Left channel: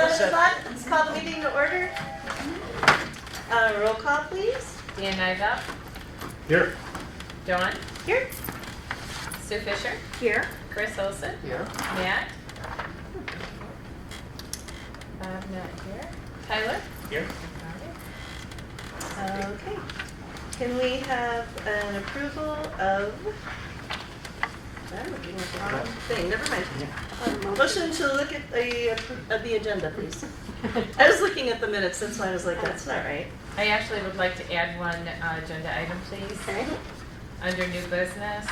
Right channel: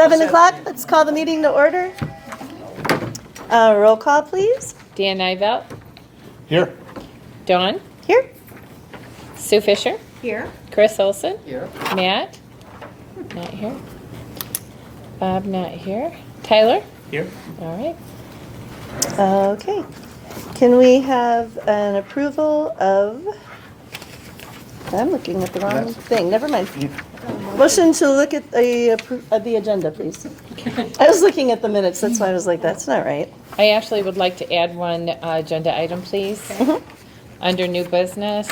7 o'clock, let's call the meeting to order. Roll call, please. Dan Nivelt. Here. Dawn. Here. Sue Fisher. Here. Chris Olson. Here. Matt. Not here. Bob not here. Tyler. Here. All right. Okay. Can we have an approval of, I'm looking at the wrong thing, never mind. Motion to look at the agenda, please. I was looking at the minutes, that's why I was like, that's not right. I actually would like to add one agenda item, please. Mhm. Under new business.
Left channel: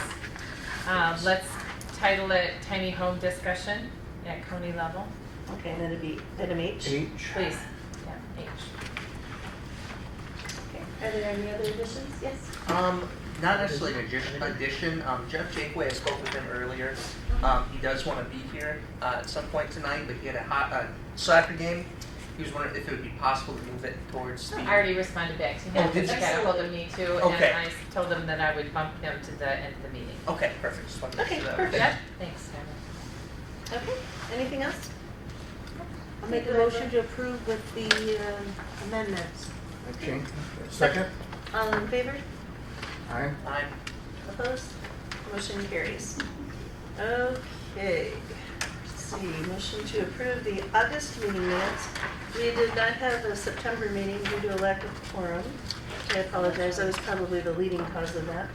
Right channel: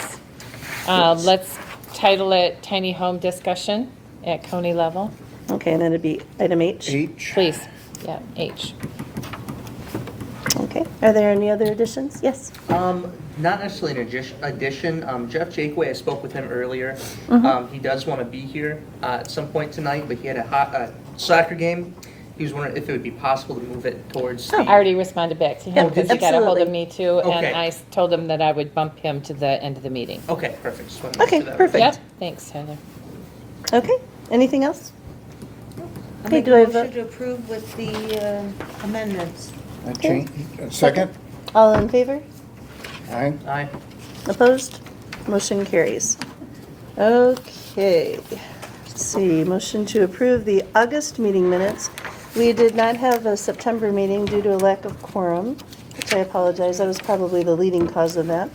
Let's title it Tiny Home Discussion at County level. Okay, and then it'd be item H. H. Please. Yeah, H. Okay, are there any other additions? Yes. Not necessarily an addition. Jeff Jakeway, I spoke with him earlier. Mhm. He does want to be here at some point tonight, but he had a soccer game. He was wondering if it would be possible to move it towards I the... already responded back to Yeah, him because he got a hold of me too. Okay. And I told him that I would bump him to the end of the meeting. Okay, perfect. Just wanted to make Okay, sure that- perfect. Yep. Thanks, Tyler. Okay, anything else? I Okay, make do a I motion vote? to approve with the amendments. Okay. Second. All in favor? Aye. Aye. Opposed? Motion carries. Okay, let's see, motion to approve the August meeting minutes. We did not have a September meeting due to a lack of quorum, which I apologize, that was probably the leading cause of that.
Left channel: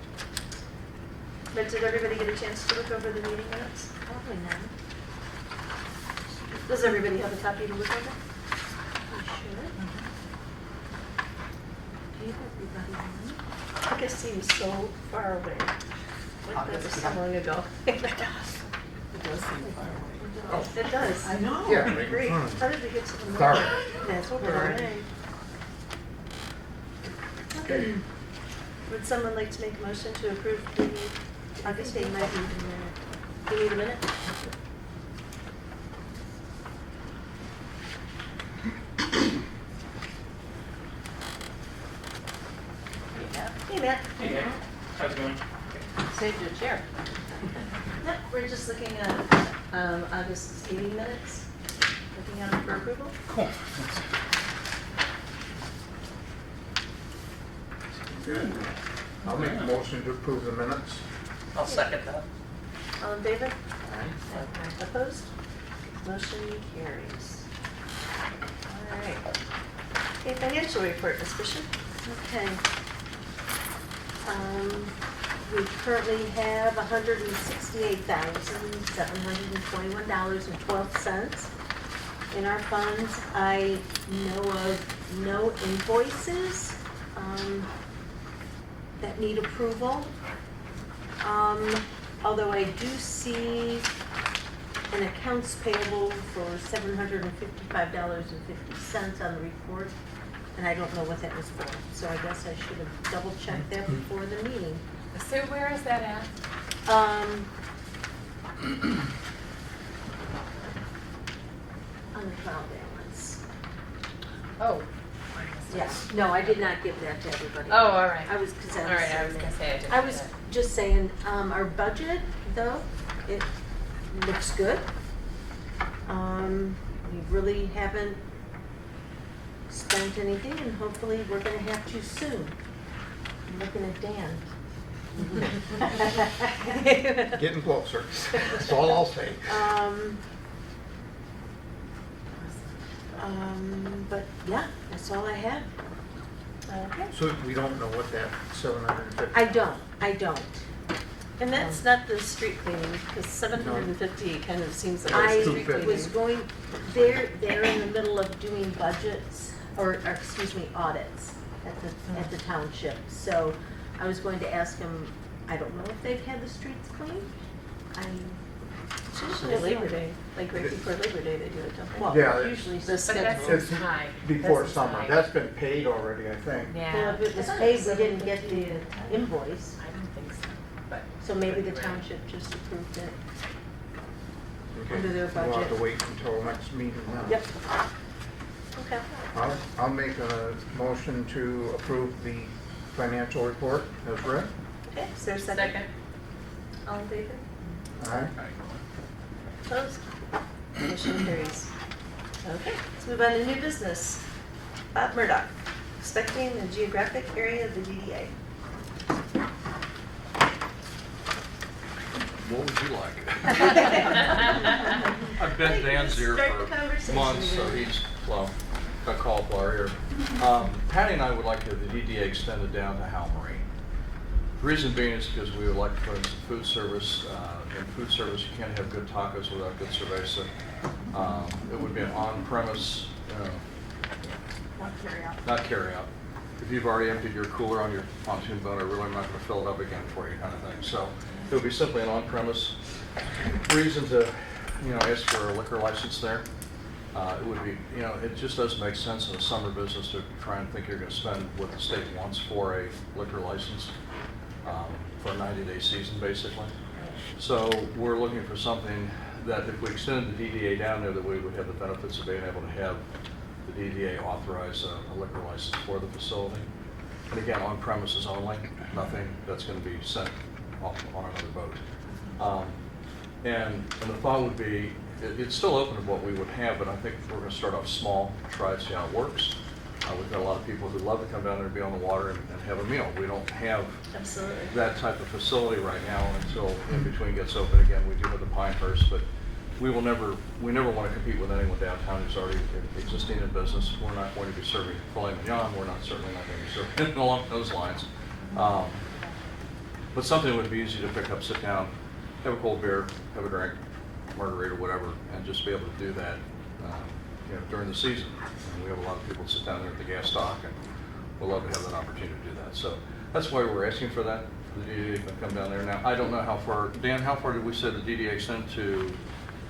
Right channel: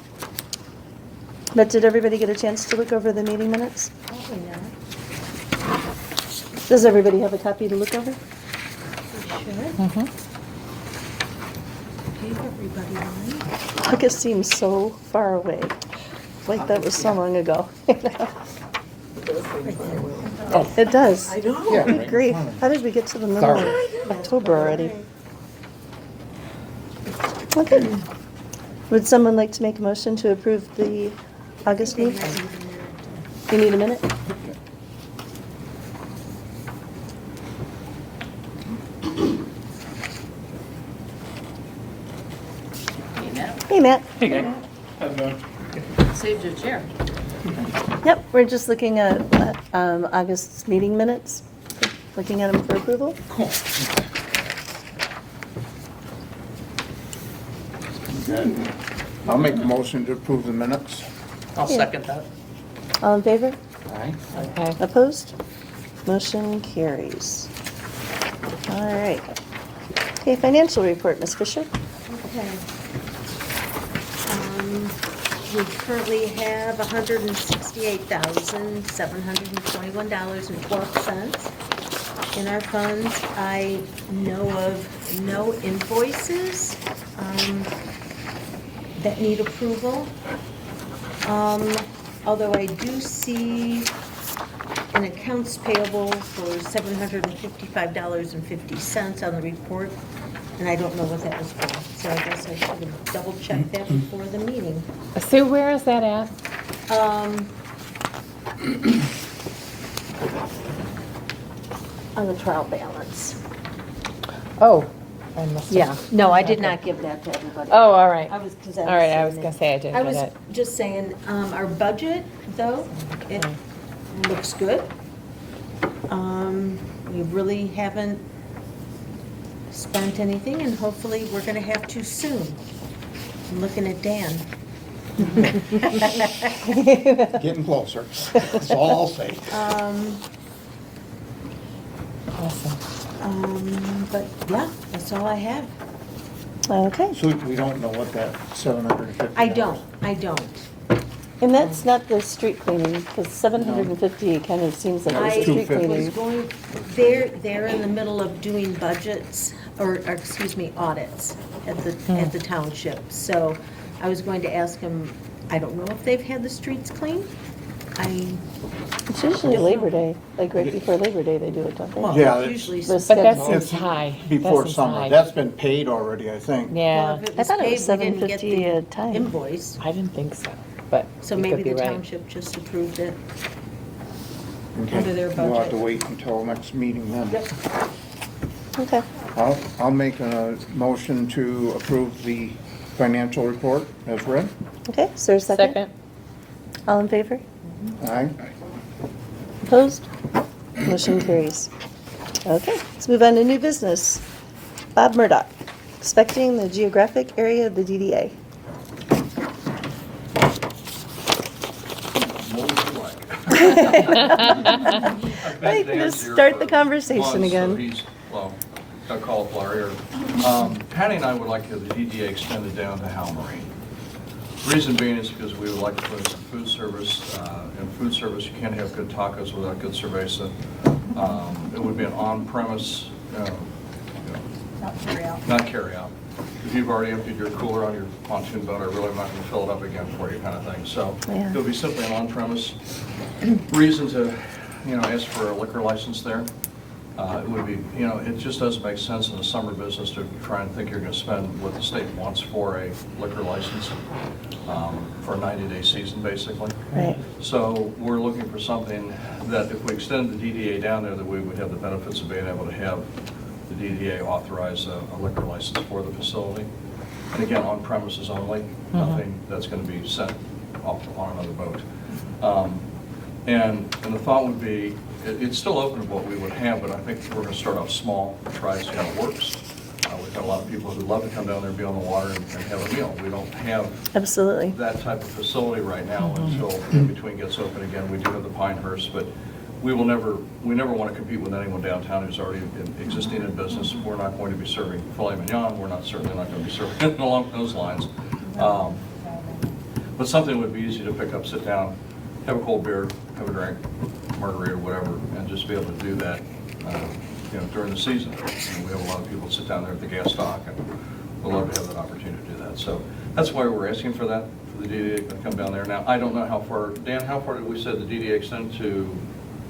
But did everybody get a chance to look over the meeting minutes? Probably not. Does everybody have a copy to look over? Should. Mm-hmm. Gave everybody one. August seems so far away, like that was so long ago. Oh. It does. I know. Yeah. Good grief, how did we get to the middle Sorry. of October already? Okay. Would someone like to make a motion to approve the August meeting? You need a minute? Hey, Matt. Hey, Nick. How's it going? Saved your chair. Yep, we're just looking at August's meeting minutes, looking at them for approval. Cool. Good. I'll make a motion to approve the minutes. I'll Yeah. second that. All in favor? Aye. Okay. Opposed? Motion carries. All right. Okay, financial report, Ms. Fisher. Okay. We currently have $168,721.12 in our funds. I know of no invoices that need approval. Although I do see an accounts payable for $755.50 on the report, and I don't know what that was for, so I guess I should have double checked that before the meeting. Sue, where is that at? On the trial balance. Oh, I must have. Yeah, no, I did not give that to everybody. Oh, all right. I was, because All right, I was gonna say I didn't I get was it. just saying, our budget, though, it looks good. We really haven't spent anything, and hopefully we're gonna have to soon. I'm looking at Dan. Getting closer. That's all I'll say. Awesome. But yeah, that's all I have. Okay, So we don't know what that 750. I don't. and that's not the street cleaning, because 750 kind of seems like it's I street was cleaning. going, they're in the middle of doing budgets, or excuse me, audits at the township. So I was going to ask them, I don't know if they've had the streets cleaned. It's usually Labor Day, like right before Labor Day they do it, don't Well, they? Yeah, it's usually. the But that schedule. seems high. Before That seems summer. high. That's been paid already, I think. Well, Yeah, if it I was thought it paid, was we didn't get $750 a the time. invoice. I didn't think so, but So you maybe could be the right. township just approved it. Okay. Under their We'll have budget. to wait until next meeting then. Yep. Okay, I'll make a motion to approve the financial report as read. okay, is there a second? Second. All in favor? Aye. Opposed? Motion carries. Okay, let's move on to new business. Bob Murdock, inspecting the geographic area of the DDA. What would you like? I've been Hey, Dan's just here start for the conversation months, so again. he's, well, got cauliflower here. Patty and I would like to have the DDA extended down to Hal Marine. Reason being is because we would like to put in some food service. In food service, you can't have good tacos without good cerveza. It would be an on-premise, not carry out. If you've already emptied your cooler on your pontoon boat, or really not gonna fill it up again for you kind of thing. So Yeah. it would be simply an on-premise. Reason to, ask for a liquor license there. It would be, it just doesn't make sense in the summer business to try and think you're gonna spend what the state wants for a liquor license, for a 90-day season, basically. Right. So we're looking for something that if we extend the DDA down there, that we would have the benefits of being able to have the DDA authorize a liquor license for the facility. And again, on premises only, nothing that's gonna be sent off on another boat. And the thought would be, it's still open to what we would have, but I think we're gonna start off small, try to see how it works. We've got a lot of people who love to come down there and be on the water and have a meal. We don't have Absolutely. that type of facility right now until in between gets open again. We do have the Pinehurst, but we never want to compete with anyone downtown who's already existing in business. We're not going to be serving filet mignon. We're certainly not going to be serving anything along those lines. But something would be easy to pick up, sit down, have a cold beer, have a drink, margarita, whatever, and just be able to do that, during the season. We have a lot of people sit down there at the gas dock, and we'd love to have an opportunity to do that. So that's why we're asking for that, for the DDA to come down there. Now, I don't know how far, Dan, how far did we say the DDA extend to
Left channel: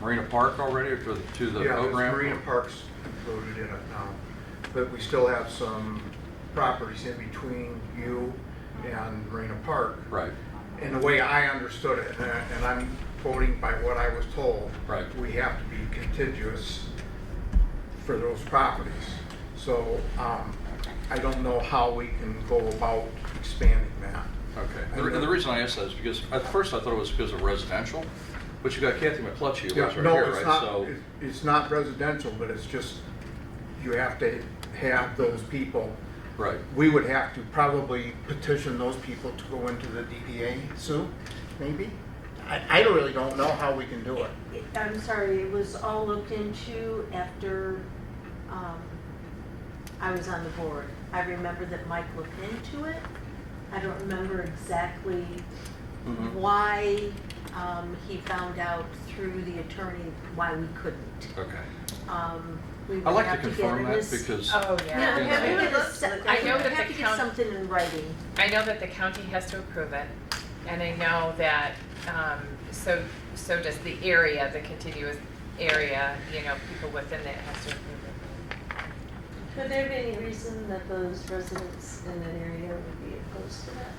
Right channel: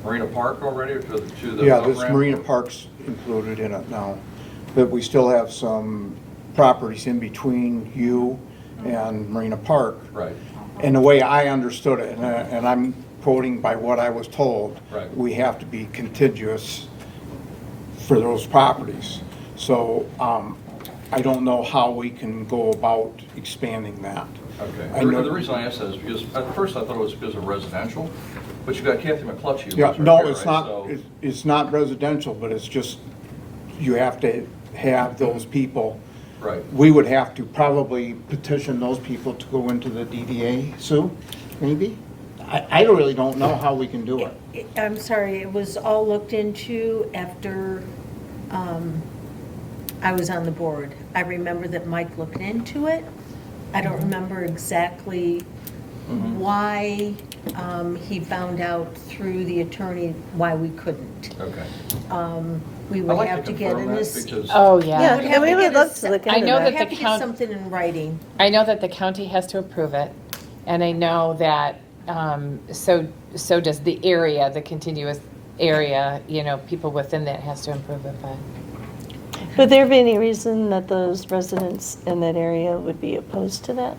Marina Park already, or to the Yeah, program? this Marina Park's included in it now, but we still have some properties in between you and Marina Park. Right, And the way I understood it, and I'm quoting by what I was told, Right. we have to be contiguous for those properties. So I don't know how we can go about expanding that. okay. I know- The reason I asked that is because, at first I thought it was because of residential, but you got Kathy McClutchy, who's Yeah, right no, here, it's right? not, So- it's not residential, but it's just, you have to have those people. Right. We would have to probably petition those people to go into the DDA, Sue, maybe? I really don't know how we can do it. I'm sorry, it was all looked into after I was on the board. I remember that Mike looked into it. I don't remember exactly Mhm. why he found out through the attorney why we couldn't. Okay. We I'd would like have to to get confirm in that this. because. Oh, Yeah, yeah. and we would love to look I into know that. that We the have to get count- something in writing. I know that the county has to approve it, and I know that, so does the area, the continuous area, people within that has to approve it, but. Would there be any reason that those residents in that area would be opposed to that?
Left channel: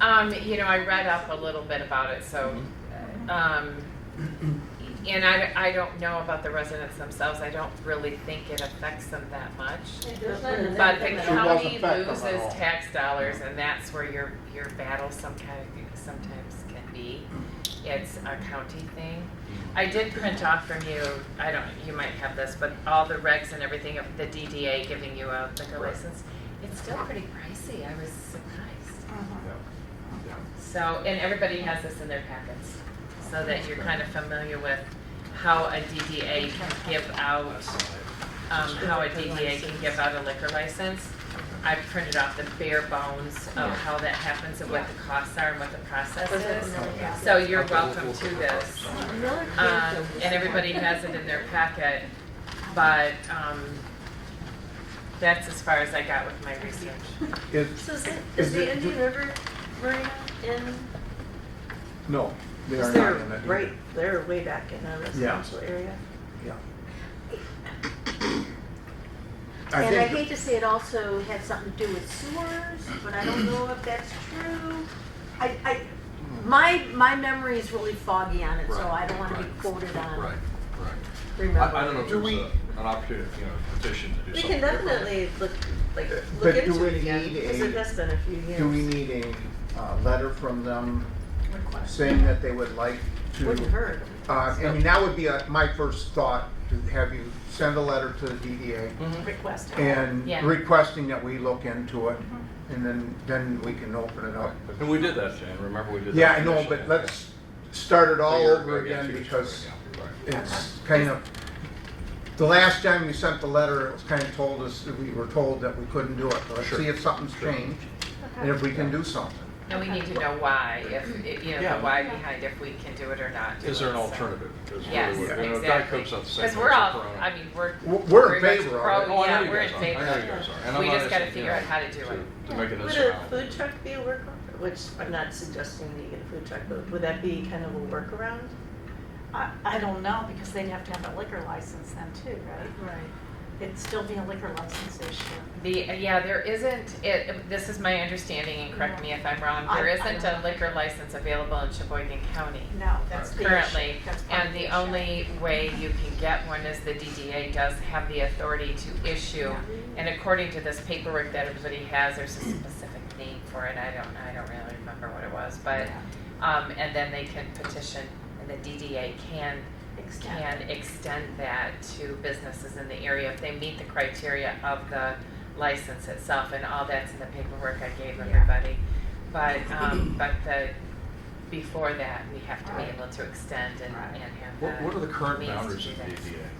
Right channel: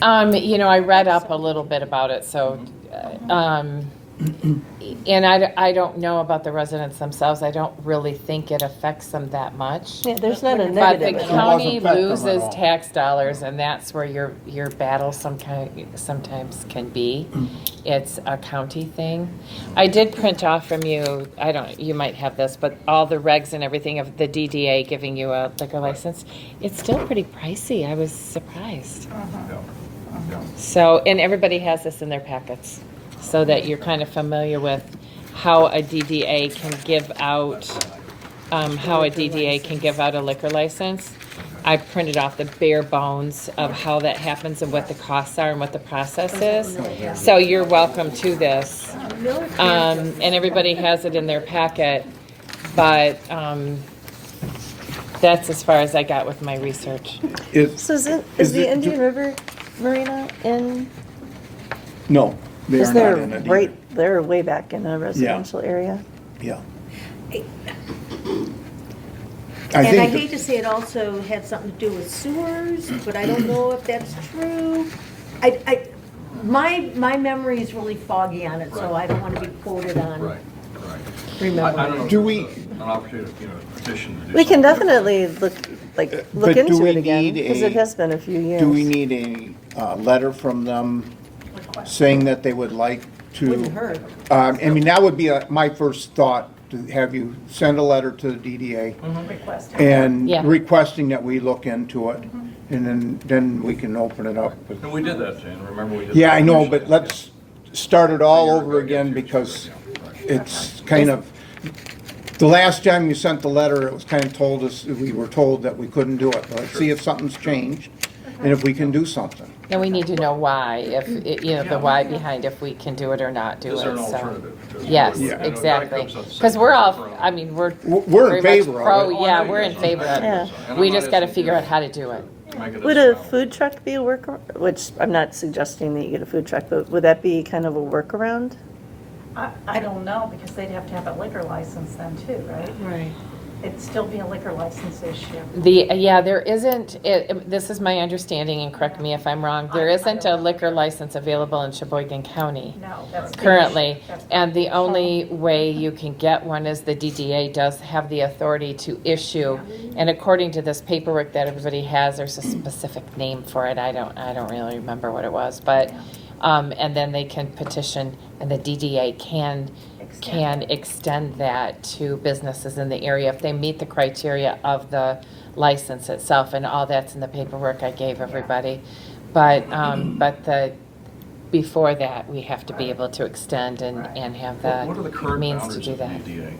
I read up a little bit about it, so, and I don't know about the residents themselves. I don't really think it affects them that much. Yeah, there's not a But the negative. at all. county It doesn't affect them loses at all. tax dollars, and that's where your battle sometimes can be. It's a county thing. I did print off from you, you might have this, but all the regs and everything of the DDA giving you a liquor license. It's still pretty pricey. I was surprised. Yeah. So, and everybody has this in their packets, so that you're kind of familiar with how a DDA can give out, a liquor license. I printed off the bare bones of how that happens and what the costs are and what the process is. So you're welcome to this. And everybody has it in their packet, but, that's as far as I got with my research. So is the Indian River Marina in, No, they is are there not in it. right, they're way back in a residential area? Yeah. And I think hate to say it also had something to do with sewers, but I don't know if that's true. My memory is really foggy on it, so I don't want to be quoted on Right, right. I remembering. don't know if Do there's we- an opportunity, petition to do We can something. definitely look But do into we it again, need because a- it has been a few years. Do we need a letter from them saying that they would like Wouldn't to? hurt. That would be my first thought to have you send a letter to the DDA Request. and Yeah. requesting that we look into it, and then we can open it up. And we did that, Dan, remember we did? Yeah, that? I know, but let's start it all over again, because it's kind of, the last time we sent the letter, it was kind of told us, we were told that we couldn't do it. Let's see if something's changed, and if we can do something. And we need to know why, the why behind if we can do it or not do it. Is there an so- alternative? Because Yes, we're- exactly. comes up the same Because we're all, thing. I mean, we're. We're in very much favor of pro- it. Yeah, we're in favor of Yeah. it. And We I'm just not gotta asking figure you out how to do it. to make it Would a sound- food truck be a workaround? Which, I'm not suggesting that you get a food truck, but would that be kind of a workaround? I don't know, because they'd have to have a liquor license then too, right? Right. It'd still be a liquor license issue. There isn't, this is my understanding, and correct me if I'm wrong, there I isn't don't a liquor license available in Sheboygan County No, that's. the currently. issue. That's And the part only way you can get one is the DDA does have the authority to issue. And according to this paperwork that everybody has, there's a specific name for it. I don't really remember what it was, but, and then they can petition, and the DDA can extend that to businesses in the area if they meet the criteria of the license itself, and all that's in the paperwork I gave everybody. But before that, we have to be able to extend and have What are the the current means to boundaries do of that. DDA?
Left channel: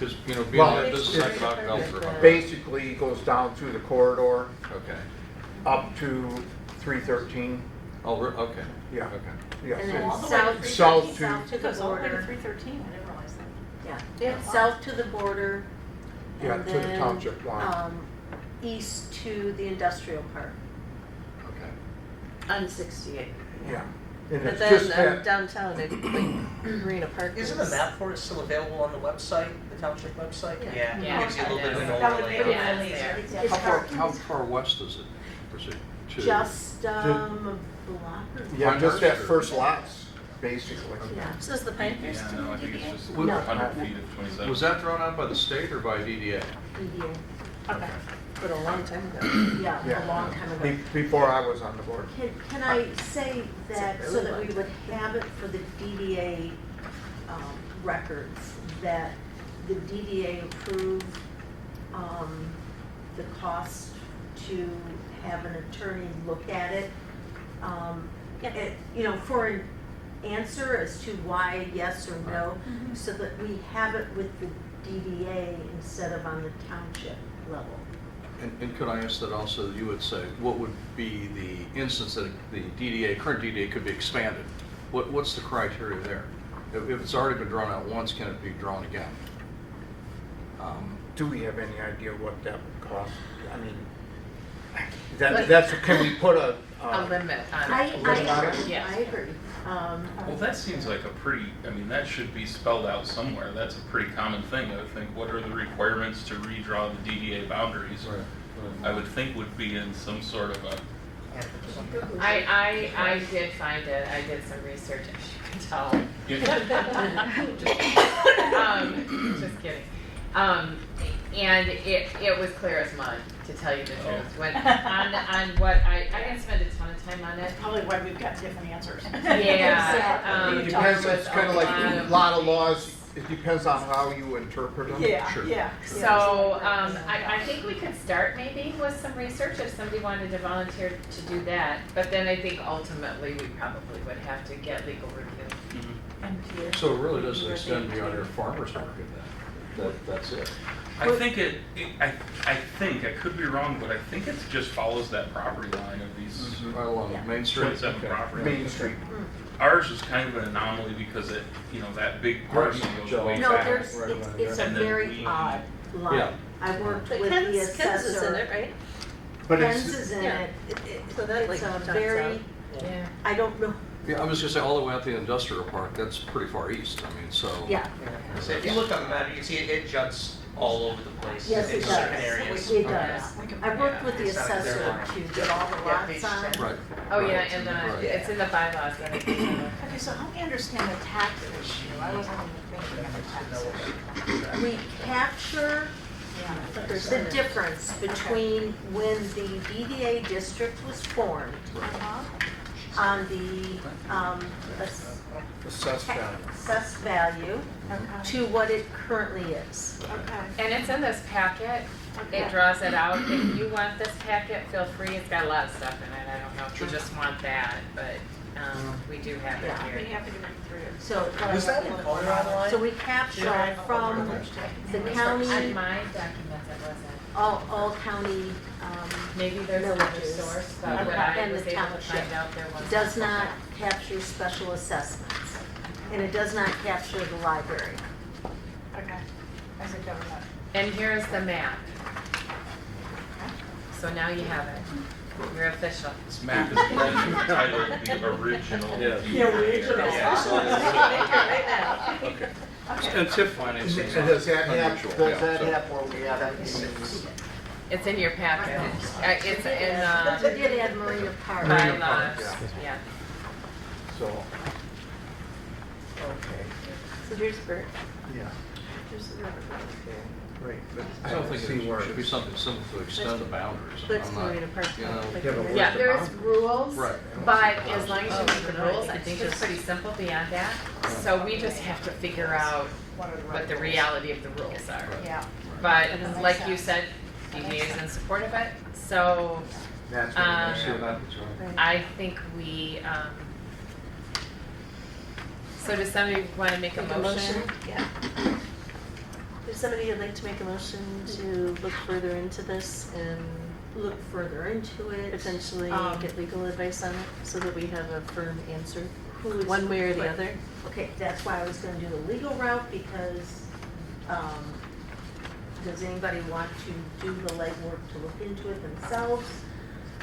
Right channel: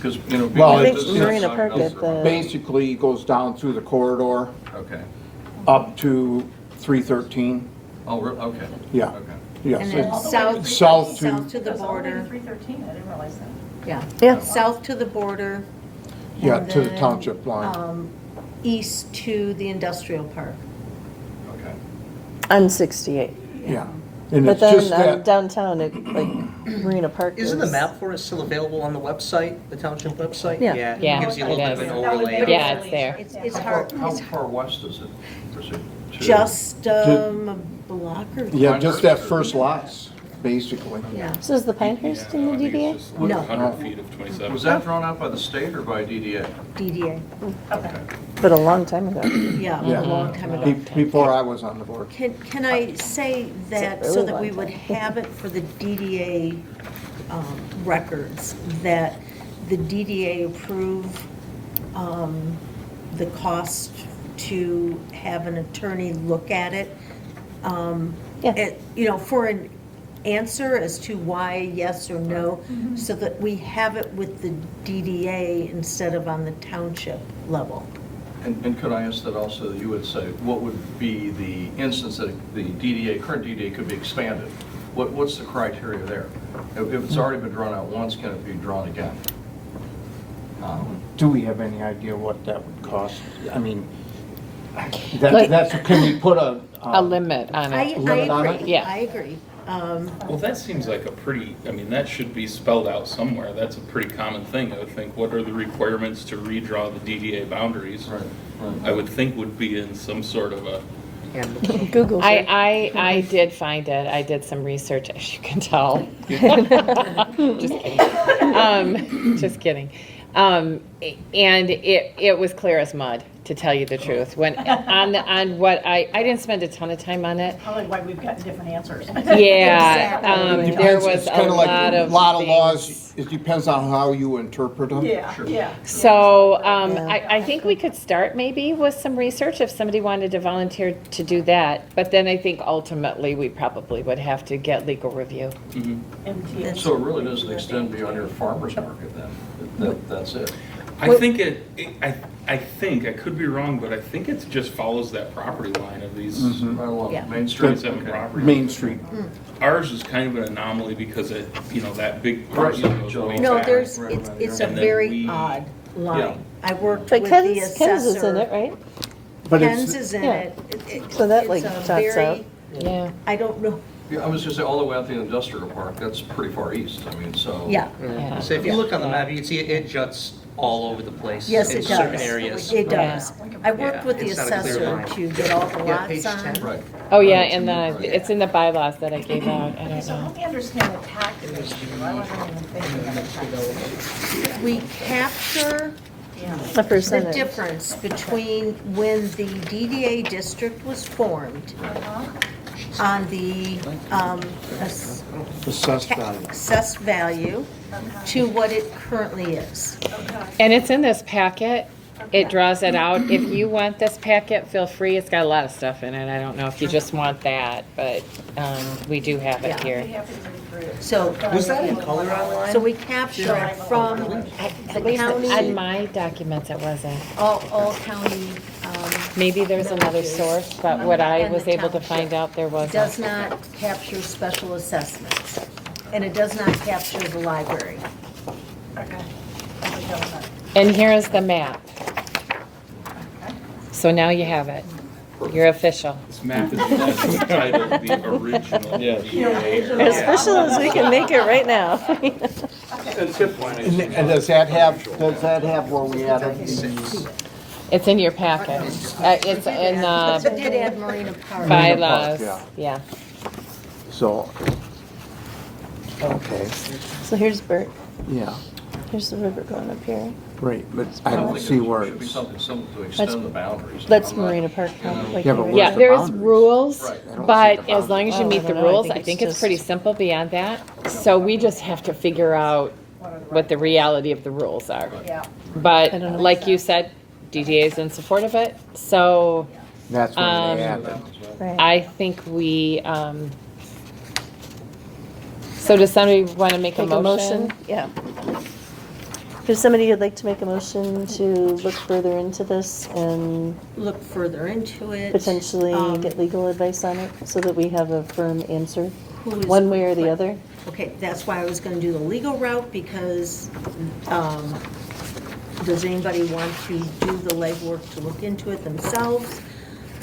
Because, being Well, that I this think is Marina not Park built is for- the- Basically, it goes down through the corridor Okay. up to 313. Oh, okay. Yeah. Okay. Yes, And it's- then All the way south, to south to- south to the Goes all the way to border, 313, I didn't realize that. yeah, Yeah. south to the border. Yeah, and to the then, township line. East to the industrial park. Okay. On 68. Yeah. And But it's then just that, downtown, like Marina Park is. Isn't the map for it still available on the website, the township website? Yeah. Yeah, Gives you a little it bit of is. an overlay. Yeah, it's there. It's How hard, far, how far west is it? just a block or. yeah, just that first lots, basically. Yeah. So is the Pinehurst in the DDA? No. 100 feet of 27. Was that drawn up by the state or by DDA? DDA, Okay. But a long time ago. yeah, Yeah. a long time Be- ago. Before I was on the board. Can I say that, so that we would have it for the DDA records, that the DDA approve the cost to have an attorney look at it? Yeah. For an answer as to why yes or no, so that we have it with the DDA instead of on the township level. And could I ask that also, that you would say, what would be the instance that the DDA, current DDA could be expanded? What's the criteria there? If it's already been drawn out once, can it be drawn again? Do we have any idea what that would cost? I mean, that's, can we put a? A limit on I it. Limit on it? agree, Yeah. I agree. Well, that seems like a pretty, I mean, that should be spelled out somewhere. That's a pretty common thing. I would think, what are the requirements to redraw the DDA boundaries? I would think would be in some sort of a, And Google. I did find it. I did some research, as you can tell. Just kidding. And it was clear as mud, to tell you the truth. When on what I didn't spend a ton of time on it. Probably why we've got different answers. Yeah, Exactly. there It's was kinda a like lot of laws, things. it depends on how you interpret them. Yeah, Sure. yeah. So I think we could start maybe with some research if somebody wanted to volunteer to do that. But then I think ultimately we probably would have to get legal review. And So it really doesn't extend beyond your farmer's market then? That's it? I think I think, I could be wrong, but I think it just follows that property line of these Mhm. Right along Yeah. Main Street? 27 Okay. properties. Main Street. Ours is kind of an anomaly because it, that big parcel goes way No, back. there's, Right, right, it's a and then very we- odd Yeah. line. I worked But with the Ken's is in it, assessor. right? But Ken's it's, is in yeah. it. So that, like, It's a chops very- out. Yeah. I don't know, Yeah, I was gonna say, all the way out the industrial park, that's pretty far east, I mean, so. yeah. Yeah. so if you look on the map, you can see it juts all over the place. Yes, in it certain does. areas. It Yeah. does. I worked with the It's not a clear assessor line. to get all the Yeah, page lots on. 10. Right. Oh, yeah, and it's in the bylaws that I gave out. I don't So know. help me understand the tax issue. I wasn't even thinking of the tax. We capture A the percentage. difference between when the DDA district was formed Uh-huh. on the Assessed value. assessed value to what it currently is. And it's in this packet. It draws it out. If you want this packet, feel free. It's got a lot of stuff in it. I don't know if you just want that, but we do have it here. So, Was that in color online? so we captured from the On county, my documents, it wasn't. all county, Maybe there's another source, but what I And the was able to township find out, there does wasn't. not capture special assessments. And it does not capture the library. Okay. And here is the map. So now you have it. You're official. This map is kind of the original. DDA. As official as we can make it right now. And does that have where we added the It's in your packet. It's in But the did add Marina Park. bylaws, yeah. yeah. So, okay, So here's Bert, yeah, here's the river going up here. great, but I don't see where Should be it's. something simple to extend the boundaries. That's I'm not- Marina Park, you know, like Yeah, but here. where- Yeah, the there's boundaries? rules, Right. but as long as you Oh, meet I the don't know. I rules, think I it's think it's just- pretty simple beyond that. So we just have to figure out what the reality of the rules are. Yeah. But I don't know. like you said, DDA is in support of it, so That's where they Um, add them. Right. I think we, so does somebody want to make a Make a motion? motion, yeah. There's somebody who'd like to make a motion to look further into this and Look further into it. potentially Um, get legal advice on it so that we have a firm answer, who's- one way or the other? Okay, that's why I was gonna do the legal route, because, does anybody want to do the legwork to look into it themselves?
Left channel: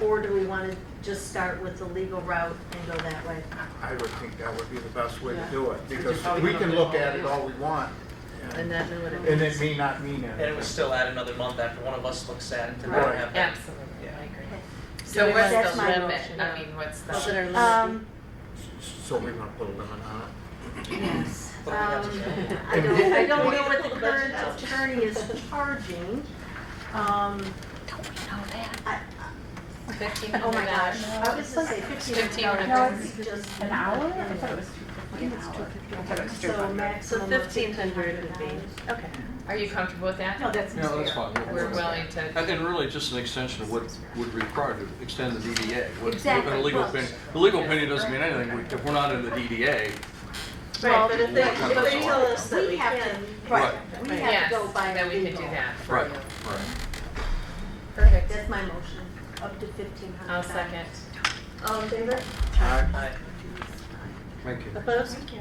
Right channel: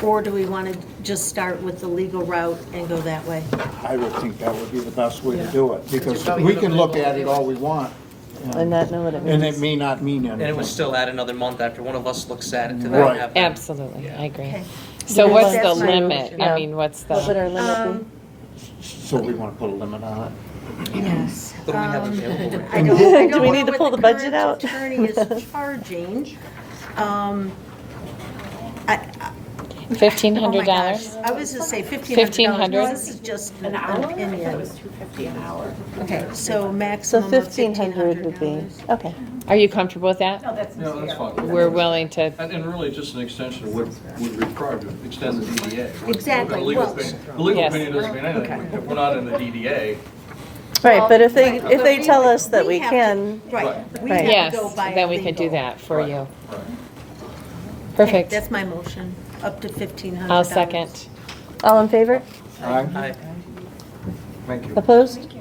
Or do we wanna just start with the legal route and go that way? I would think that would be the best way to do it, because we can look at it all we want. And not know what it means. And it may not mean And it would anything. still add another month after one of us looks at it to Right. then have. Absolutely, I agree. Okay. So what's the That's my limit? motion. I mean, what's What should the, our limit Um, So we want to put a limit on Yes. What do we have to do? I don't Do know we what need to pull the budget out? current attorney is charging. I- $1,500? I was gonna say $1,500. $1,500? This is just an opinion. Okay, so So maximum of 1,500 would be, okay. Are you comfortable with that? Yeah, that's fine. We're willing to, And really just an extension of what would require to extend the DDA. Exactly. The legal Well- opinion- the legal Yes. opinion doesn't mean anything. If we're not in the DDA, Right, but if they tell us that we have to- can, Right. we Right. have to yes, go by then we can do legal. that for Right. you. right. Perfect. That's my motion, up to $1,500. I'll second. all in favor? it. I- Thank you. Opposed?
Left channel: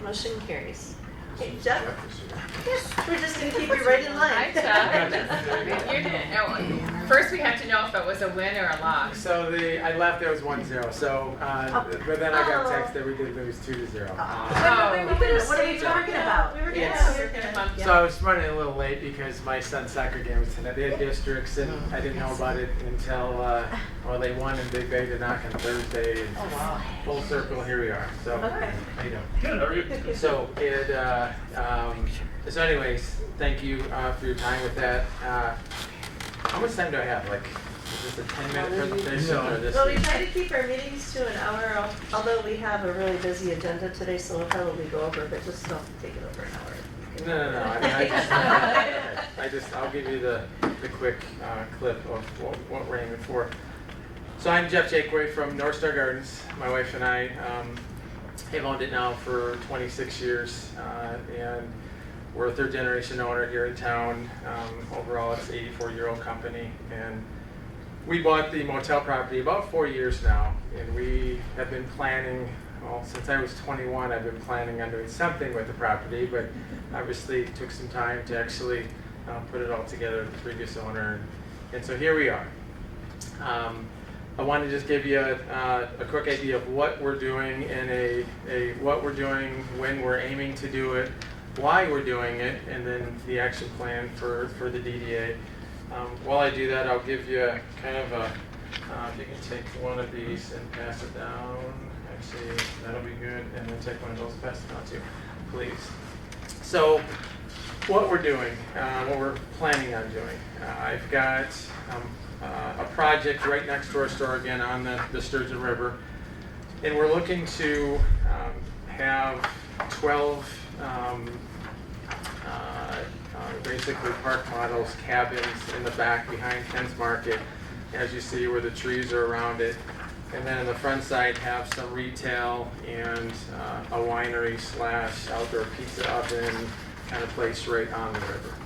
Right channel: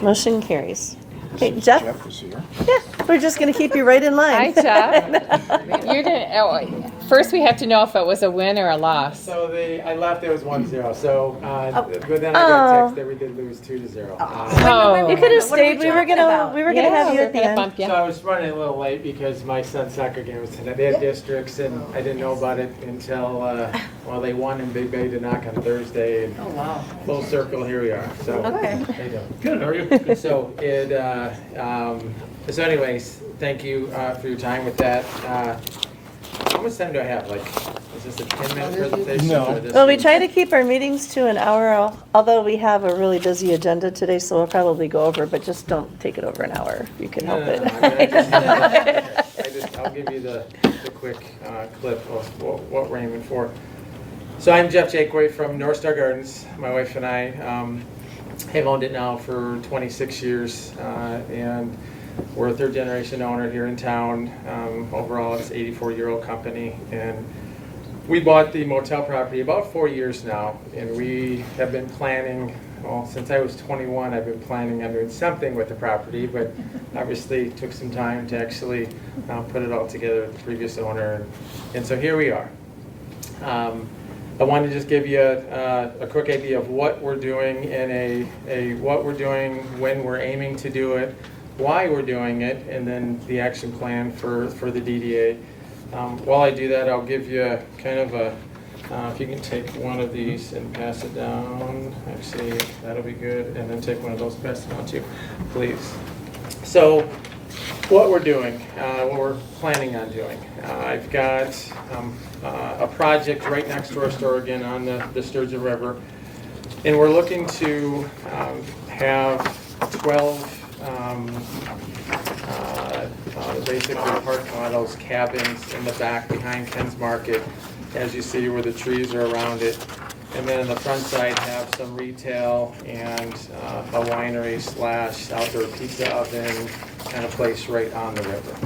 Motion carries. Okay, Jeff? Jeff is here. Yeah, we're just gonna keep you right in line. Hi, Jeff. You're gonna, first we have to know if it was a win or a loss. So I left, it was 1-0, so, but then I Oh. got a text that we did lose 2-0. Oh. You could have What are we stayed, we were talking gonna about? have you we're at the gonna end. bump you. So I was running a little late because my son's soccer game was tonight. They had districts and I didn't know about it until, well, they won in Big Bay to knock on Thursday. And full circle, here we are, so. Okay. How you doing? Good, how are you? So anyways, thank you for your time with that. How much time do I have? Like, is this a 10-minute presentation? No. or this- Well, we try to keep our meetings to an hour, although we have a really busy agenda today, so we'll probably go over, but just don't take it over an hour if you can No, help no, it. no, I'll give you the quick clip of what we're aiming for. So I'm Jeff Jakeway from Northstar Gardens. My wife and I have owned it now for 26 years, and we're a third generation owner here in town. Overall, it's an 84-year-old company, and we bought the motel property about 4 years now, and we have been planning, well, since I was 21, I've been planning on doing something with the property, but obviously it took some time to actually put it all together with the previous owner, and so here we are. I wanted to just give you a quick idea of what we're doing and what we're doing, when we're aiming to do it, why we're doing it, and then the action plan for the DDA. While I do that, I'll give you kind of a, if you can take one of these and pass it down, actually, that'll be good, and then take one of those and pass it down too, please. So, what we're doing, what we're planning on doing. I've got a project right next to our store again on the Sturgeon River. And we're looking to have 12 basically park models, cabins in the back behind Ken's Market, as you see where the trees are around it. And then on the front side have some retail and a winery / outdoor pizza oven kind of place right on the river.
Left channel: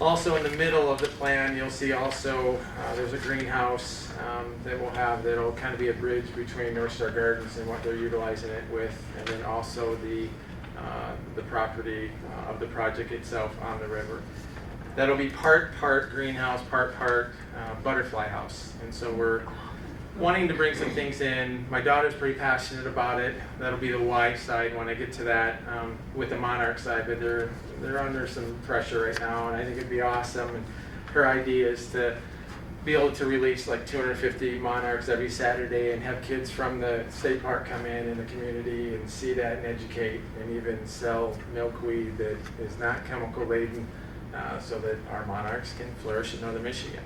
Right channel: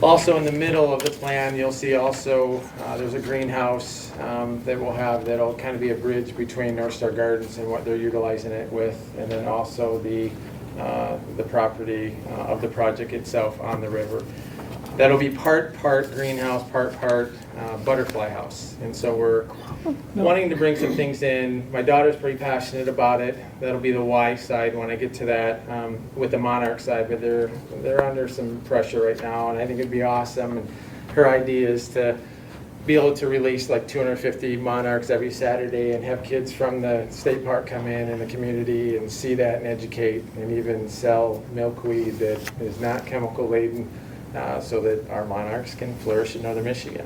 Also in the middle of the plan, you'll see also there's a greenhouse that we'll have that'll kind of be a bridge between Northstar Gardens and what they're utilizing it with, and then also the property of the project itself on the river. That'll be part greenhouse, part butterfly house. And so we're wanting to bring some things in. My daughter's pretty passionate about it. That'll be the Y side when I get to that with the Monarch side, but they're under some pressure right now, and I think it'd be awesome. And her idea is to be able to release like 250 monarchs every Saturday and have kids from the state park come in and the community and see that and educate, and even sell milkweed that is not chemical laden so that our monarchs can flourish in northern Michigan.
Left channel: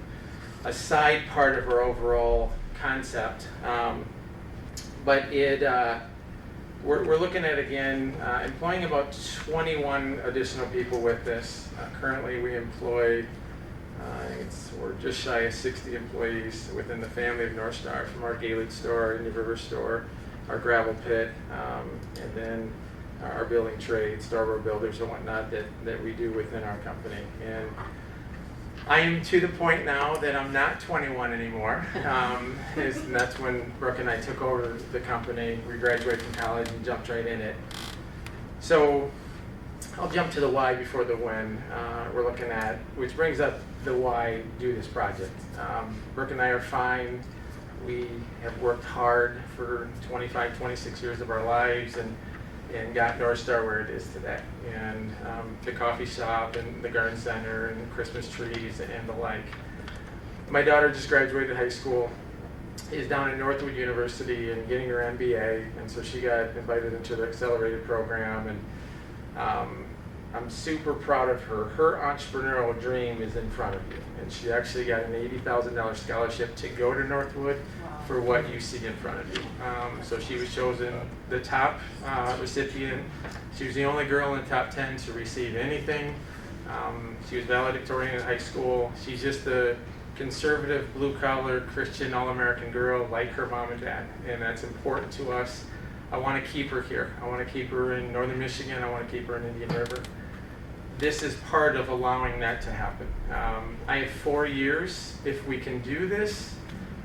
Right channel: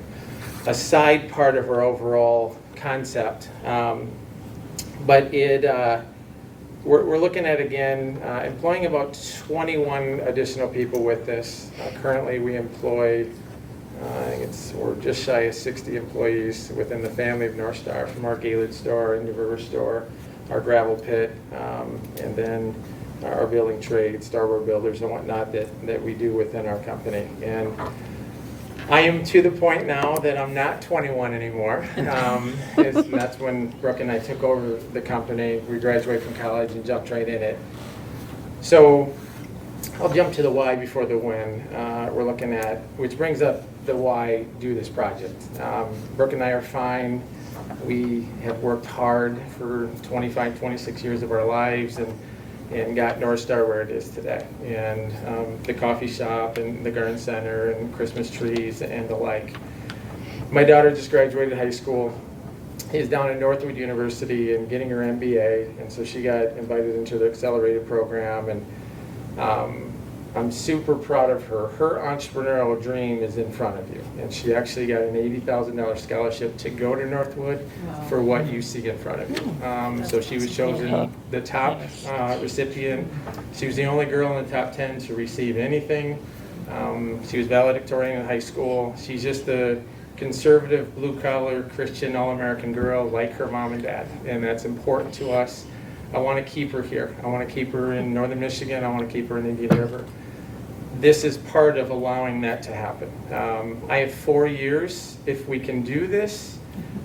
A side part of our overall concept, but we're looking at, again, employing about 21 additional people with this. Currently we employ, we're just shy of 60 employees within the family of Northstar, from our Gaylord store, our Indian River store, our gravel pit, and then our building trade, starboard builders and whatnot that we do within our company. And I am to the point now that I'm not 21 anymore. That's when Brooke and I took over the company. We graduated from college and jumped right in it. So I'll jump to the why before the when we're looking at, which brings up the why do this project. Brooke and I are fine. We have worked hard for 25, 26 years of our lives and got Northstar where it is today. And the coffee shop and the garden center and Christmas trees and the like. My daughter just graduated high school. She's down at Northwood University and getting her MBA, and so she got invited into the accelerated program, and I'm super proud of her. Her entrepreneurial dream is in front of you, and she actually got an $80,000 scholarship to go to Northwood for what you see in front of you. So she was chosen the top recipient. She was the only girl in the top 10 to receive anything. She was valedictorian in high school. She's just a conservative, blue-collar, Christian, all-American girl like her mom and dad, and that's important to us. I want to keep her here. I want to keep her in northern Michigan. I want to keep her in Indian River. This is part of allowing that to happen. I have 4 years, if we can do this,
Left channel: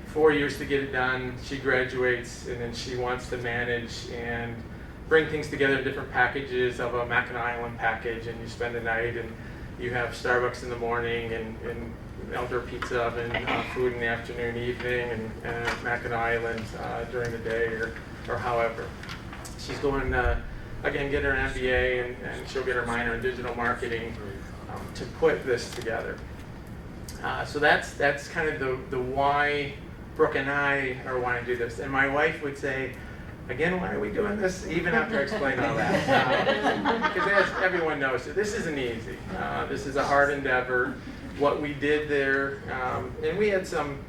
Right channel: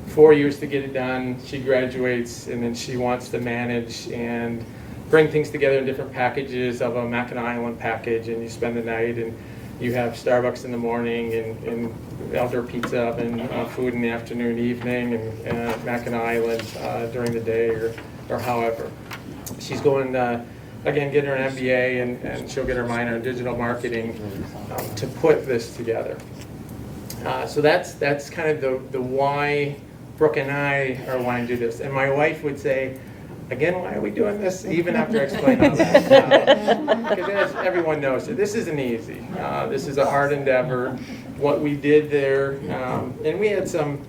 4 years to get it done. She graduates, and then she wants to manage and bring things together in different packages of a Mackinac Island package, and you spend the night, and you have Starbucks in the morning, and outdoor pizza oven, food in the afternoon, evening, and Mackinac Island during the day, or however. She's going to, again, get her MBA, and she'll get her minor in digital marketing to put this together. So that's kind of the why Brooke and I are wanting to do this. And my wife would say, again, why are we doing this? Even after I explain all that. Because as everyone knows, this isn't easy. This is a hard endeavor. What we did there, and we had some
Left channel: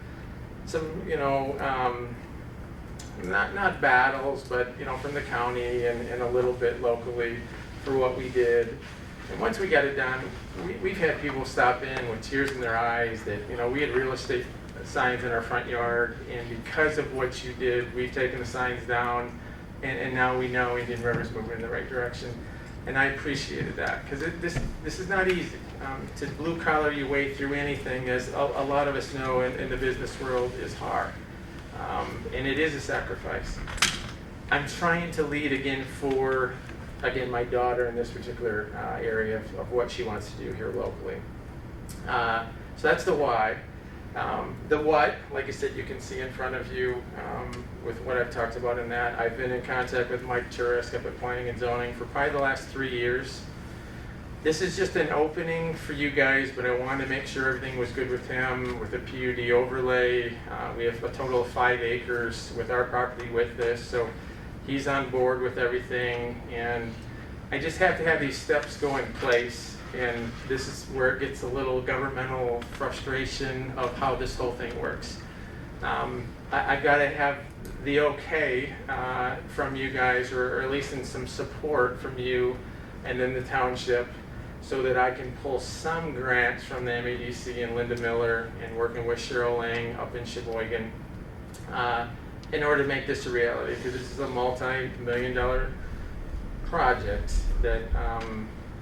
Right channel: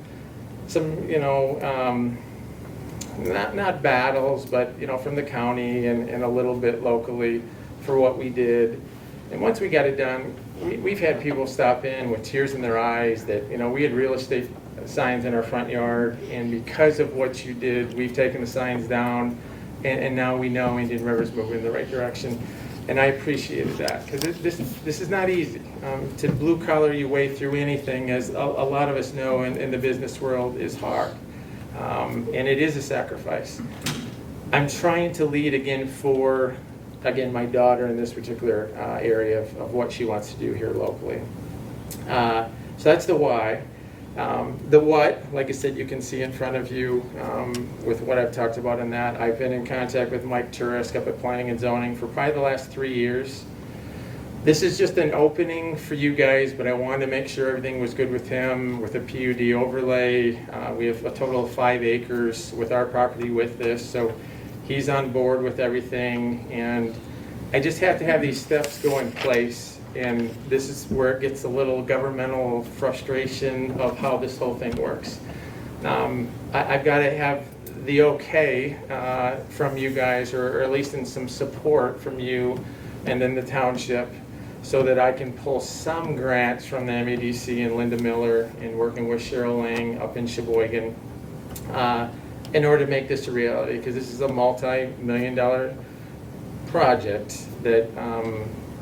not battles, but from the county and a little bit locally for what we did. And once we got it done, we've had people stop in with tears in their eyes that we had real estate signs in our front yard, and because of what you did, we've taken the signs down, and now we know Indian River's moving in the right direction. And I appreciated that, because this is not easy. To blue collar your way through anything, as a lot of us know in the business world, is hard. And it is a sacrifice. I'm trying to lead for my daughter in this particular area of what she wants to do here locally. So that's the why. The what, like I said, you can see in front of you with what I've talked about in that. I've been in contact with Mike Turisk up at Planning and Zoning for probably the last 3 years. This is just an opening for you guys, but I wanted to make sure everything was good with him, with a PUD overlay. We have a total of 5 acres with our property with this, so he's on board with everything. And I just have to have these steps go in place. And this is where it gets a little governmental frustration of how this whole thing works. I've got to have the okay from you guys, or at least in some support from you and then the township, so that I can pull some grants from the MEDC and Linda Miller and working with Cheryl Lang up in Sheboygan in order to make this a reality, because this is a multi-million-dollar project that,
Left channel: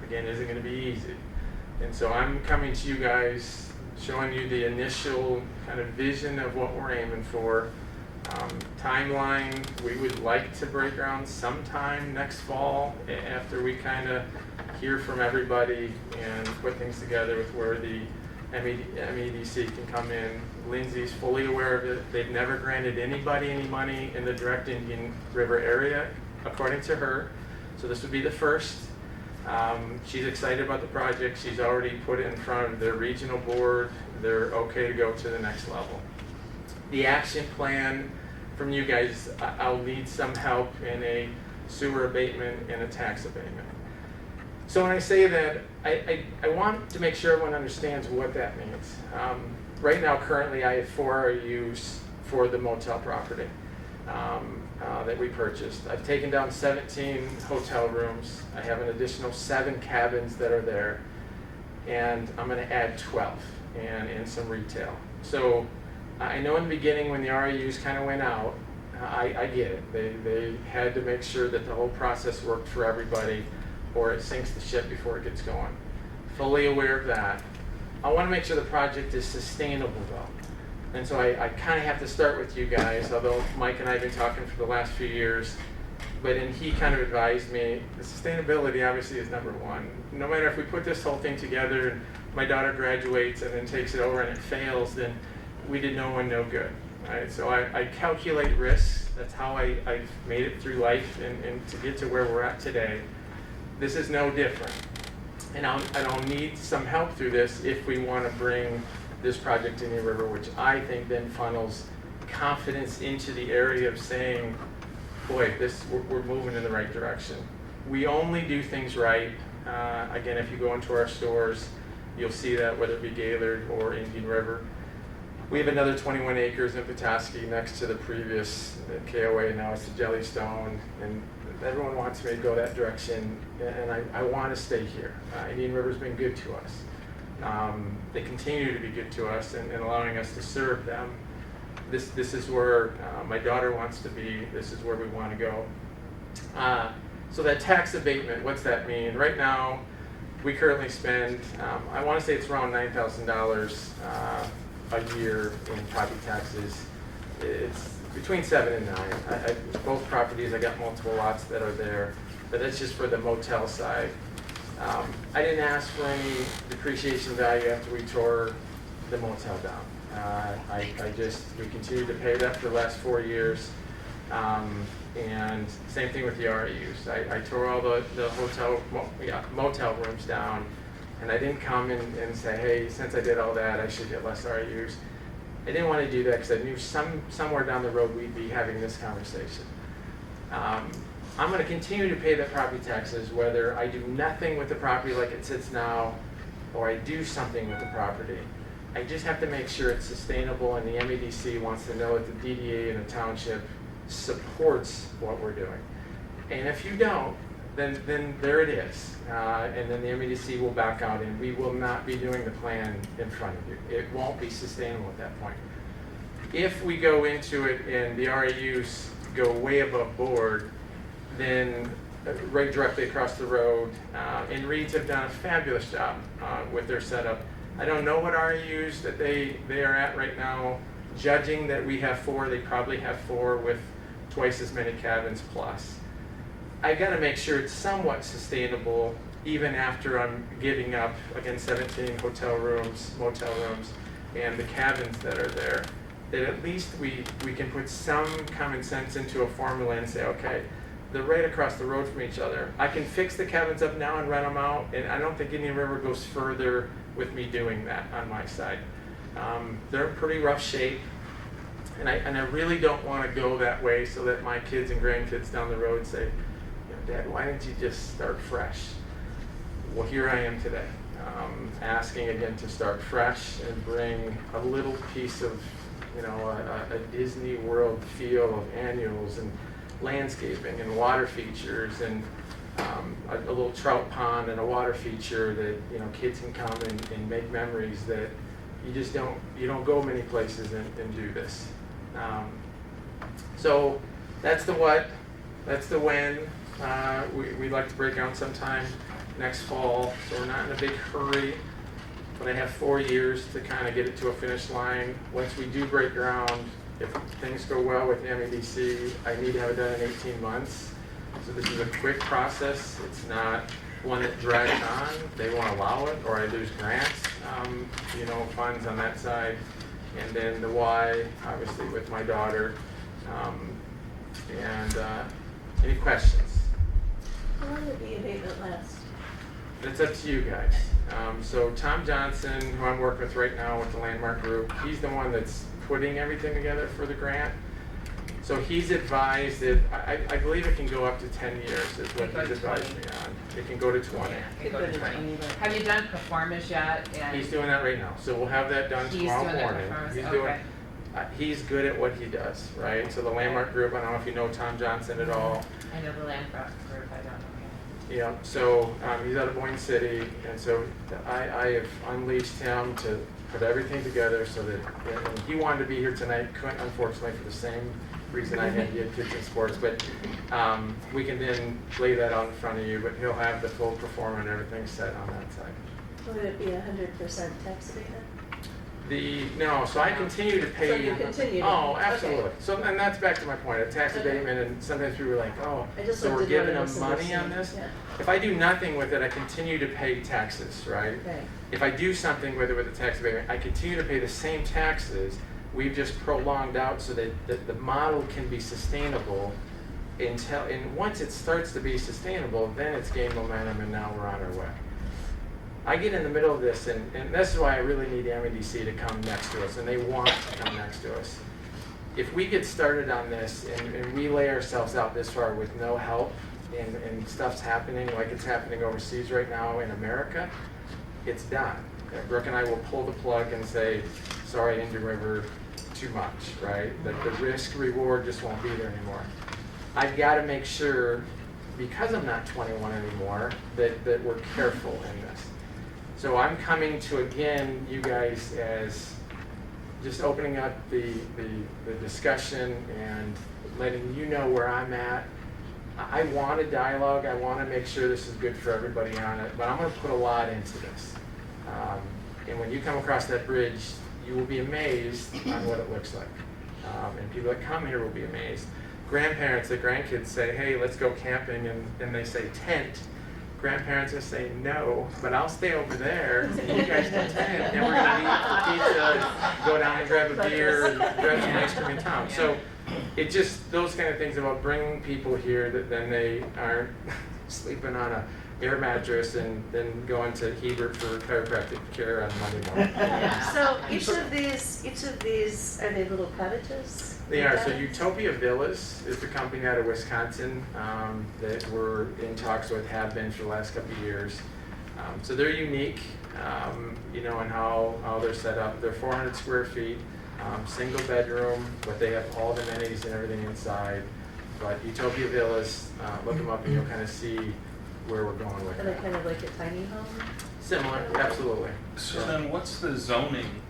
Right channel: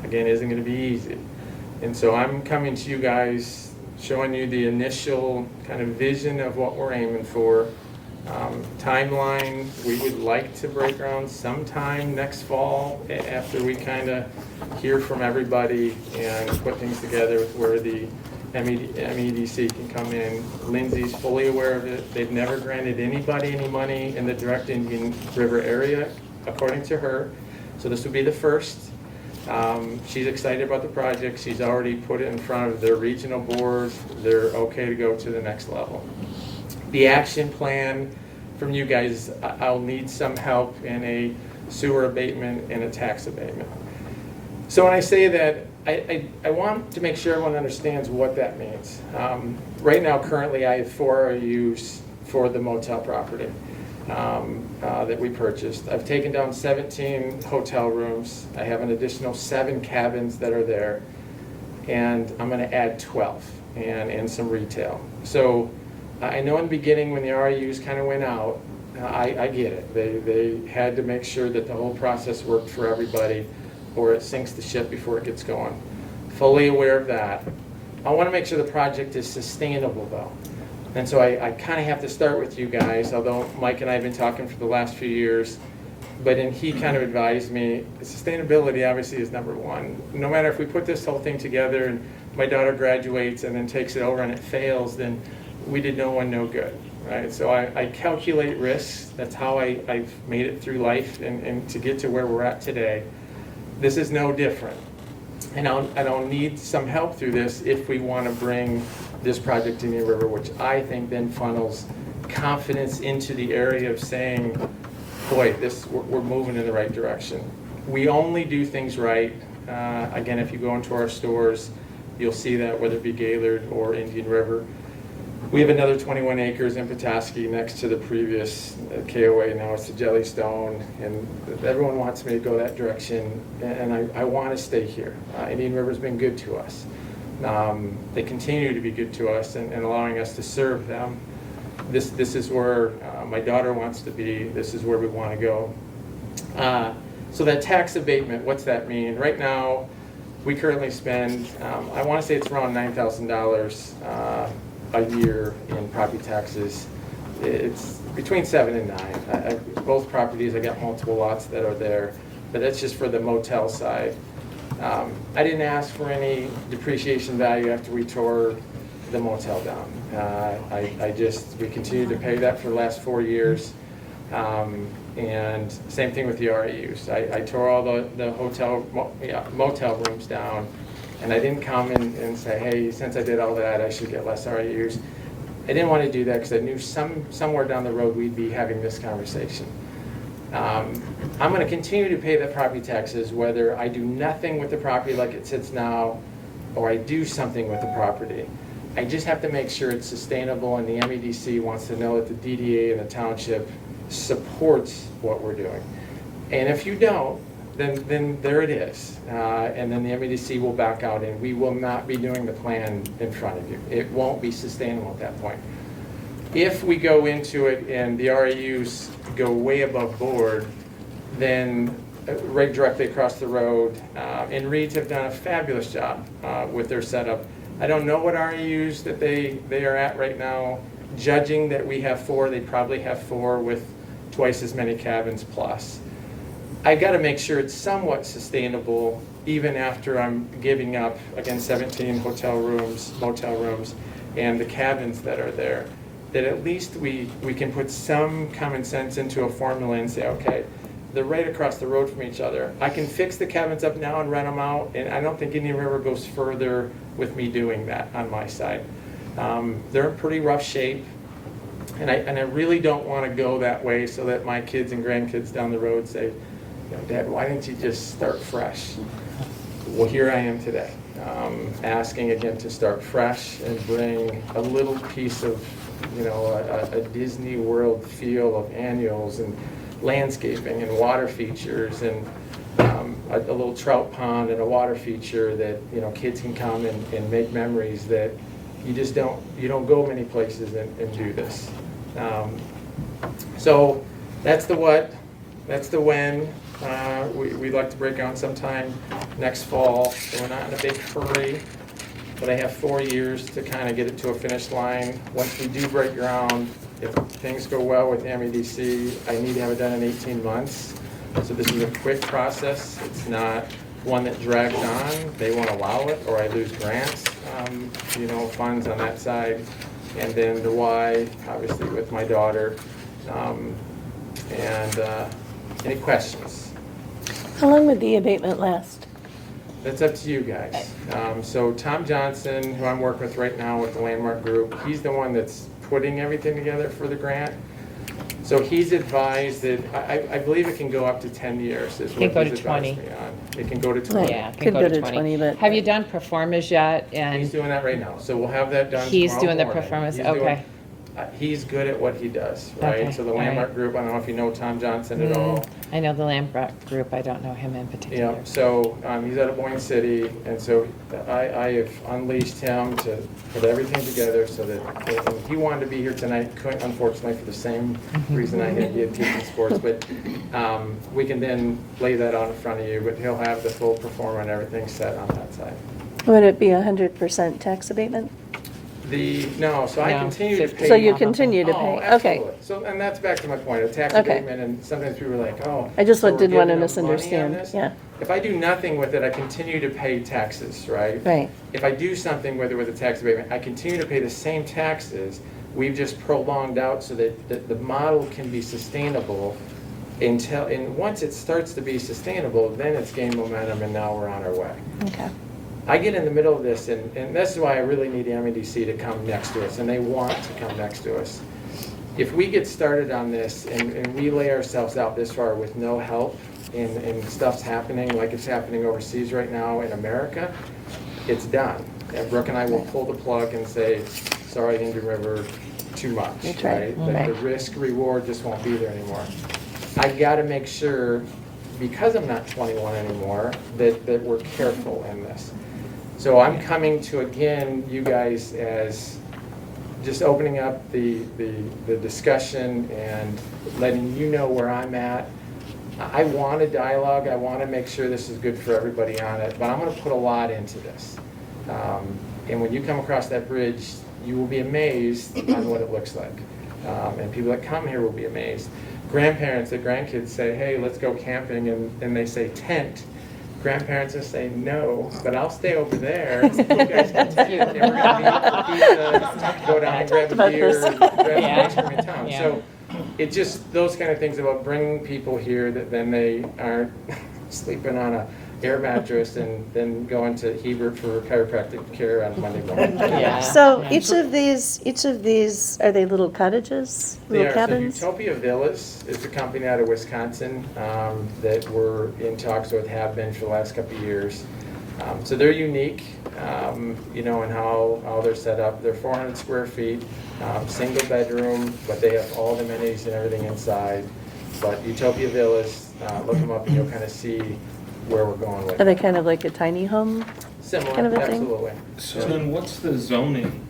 again, isn't going to be easy. And so I'm coming to you guys, showing you the initial kind of vision of what we're aiming for. Timeline, we would like to break ground sometime next fall after we kind of hear from everybody and put things together with where the MEDC can come in. Lindsay's fully aware of it. They've never granted anybody any money in the direct Indian River area, according to her. So this would be the first. She's excited about the project. She's already put it in front of their regional board. They're okay to go to the next level. The action plan from you guys, I'll need some help in a sewer abatement and a tax abatement. So when I say that, I want to make sure everyone understands what that means. Right now, currently, I have 4 RUs for the motel property that we purchased. I've taken down 17 hotel rooms. I have an additional 7 cabins that are there, and I'm going to add 12 and some retail. So I know in the beginning when the RUs kind of went out, I get it. They had to make sure that the whole process worked for everybody, or it sinks the ship before it gets going. Fully aware of that. I want to make sure the project is sustainable though. And so I kind of have to start with you guys, although Mike and I have been talking for the last few years, but then he kind of advised me, sustainability obviously is number one. No matter if we put this whole thing together and my daughter graduates and then takes it over and it fails, then we did no one no good, right? So I calculate risks. That's how I've made it through life and to get to where we're at today. This is no different. And I'll need some help through this if we want to bring this project to Indian River, which I think then funnels confidence into the area of saying, boy, we're moving in the right direction. We only do things right. Again, if you go into our stores, you'll see that, whether it be Gaylord or Indian River. We have another 21 acres in Petoskey next to the previous KOA. Now it's the Jellystone, and everyone wants me to go that direction, and I want to stay here. Indian River's been good to us. They continue to be good to us and allowing us to serve them. This is where my daughter wants to be. This is where we want to go. So that tax abatement, what's that mean? Right now, we currently spend, I want to say it's around $9,000 a year in property taxes. It's between 7 and 9. Both properties, I got multiple lots that are there, but that's just for the motel side. I didn't ask for any depreciation value after we tore the motel down. We continued to pay that for the last 4 years. And same thing with the REUs. I tore all the motel rooms down, and I didn't come and say, hey, since I did all that, I should get less REUs. I didn't want to do that because I knew somewhere down the road we'd be having this conversation. I'm going to continue to pay the property taxes whether I do nothing with the property like it sits now, or I do something with the property. I just have to make sure it's sustainable, and the MEDC wants to know that the DDA and the township supports what we're doing. And if you don't, then there it is. And then the MEDC will back out, and we will not be doing the plan in front of you. It won't be sustainable at that point. If we go into it and the REUs go way above board, then right directly across the road, and Reeds have done a fabulous job with their setup. I don't know what REUs that they are at right now. Judging that we have 4, they probably have 4 with twice as many cabins plus. I got to make sure it's somewhat sustainable even after I'm giving up, again, 17 hotel rooms, motel rooms, and the cabins that are there. That at least we can put some common sense into a formula and say, okay, they're right across the road from each other. I can fix the cabins up now and rent them out, and I don't think Indian River goes further with me doing that on my side. They're in pretty rough shape, and I really don't want to go that way so that my kids and grandkids down the road say, Dad, why didn't you just start fresh? Well, here I am today, asking again to start fresh and bring a little piece of you know, a Disney World feel of annuals and landscaping and water features and a little trout pond and a water feature that, you know, kids can come and make memories that you don't go many places and do this. So that's the what, that's the when. We'd like to break ground sometime next fall. We're not in a big hurry, but I have 4 years to kind of get it to a finish line. Once we do break ground, if things go well with MEDC, I need to have it done in 18 months. So this is a quick process. It's not one that drags on. They won't allow it, or I lose grants, you know, funds on that side. And then the why, obviously, with my daughter. Any questions? How long would the abatement last? That's up to you guys. So Tom Johnson, who I'm working with right now with the Landmark Group, he's the one that's putting everything together for the grant. So he's advised that, I believe it can go up to 10 years. It can go to 20. It can go to 20. Yeah, it can Could go to 20. but. Have you done performers yet? He's And doing that right now. So we'll have that done he's tomorrow doing the morning. performance, He's doing- okay. He's good at what he does, right? Okay, So the all right. Landmark Group, I don't know if you know Tom Johnson at all. I know the Landmark Group, I don't know him in particular. Yeah, so he's out of Boyne City, and so I have unleashed him to put everything together so that, and he wanted to be here tonight, couldn't, unfortunately, for the same reason I had to teaching sports, but we can then lay that out in front of you, but he'll have the full performance and everything set on that side. Would it be 100% tax abatement? So I No, continue to pay. So you continue to Oh, pay? absolutely. Okay. So, and that's back to my point, of tax Okay. abatement, and sometimes people are like, oh. I just so we're didn't want to giving them money on misunderstand. this? Yeah, If I do nothing with it, I continue to pay taxes, right? right. If I do something with it with the tax abatement, I continue to pay the same taxes. We've just prolonged out so that the model can be sustainable and once it starts to be sustainable, then it's gained momentum and now we're on our way. Okay. I get in the middle of this, and this is why I really need the MEDC to come next to us, and they want to come next to us. If we get started on this and we lay ourselves out this far with no help, and stuff's happening like it's happening overseas right now in America, it's done. And Brooke and I will pull the plug and say, sorry, Indian River, too much, That's right? right. The risk reward just won't be there anymore. I gotta make sure, because I'm not 21 anymore, that we're careful in this. So I'm coming to, again, you guys as just opening up the discussion and letting you know where I'm at. I want a dialogue, I want to make sure this is good for everybody on it, but I'm going to put a lot into this. And when you come across that bridge, you will be amazed on what it looks like. And people that come here will be amazed. Grandparents, the grandkids say, hey, let's go camping, and they say tent. Grandparents will say no, but I'll stay over there. You guys can sit, and we're gonna eat pizza, go down and grab a beer, and grab some ice cream in town. Yeah. So it just, those kind of things about bringing people here that then they aren't sleeping on a air mattress and then going to Hebert for chiropractic care on Monday morning. Yeah. So each of these, are they little cottages? They Little are, so cabins? Utopia Villas is the company out of Wisconsin that we're in talks with, have been for the last couple of years. So they're unique, you know, in how they're set up. They're 400 square feet, single bedroom, but they have all the amenities and everything inside. But Utopia Villas, look them up and you'll kind of see where we're going with Are they it. kind of like a tiny home? Similar, kind of a thing? absolutely. So then what's the zoning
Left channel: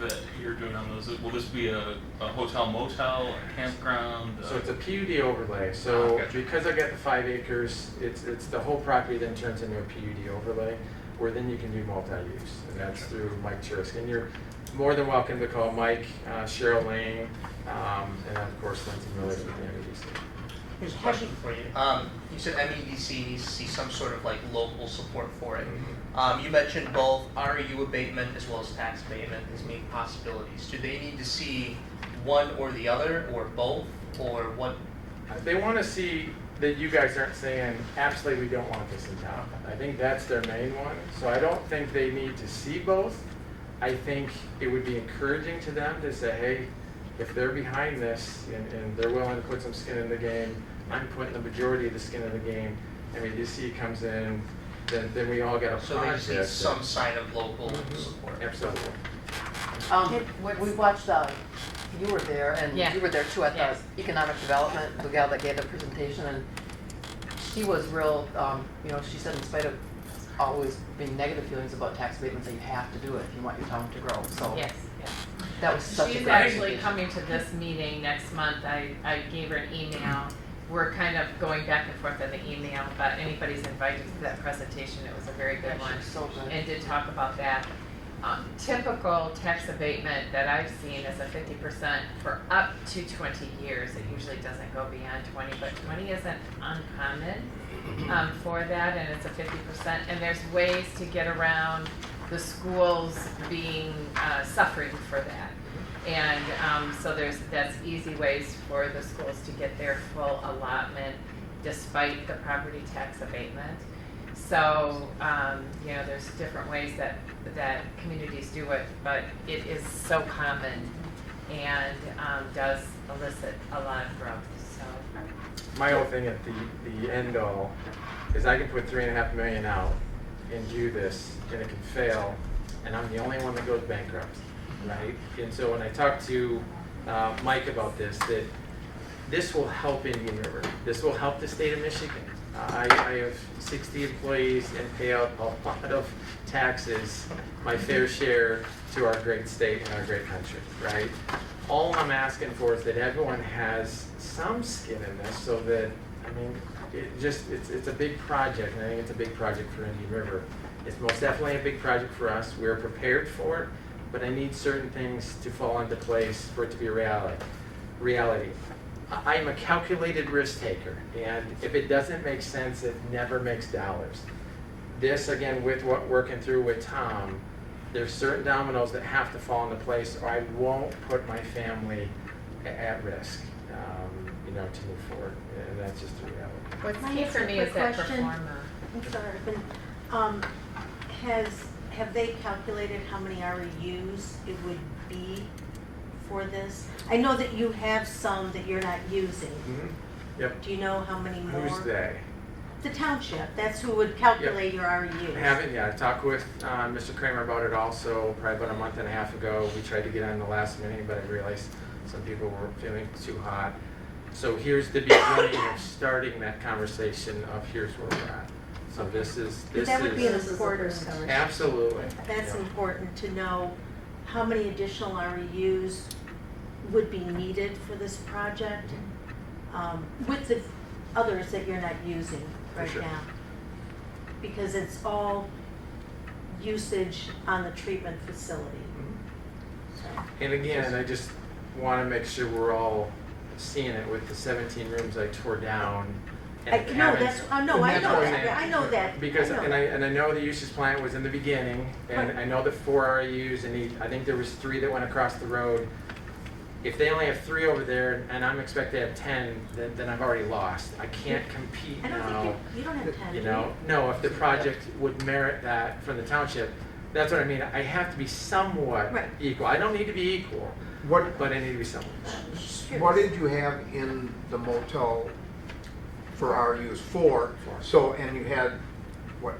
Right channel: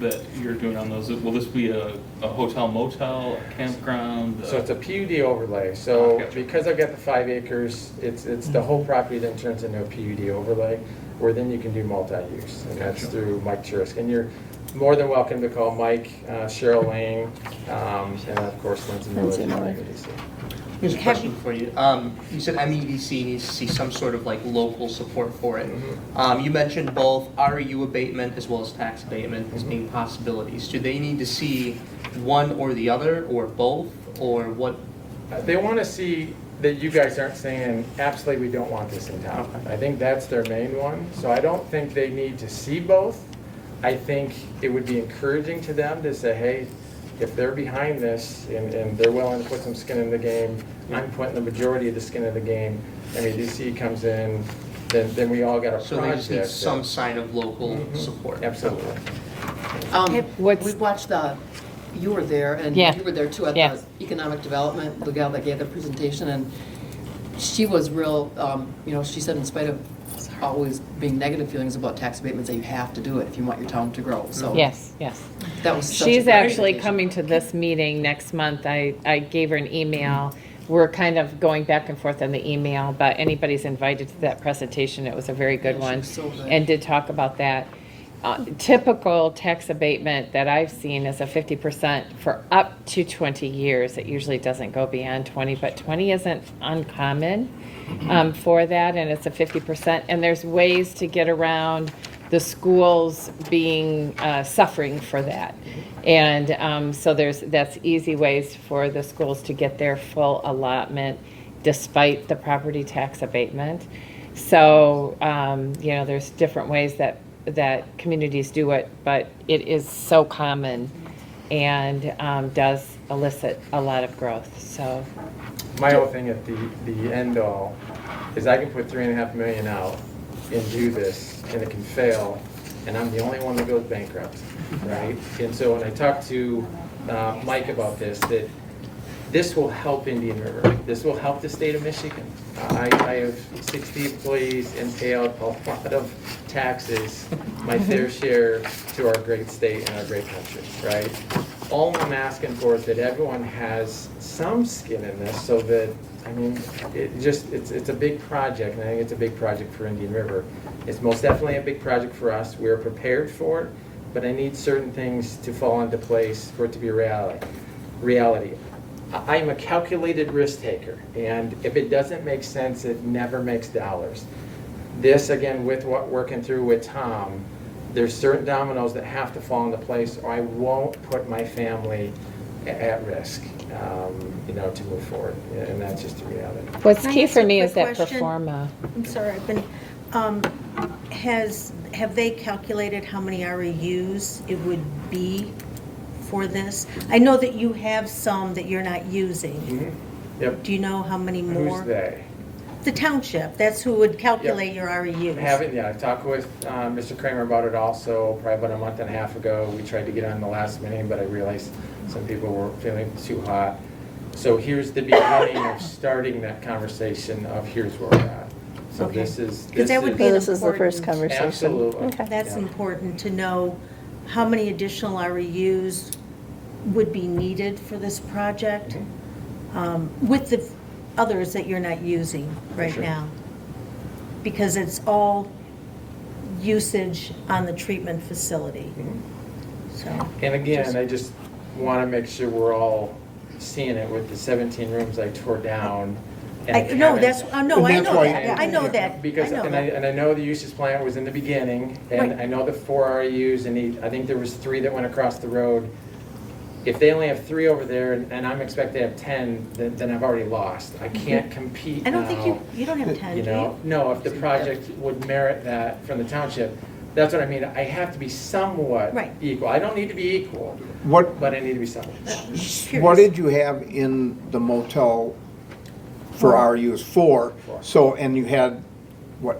that you're doing on those? Will this be a hotel motel, a campground? So it's a PUD overlay, so Gotcha. because I've got the 5 acres, it's the whole property that turns into a PUD overlay, where then you can do multi-use, and that's Gotcha. through Mike Churisk. And you're more than welcome to call Mike, Cheryl Lane, and of course Lindsay Miller. Lindsay Miller. Here's a question for you. You said MEDC needs to see some sort of like local support for it. You mentioned both REU abatement as well as tax abatement as being possibilities. Do they need to see one or the other, or both, or what? They want to see that you guys aren't saying, absolutely, we don't want this in town. I think that's their main one, so I don't think they need to see both. I think it would be encouraging to them to say, hey, if they're behind this and they're willing to put some skin in the game, I'm putting the majority of the skin in the game, and EDC comes in, then we all got a So they just need project. some sign of local support. Absolutely. What's- We watched the you were there, and Yeah. you were there too at Yes. the economic development, the gal that gave the presentation, and she was real, she said in spite of always being negative feelings about tax abatements, that you have to do it if you want your town to grow, so. Yes, yes. That was such a She's great actually presentation. coming to this meeting next month. I gave her an email. We're kind of going back and forth on the email, but anybody's invited to that presentation. It was a very good Yeah, she one. was so good. And did talk about that. Typical tax abatement that I've seen is a 50% for up to 20 years. It usually doesn't go beyond 20, but 20 isn't uncommon for that, and it's a 50%. And there's ways to get around the schools being suffering for that. And so that's easy ways for the schools to get their full allotment despite the property tax abatement. So, there's different ways that communities do it, but it is so common and does elicit a lot of growth, so. My whole thing at the end all is I can put $3.5 million out and do this, and it can fail, and I'm the only one that goes bankrupt, right? And so when I talked to Mike about this, that this will help Indian River. This will help the state of Michigan. I have 60 employees and pay out a lot of taxes, my fair share to our great state and our great country, right? All I'm asking for is that everyone has some skin in this so that, it's a big project, and I think it's a big project for Indian River. It's most definitely a big project for us. We're prepared for it, but I need certain things to fall into place for it to be a reality. I'm a calculated risk taker, and if it doesn't make sense, it never makes dollars. This, again, with what working through with Tom, there's certain dominoes that have to fall into place, or I won't put my family at risk, to move forward, and that's just the reality. What's Can I key ask for a me is quick that question? performa. I'm sorry, have they calculated how many REUs it would be for this? I know that you have some that you're not using. Yep. Do you know how many more? Who's they? The township, that's who would calculate your REUs. I talked with Mr. Kramer about it also, probably about a month and a half ago. We tried to get on the last meeting, but I realized some people were feeling too hot. So here's the beginning of starting that conversation of here's where we're at. So Okay. this is. Because that would be So an this is the first important- conversation. Absolutely. Okay. That's important to know how many additional REUs would be needed for this project with the others that you're not using right Sure. now. Because it's all usage on the treatment facility. So, And again, I just want to make sure we're all seeing it with the 17 rooms I tore down. I and know, having- that's, I know And that's why- that, yeah, I know that. Because, I know and that. I know the usage plan was in the beginning, and Right. I know the 4 REUs, and I think there was 3 that went across the road. If they only have 3 over there, and I'm expected to have 10, then I've already lost. I can't compete now. I don't think you don't have 10, do You you? know, no, if the project would merit that from the township, that's what I mean. I have to be somewhat Right. equal. I don't need to be equal, What, but I need to be somewhat. what did you have in the motel for RUs? 4. So, and you had,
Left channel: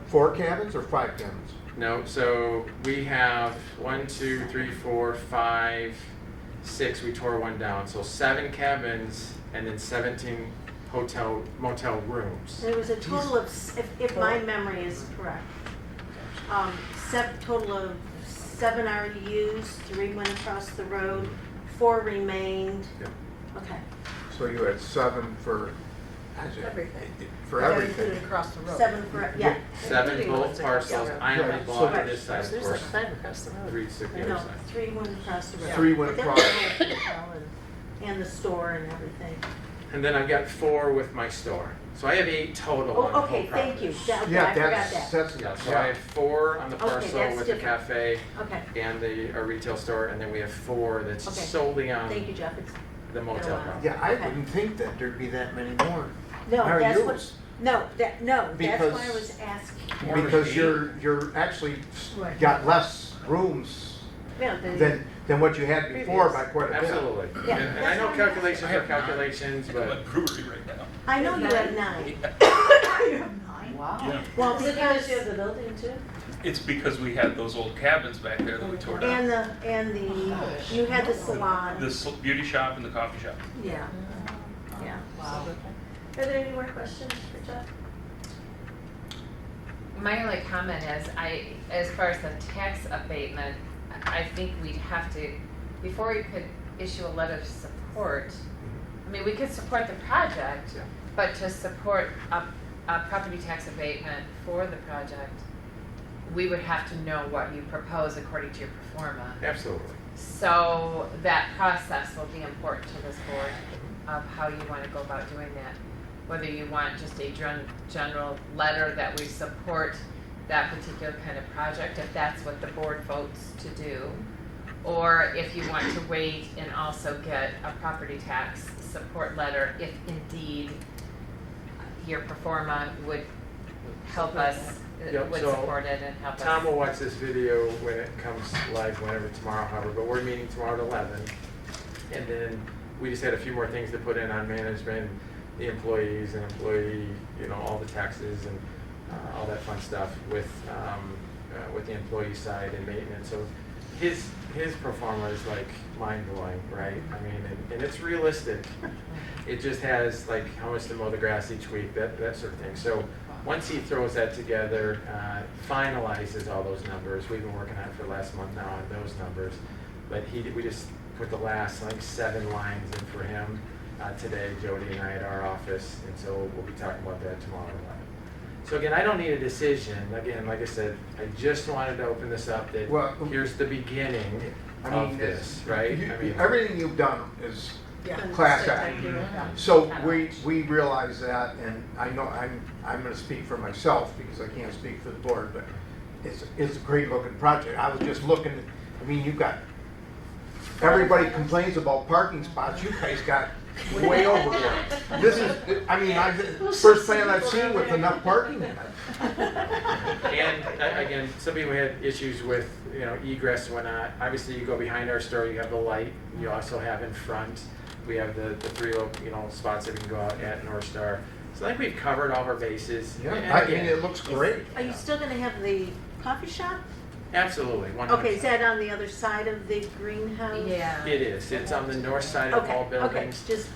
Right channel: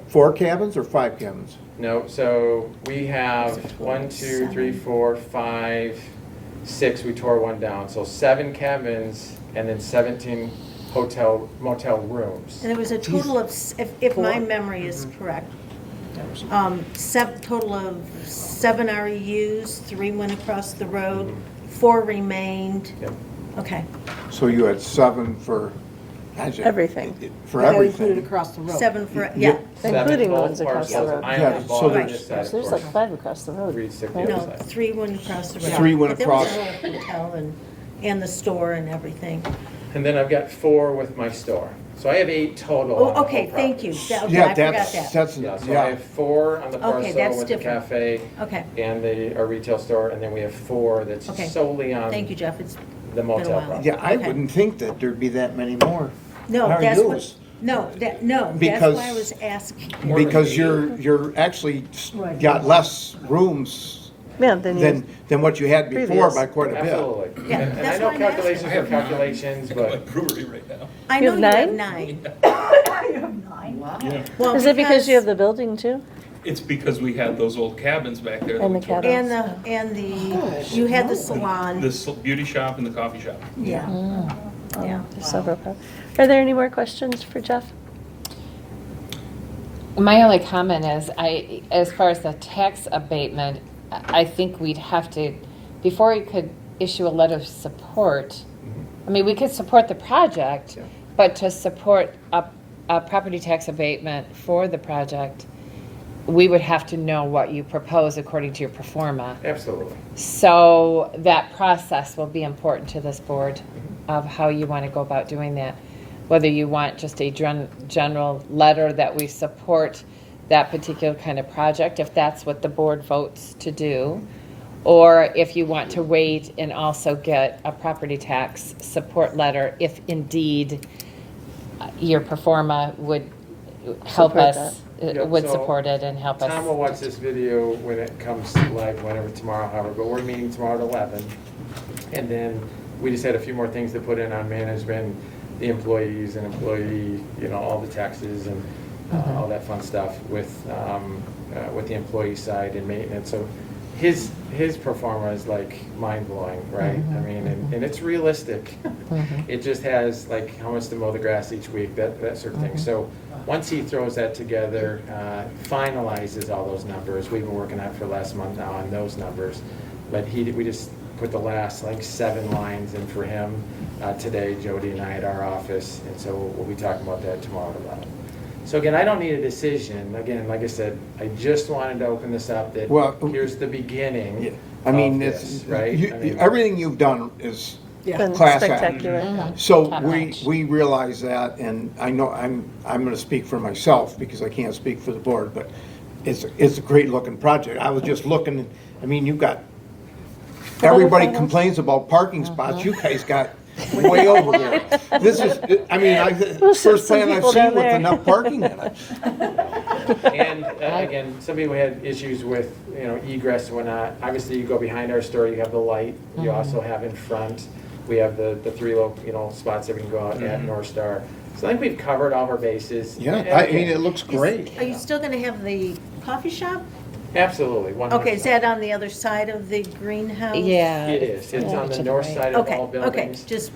4 cabins or 5 cabins? No, so we have 1, 2, 3, 4, 5, 6, we tore one down. So 7 cabins and then 17 motel rooms. And there was a total of, if my memory is correct, total of 7 REUs, 3 went across the road, 4 remained. Yep. Okay, So you had 7 for. Everything. For everything. across the road. 7 for, yeah. Including both ones across the parcels. road. I Yeah, only so bought there's- this side There's like portion. 5 across the road. 3, 6, right? No, side. 3 went across the road. 3 went But there was across. a hotel and the store and everything. And then I've got 4 with my store. So I have 8 total on Oh, the whole okay, thank you. property. Okay, Yeah, I forgot that's, that. that's, Yeah, so I yeah. have 4 on the Okay, parcel that's with the different. cafe Okay, and our retail store, and then we have 4 that's Okay. solely on thank you, Jeff. It's, the motel Wow. property. Yeah, I Okay. wouldn't think that there'd be that many more. no, How that's what, yours? no, that's Because- why I was asking. Because you're actually Right. got less rooms Yeah, then you, than what you had before Previous. by quite a bit. Absolutely. Yeah, And I that's know why I'm asking. calculations are calculations, I got my but brewery right now. I You know have you have 9? 9. Well, is it because you have the building too? It's because we had those old cabins back there that And we the tore cabins. down. And you had the salon, The beauty shop and the coffee shop. yeah, yeah. There's several parts. Are there any more questions for Jeff? My only comment is, as far as the tax abatement, I think we'd have to, before we could issue a letter of support, I mean, we could support the project, Yeah. but to support a property tax abatement for the project, we would have to know what you propose according to your pro forma. Absolutely. So that process will be important to this board of how you want to go about doing that. Whether you want just a general letter that we support that particular kind of project, if that's what the board votes to do, or if you want to wait and also get a property tax support letter, if indeed your pro forma would help Support us, Yep, would so support it and help us. Tom will watch this video when it comes live, whenever tomorrow, however, but we're meeting tomorrow at 11. And then we just had a few more things to put in on management, the employees and employee, all the taxes and all that fun stuff with the employee side and maintenance. So his pro forma is like mind blowing, right? I mean, and it's realistic. It just has like how much to mow the grass each week, that sort of thing. So once he throws that together, finalizes all those numbers, we've been working on it for the last month now on those numbers, but we just put the last like 7 lines in for him today, Jody and I at our office, and so we'll be talking about that tomorrow at 11. So again, I don't need a decision. Again, like I said, I just wanted to open this up that here's the beginning I mean, of it's, this, right? I mean, everything you've done is Been class act. spectacular. So Top notch. we realize that, and I know I'm gonna speak for myself because I can't speak for the board, but it's a great looking project. I was just looking, I mean, you've got, everybody complains about parking spots, you guys got way over there. This is, I mean, first plan I've people seen down with there. enough parking in it. And again, some people had issues with, egress and whatnot. Obviously, you go behind our store, you have a light. You also have in front, we have the 3, spots that we can go out at Northstar. So I think we've covered all our bases. Yeah, And I again, mean, it looks great. Are you still gonna have the coffee shop? Absolutely, 100%. Okay, is that on the other side of the greenhouse? Yeah. It is. It's on the To the north right. side of Okay, all okay, buildings. just.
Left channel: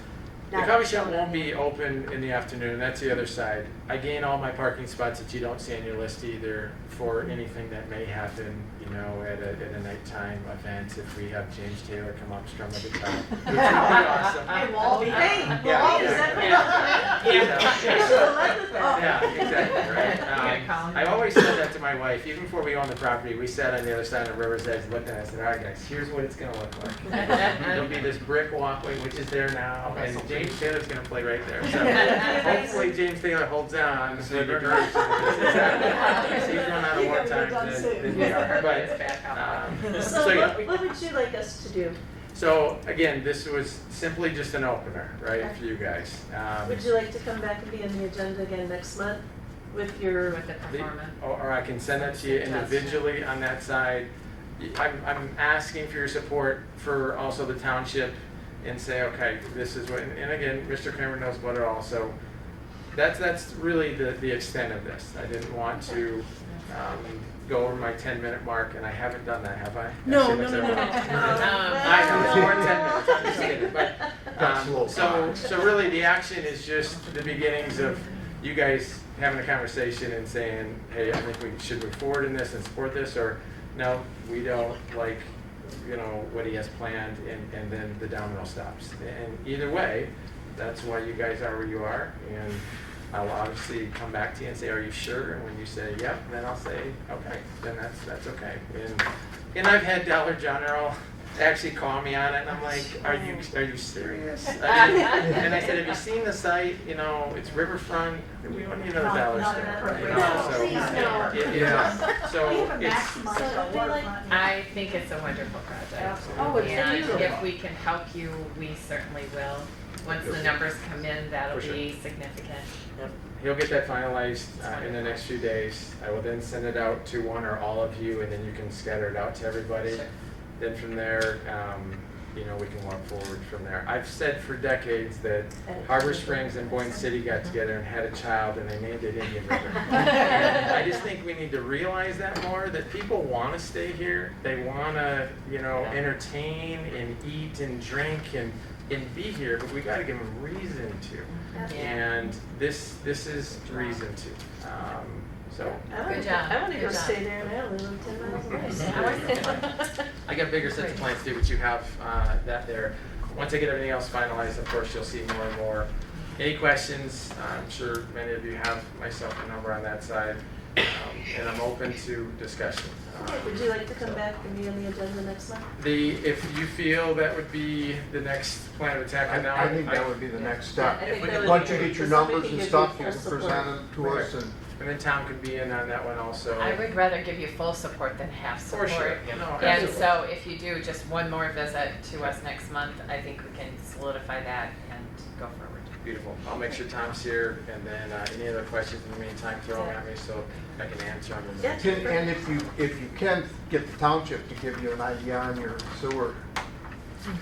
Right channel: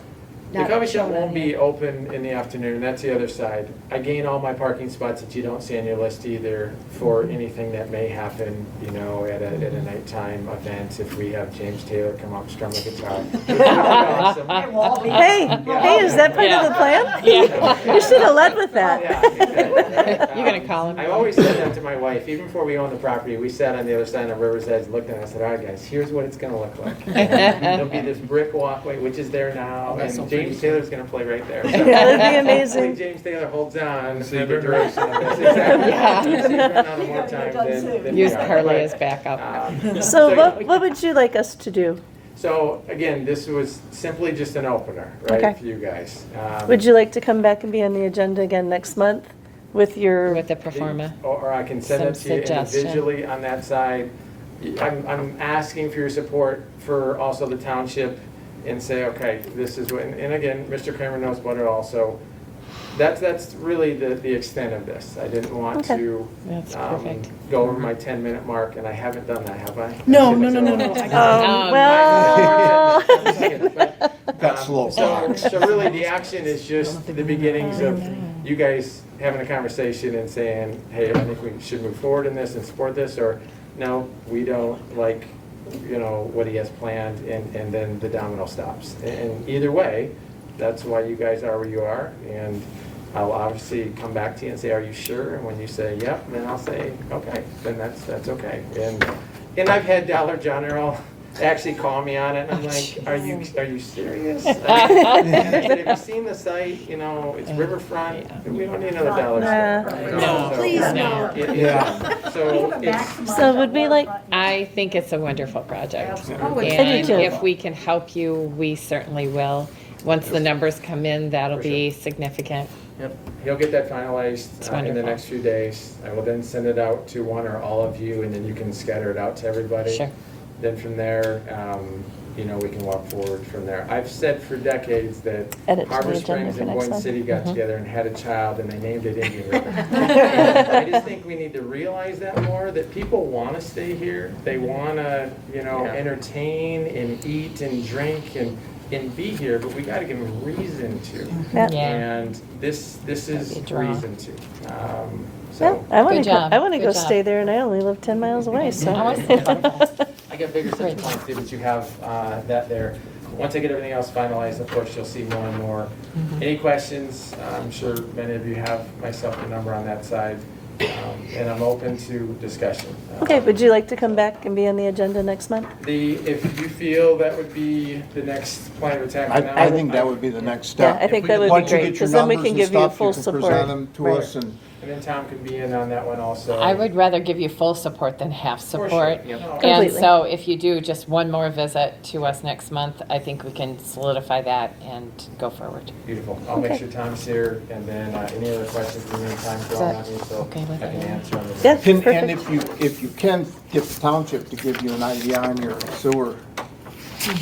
The coffee shop won't be open in the afternoon, that's the other side. I gain all my parking spots that you don't see on your list either for anything that may happen, at a nighttime event, if we have James Taylor come up, strum a guitar. Which would be awesome. Hey, is that part of the plan? Yeah. You should have led with that. Yeah, exactly, right. You're gonna call him. I've always said that to my wife, even before we owned the property, we sat on the other side of the river's edge, looking at it, and said, all right, guys, here's what it's gonna look like. There'll be this brick walkway, which is there now, and James Taylor's gonna play right there. So Yeah, that'd be hopefully amazing. James Taylor holds on to the direction of this. Exactly. He's run out of more times than we Use are. Carly But, as backup. So yeah. what would you like us to do? So again, this was simply just an opener, Okay. right, for you guys. Would you like to come back and be on the agenda again next month with your? With the pro forma. Or I can send it Some to you suggestion. individually on that side. I'm asking for your support for also the township and say, okay, this is what, and again, Mr. Kramer knows about it also. That's really the extent of this. I didn't want Okay. to That's perfect. go over my 10-minute mark, and I haven't done that, have I? No. Well. I'm just kidding, but, That's low. So really, the action is just the beginnings of you guys having a conversation and saying, hey, I think we should move forward in this and support this, or no, we don't like, what he has planned, and then the domino stops. And either way, that's why you guys are where you are, and I'll obviously come back to you and say, are you sure? And when you say, yep, then I'll say, okay, then that's okay. And I've had Dollar General actually call me on it, and I'm like, are you serious? And I said, have you seen the site? It's riverfront. We don't need another Dollar Store. No, please, no. Yeah. So it's, So would we like, I think it's a wonderful project. I do And too. if we can help you, we certainly will. Once the numbers come in, that'll For sure. be significant. Yep. He'll get that finalized It's in the wonderful. next few days. I will then send it out to one or all of you, and then you can scatter it out to everybody. Sure. Then from there, we can walk forward from there. I've said for decades that Edit to Harbor the agenda Springs for and next Boyne time. City got Mhm. together and had a child and they named it Indian River. I just think we need to realize that more, that people want to stay here. They want to, entertain and eat and drink and be here, but we got to give them reason to. Yeah. Yeah. And this is That'd be a draw. reason to. Yeah, So I want Good to job. I want to Good go job. stay there, and I only live 10 miles away, so. I was thinking about that. I got bigger Great. such plans too, but you have that there. Once I get everything else finalized, of course, you'll see more and more. Mhm. Any questions? I'm sure many of you have myself a number on that side, and I'm open to discussion. Okay, would you like to come back and be on the agenda next month? If you feel that would be the next plan of attack. then I think that would be the next Yeah, step. I think that would be Once you great, get your because then we numbers can and give you stuff, full you can present support. them to Right. us and. And then Tom could be in on that one also. I would rather give you full support than half For sure. support. Yeah, no, And Completely. so if you do just one more visit to us next month, I think we can solidify that and go forward. Beautiful. I'll make Okay. sure Tom's here, and then any other questions in the meantime, throw them at me, so Okay with I can everyone? answer on this. Yeah. And Perfect. if you can get the township to give you an idea on your sewer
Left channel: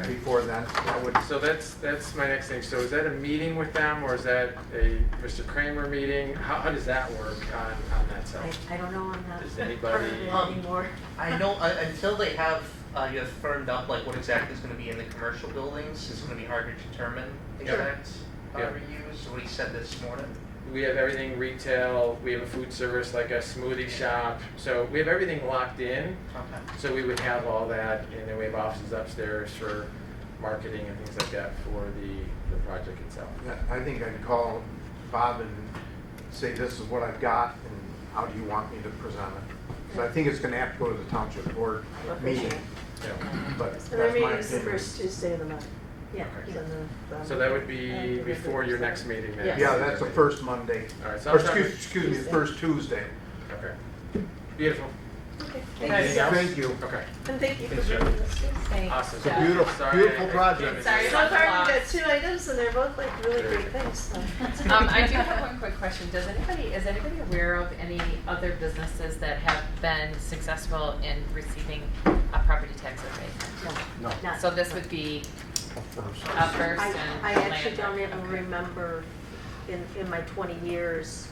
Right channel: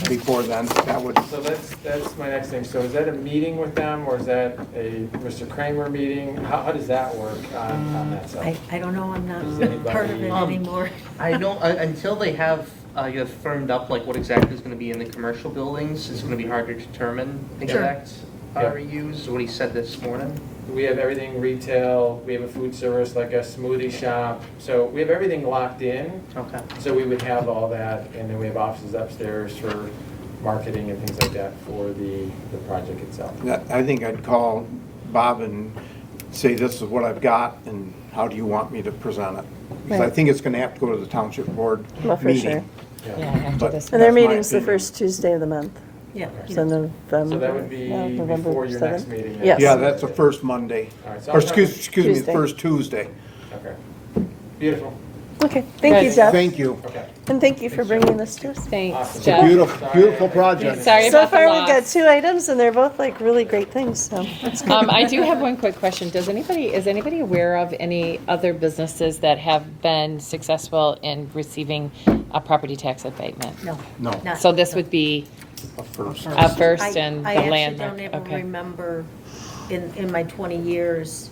before then, that would, So that's my next thing. So is that a meeting with them, or is that a Mr. Kramer meeting? How does that work on that side? I don't know, I'm Does not anybody- part of it anymore. I don't, until they have, firmed up like what exactly is gonna be in the commercial buildings, it's gonna be hard to determine exact Yeah. reuse, is what he said this morning. We have everything retail, we have a food service, like a smoothie shop, so we have everything locked in. Okay. So we would have all that, and then we have offices upstairs for marketing and things like that for the project itself. I think I'd call Bob and say, this is what I've got, and how do you want me to present it? Because I Right. think it's gonna have to go to the township board Well, for meeting. sure. Yeah, after But- this. And their That's my meeting's the opinion. first Tuesday of the month, Yeah. so November. So that would be November before your next 7th. meeting then? Yes. Yeah, that's the first Monday, All right, so or I'll try to- excuse me, the Tuesday. first Tuesday. Okay. Beautiful. Okay, thank you, Good. Jeff, Thank you. Okay. and thank you for bringing this to us. Thanks, Awesome. Jeff. Beautiful, beautiful project. Sorry So about the far, we've got loss. 2 items, and they're both like really great things, so that's good. I do have one quick question. Is anybody aware of any other businesses that have been successful in receiving a property tax abatement? No, Not- So this would be a first. a first and I the actually land. don't even Okay. remember in my 20 years,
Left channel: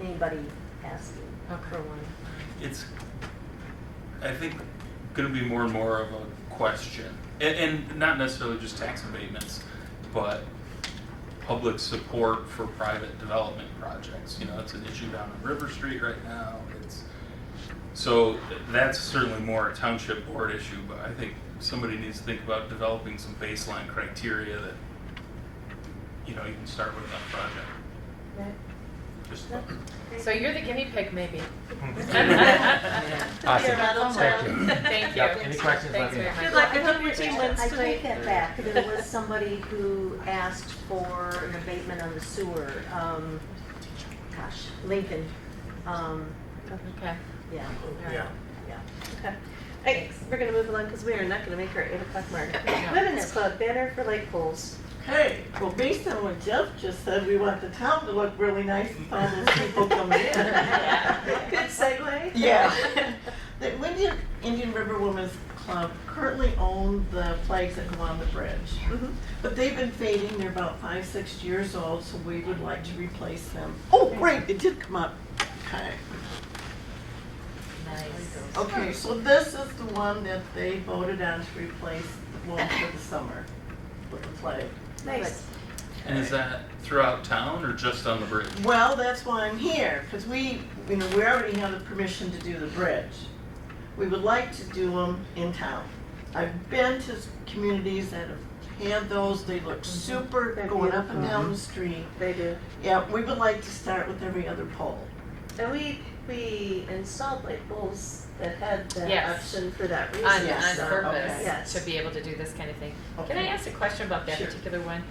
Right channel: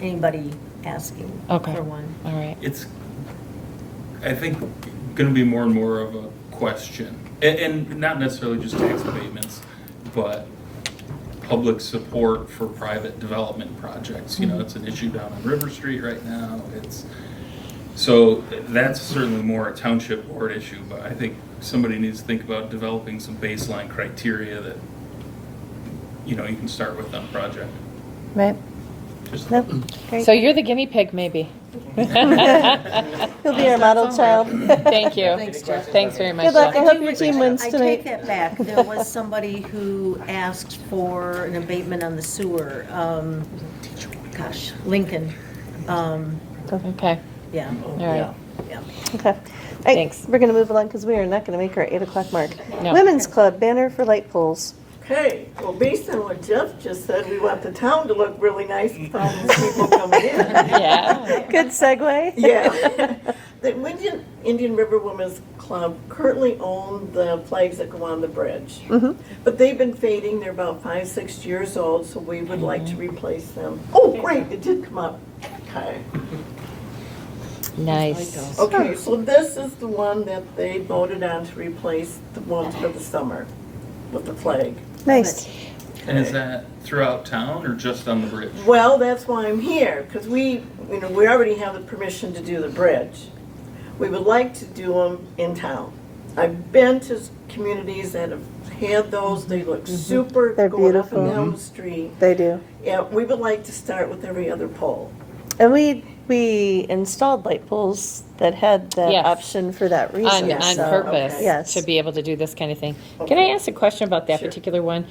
anybody asking Okay. for one. All right. It's, I think, gonna be more and more of a question, and not necessarily just tax abatements, but public support for private development projects. You know, it's an issue down on River Street right now. So that's certainly more a township board issue, but I think somebody needs to think about developing some baseline criteria that, you can start with on a project. Right? Just- No? Great. So you're the guinea pig, maybe. He'll be our model child. Thank you. Thanks very much. Good luck. I Jeff. hope your team wins I tonight. take that back. There was somebody who asked for an abatement on the sewer. Gosh, Lincoln. Okay, Yeah. all right. Yeah. Okay. Hey, Thanks. we're gonna move along because we are not gonna make our 8 o'clock mark. No. Women's Club banner for light poles. Okay, well, based on what Jeff just said, we want the town to look really nice with all these people coming in. Yeah. Good segue. Yeah. The Indian River Women's Club currently own the flags that come on the bridge. Mhm. But they've been fading, they're about 5-6 years old, so we would like to replace them. Oh, great, it did come up. Okay. Nice. Okay, so this is the one that they voted on to replace the one for the summer with the flag. Nice. And is that throughout town or just on the bridge? Well, that's why I'm here, because we already have the permission to do the bridge. We would like to do them in town. I've been to communities that have had those, they look super They're going up and beautiful. down the street. They do. Yeah, we would like to start with every other pole. And we installed light poles that had the Yes. option for that reason. On so- purpose, Yes. to be able to do this kind of thing. Can I Okay. ask a question about that Sure. particular one?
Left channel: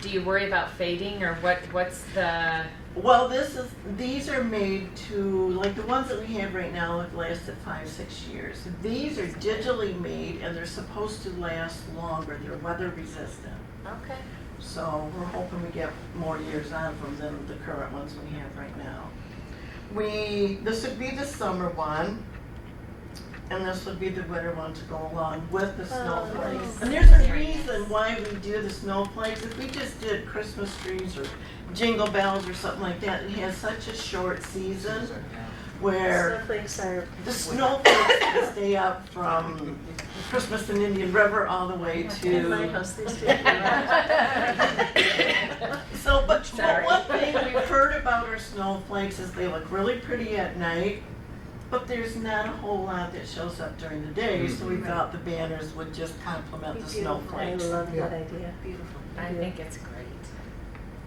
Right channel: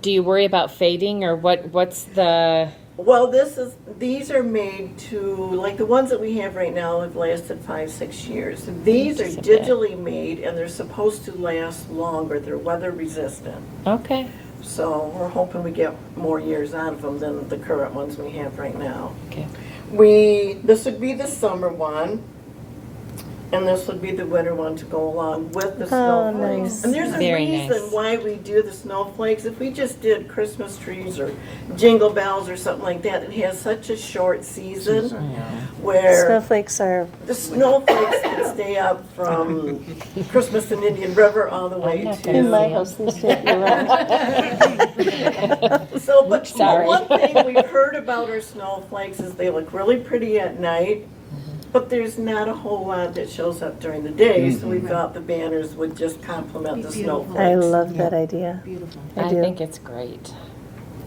Do you worry about fading, or what's the, Well, these are made to, like the ones that we have right now have lasted 5-6 years. These are Okay. digitally made and they're supposed to last longer. They're weather resistant. okay, So we're hoping we get more years out of them than the current ones we have right now. okay. This would be the summer one. and this would be the winter one to go along with the Oh, snowflakes. nice. And there's a Very reason nice. why we do the snowflakes. If we just did Christmas trees or jingle bells or something like that, it has such a short season where Snowflakes are, the snowflakes can stay up from Christmas in Indian River all the way in my to. house, these days, you're right. So, but Sorry. one thing we've heard about our snowflakes is they look really pretty at night, but there's not a whole lot that shows up during the day, so we thought the banners would just complement the Beautiful. snowflakes. I love that idea. Beautiful. I do. think it's great.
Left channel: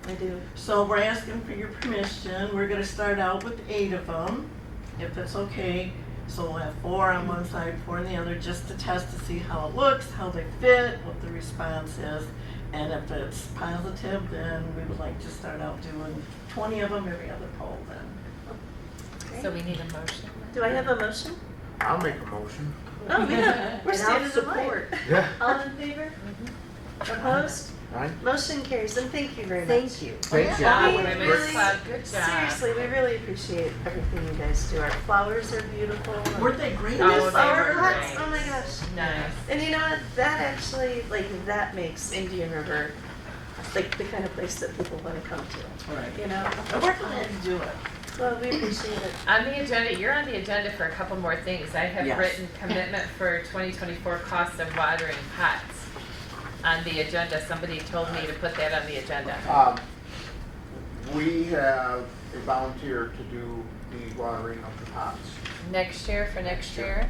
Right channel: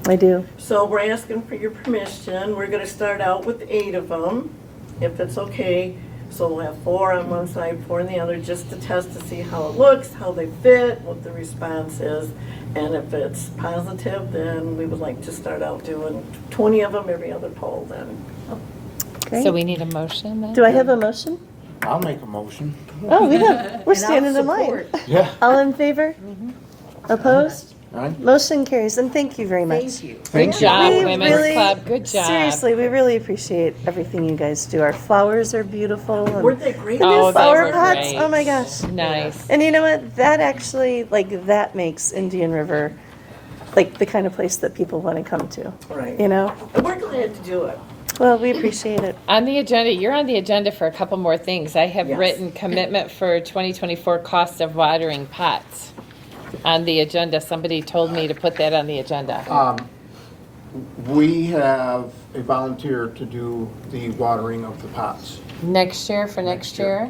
I do. So we're asking for your permission. We're gonna start out with 8 of them, if that's okay. So we'll have 4 on one side, 4 on the other, just to test to see how it looks, how they fit, what the response is. And if it's positive, then we would like to start out doing 20 of them every other poll then. So Great. we need a motion then? Do I have a motion? I'll make a motion. Oh, we're And I'll standing in line. support. Yeah. All in favor? Opposed? All right. Motion carries, and thank you very much. Thank you. Good job, We Women's really- Club, good job. Seriously, we really appreciate everything you guys do. Our flowers are beautiful. and Weren't they great? the new Oh, they flower were pots, great. oh my gosh. Nice. And you know what? That actually, like, that makes Indian River like the kind of place that people want to come to, Right. you know? And we're glad to do it. Well, we appreciate it. On the agenda, you're on the agenda for a couple more things. I have Yes. written commitment for 2024 cost of watering pots on the agenda. Somebody told me to put that on the agenda. We have a volunteer to do the watering of the pots, Next year, for next year?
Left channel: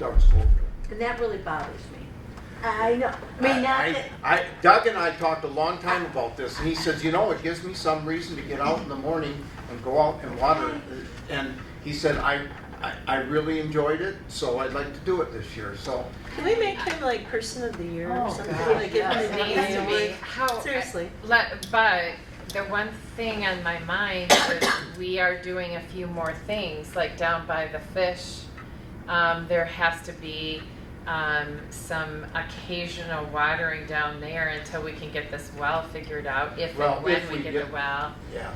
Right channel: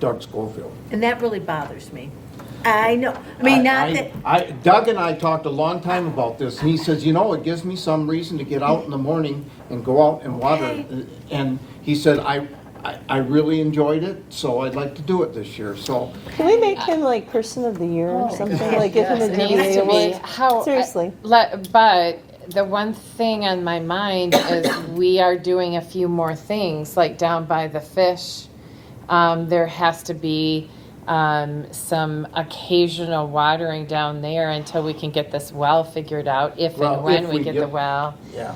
Doug Schofield. And that really bothers me. I know, I mean, not that, Doug and I talked a long time about this, and he says, you know, it gives me some reason to get out in the morning and go out and water. Okay. And he said, I really enjoyed it, so I'd like to do it this year, so. Can we make him like Person of the Year or something? Like give him a It needs to be. DDA How, award? Seriously. But the one thing on my mind is we are doing a few more things, like down by the fish. There has to be some occasional watering down there until we can get this well figured out, if Well, and when if we we get the get- well. Yeah.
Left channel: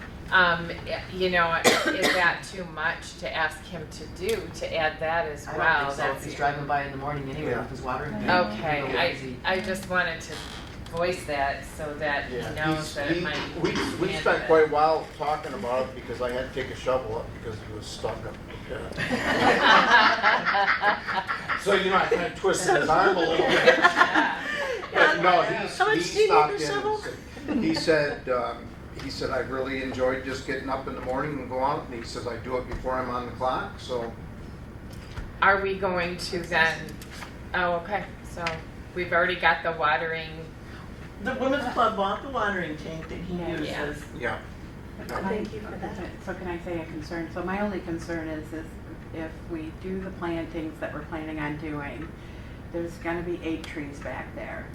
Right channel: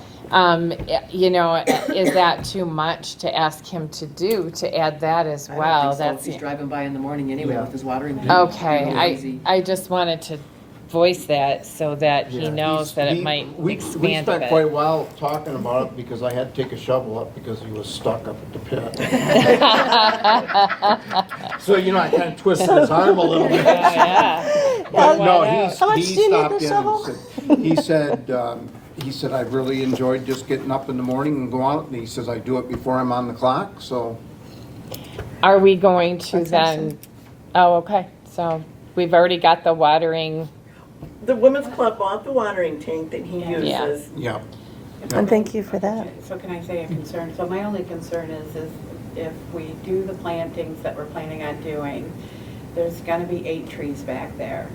You know, is that too much to ask him to do, to add that as I don't well? think so. If That's he's driving by in the morning anyway Yeah. with his watering can. okay. Easy. I just wanted to voice that so that he Yeah, knows that it might we expand spent a quite a bit. while talking about it because I had to take a shovel up because he was stuck up at the pit. So, you know, I kind of twisted his arm a little bit. Yeah. But no, How much he do you need stopped the in shovel? and he said, I really enjoyed just getting up in the morning and go out. And he says, I do it before I'm on the clock, so. Are we going to That's then, oh, okay, so we've already got the watering, The Women's Club bought the watering tank that he Yeah. uses. Yeah. And thank you for that. So can I say a concern? So my only concern is if we do the plantings that we're planning on doing, there's gotta be 8 trees back there.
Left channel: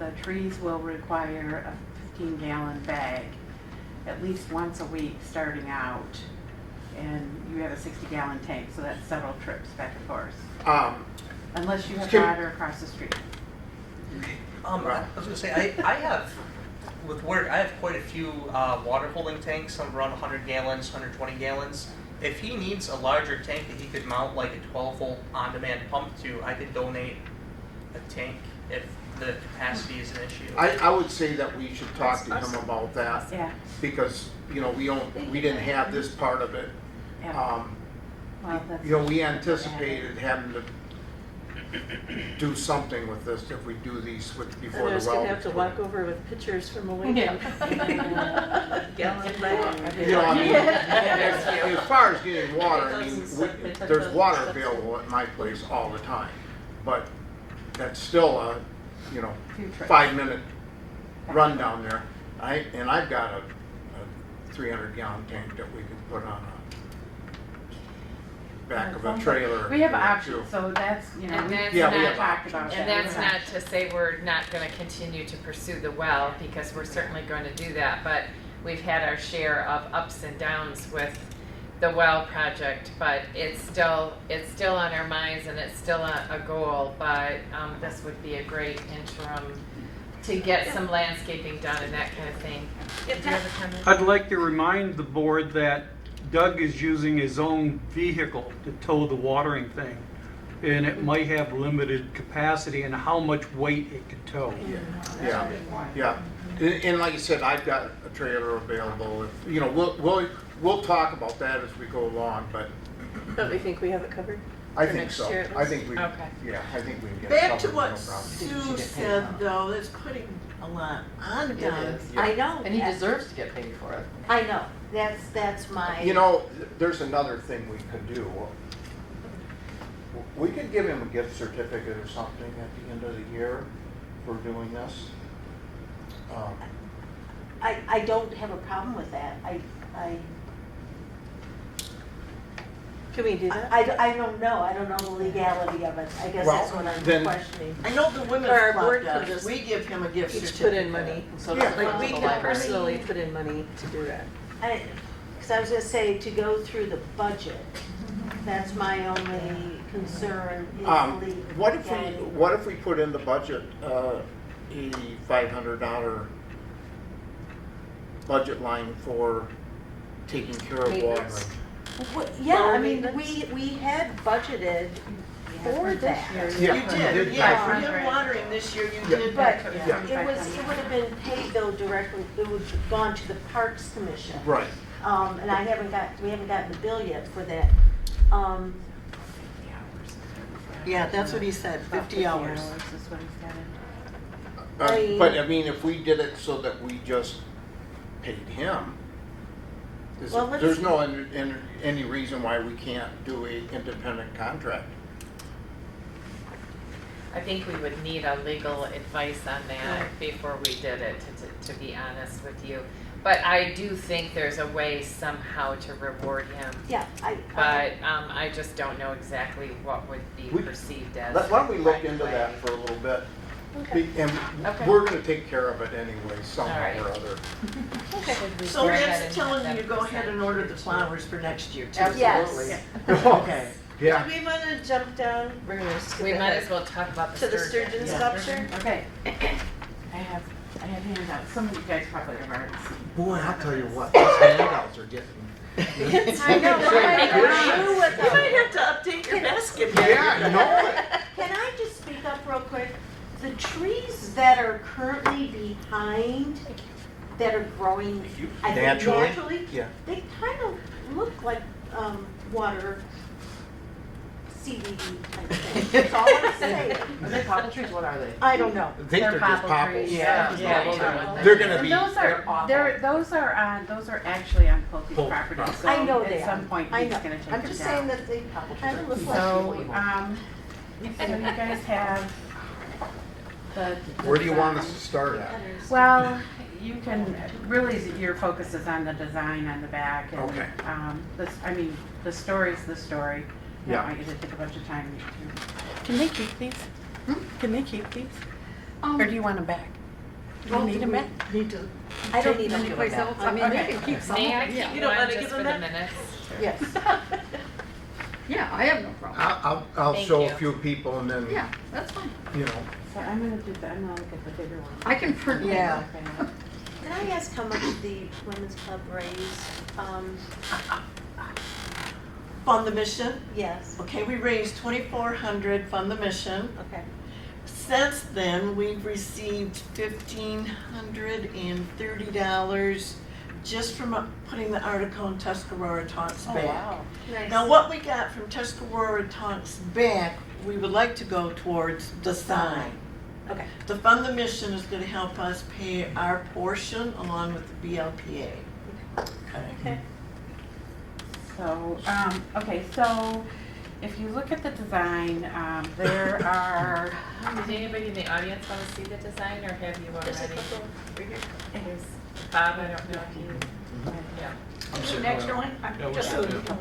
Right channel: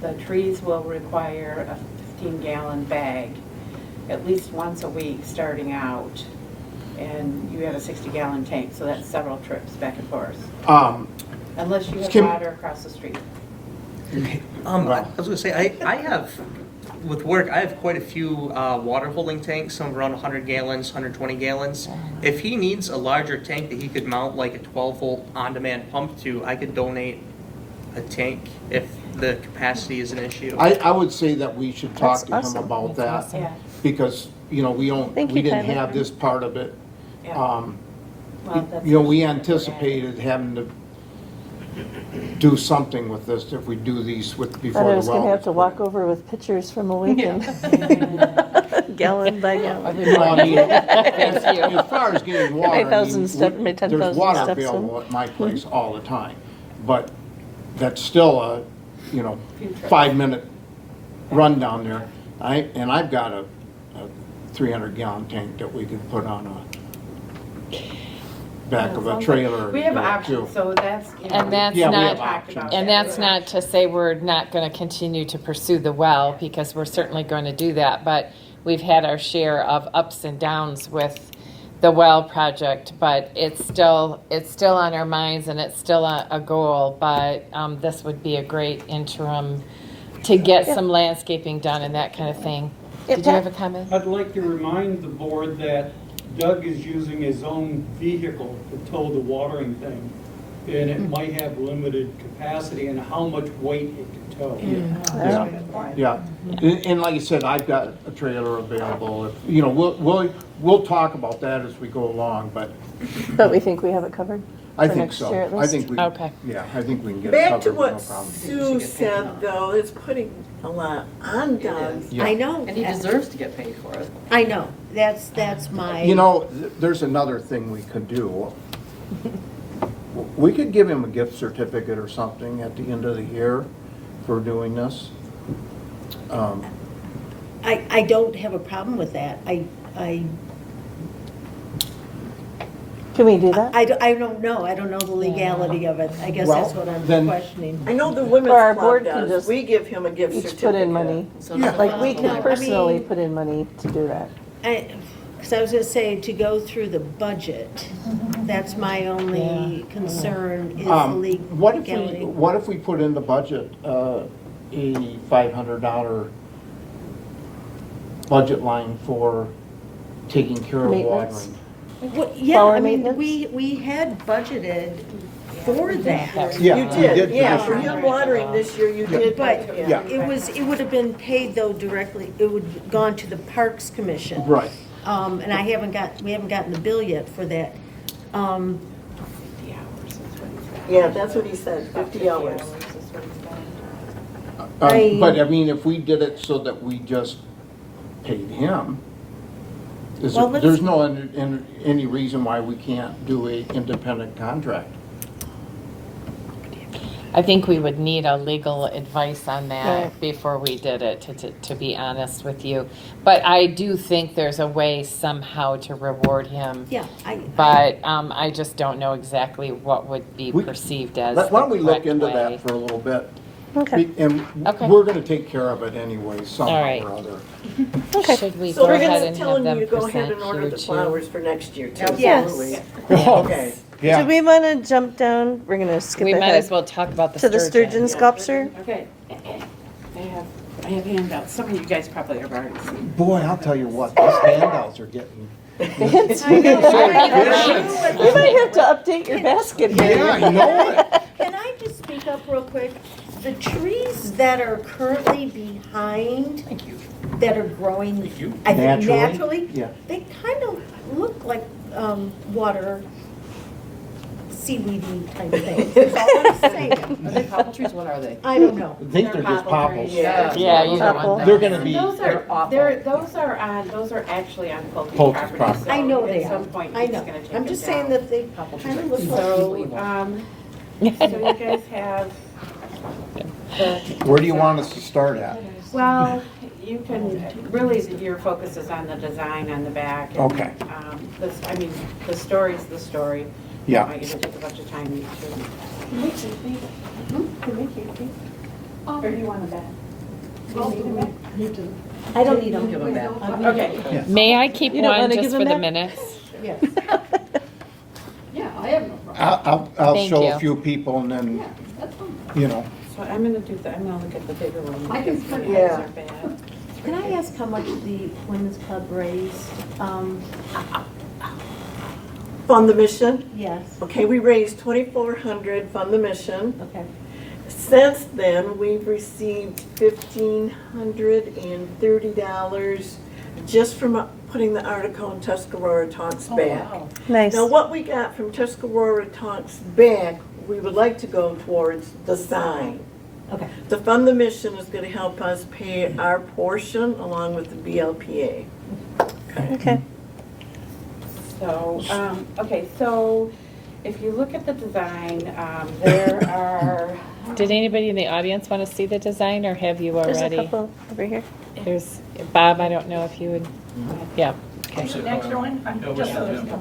The trees will require a 15-gallon bag at least once a week starting out. And you have a 60-gallon tank, so that's several trips back and forth. Unless you have Kim- water across the street. I was gonna say, I have, with work, I have quite a few water holding tanks, some around 100 gallons, 120 gallons. If he needs a larger tank that he could mount like a 12-volt on-demand pump to, I could donate a tank if the capacity is an issue. I would say that we should talk to him That's awesome. about that Yeah, because, you know, we Thank you, didn't Tyler. have this part of it. yeah. Well, that's- You know, we anticipated having to do something with this if we do these Thought I before the was well. gonna have to walk over with pictures from a weekend. Gallon by gallon. You know, I mean, as far as getting water, I mean, 10,000 step- my 10,000 there's water steps in. available at my place all the time. But that's still a, you know, 5-minute run down there. And I've got a 300-gallon tank that we can put on a back of a trailer. We have too. options, so that's, you know. And that's Yeah, we not- have options. and that's not to say we're not gonna continue to pursue the well, because we're certainly going to do that, but we've had our share of ups and downs with the well project, but it's still on our minds and it's still a goal, but this would be a great interim to get some landscaping done and that kind of thing. Did you have a comment? I'd like to remind the board that Doug is using his own vehicle to tow the watering thing, and it might have limited capacity and how much weight it can tow. Yeah, and like I said, I've got a trailer available, if, you know, we'll talk about that as we go along, but But we think we have it covered? I For think next so. year at I least? think we, Okay. yeah, I think we can get it Back covered, to no what problem. Sue said, though, is putting a lot on Doug. Yeah. I know. And he deserves to get paid for it. I know, that's my. You know, there's another thing we could do. We could give him a gift certificate or something at the end of the year for doing this. I don't have a problem with that. Can we do that? I don't know. I don't know the legality of it. I guess that's Well, what I'm then- questioning. I know the women's Or our club board can does, just we give him a gift Each certificate. put in money. So Yeah. it's Like, we not can like- personally put in money to do that. Because I was gonna say, to go through the budget, that's my only concern is the What if we, legality. what if we put in the budget, a $500 budget line for taking care of Maintenance. watering? Yeah, Flower I mean, maintenance? we had budgeted for that. Yeah, You we did, yeah, last for year. him watering this year, you did, But yeah. it would have been paid though directly, it would have gone to the Parks Commission. Right. And we haven't gotten the bill yet for that. Yeah, that's what he said, 50 hours. But I mean, if we did it so that we just paid him, Well, let's- there's no any reason why we can't do a independent contract. I think we would need a legal advice on Right. that before we did it, to be honest with you. But I do think there's a way somehow to reward him. Yeah, But I just don't know exactly what would be We- perceived as Why don't we the look correct into way. that for a little bit? Okay. And Okay. we're gonna take care of it anyway, somehow All right. or other. Okay. Should we So go we're ahead gonna and tell have him them you go ahead present and order here the too? flowers for next year too. Yes. Okay. Yeah. Do we want to jump down? We're going to skip We might as ahead well talk about the to the sturgeon. sturgeon sculpture. Okay. I have handouts. Some of you guys probably have already seen. Boy, I'll tell you what, these handouts are getting. You might have to update your basket. Yeah, you know what? Can I just speak up real quick? The trees that are currently behind, that are growing, I think naturally, Yeah. they kind of look like water seaweedy kind of thing. That's all I'm saying. Are they popple trees? What are they? I don't know. I think they're just popples. Yeah. Yeah, you don't want that. They're gonna be, Those They're awful. those are actually on Pulte Pulte property. property. so I know they At are. some point, I he's know. gonna take I'm them just down. saying that they kind of look like So, seaweed. so you guys have the. where do you want us to start at? Well, you can, really, your focus is on the design on the back. and, Okay. The story's the story. Yeah. Might even take a bunch of time. Can they keep these? Can they keep these? Or do you want them back? Do you need them back? I don't need them. Okay. May I keep You don't one wanna just give for them the that? minutes? Yes. Yeah, I have no problem. I'll Thank show you. a few people and then, Yeah, that's fine. you know, So I'm gonna do that, I'm gonna look at the bigger one. I can print Yeah. Can I ask how much the women's club raised? Fund the mission. Yes. Okay, we raised 2,400 from the mission. Okay. Since then, we've received $1,530 just from putting the article in Tuscarora Talks Back. Nice. Now, what we got from Tuscarora Talks Back, we would like to go towards the sign. Okay. The Fund the Mission is gonna help us pay our portion along with the BLPA. Okay. So, so if you look at the design, there are, Did anybody in the audience want to see the design, or have you There's a already? couple over here. There's, Bob, I don't know if you would, yeah. extra one, just so there's no.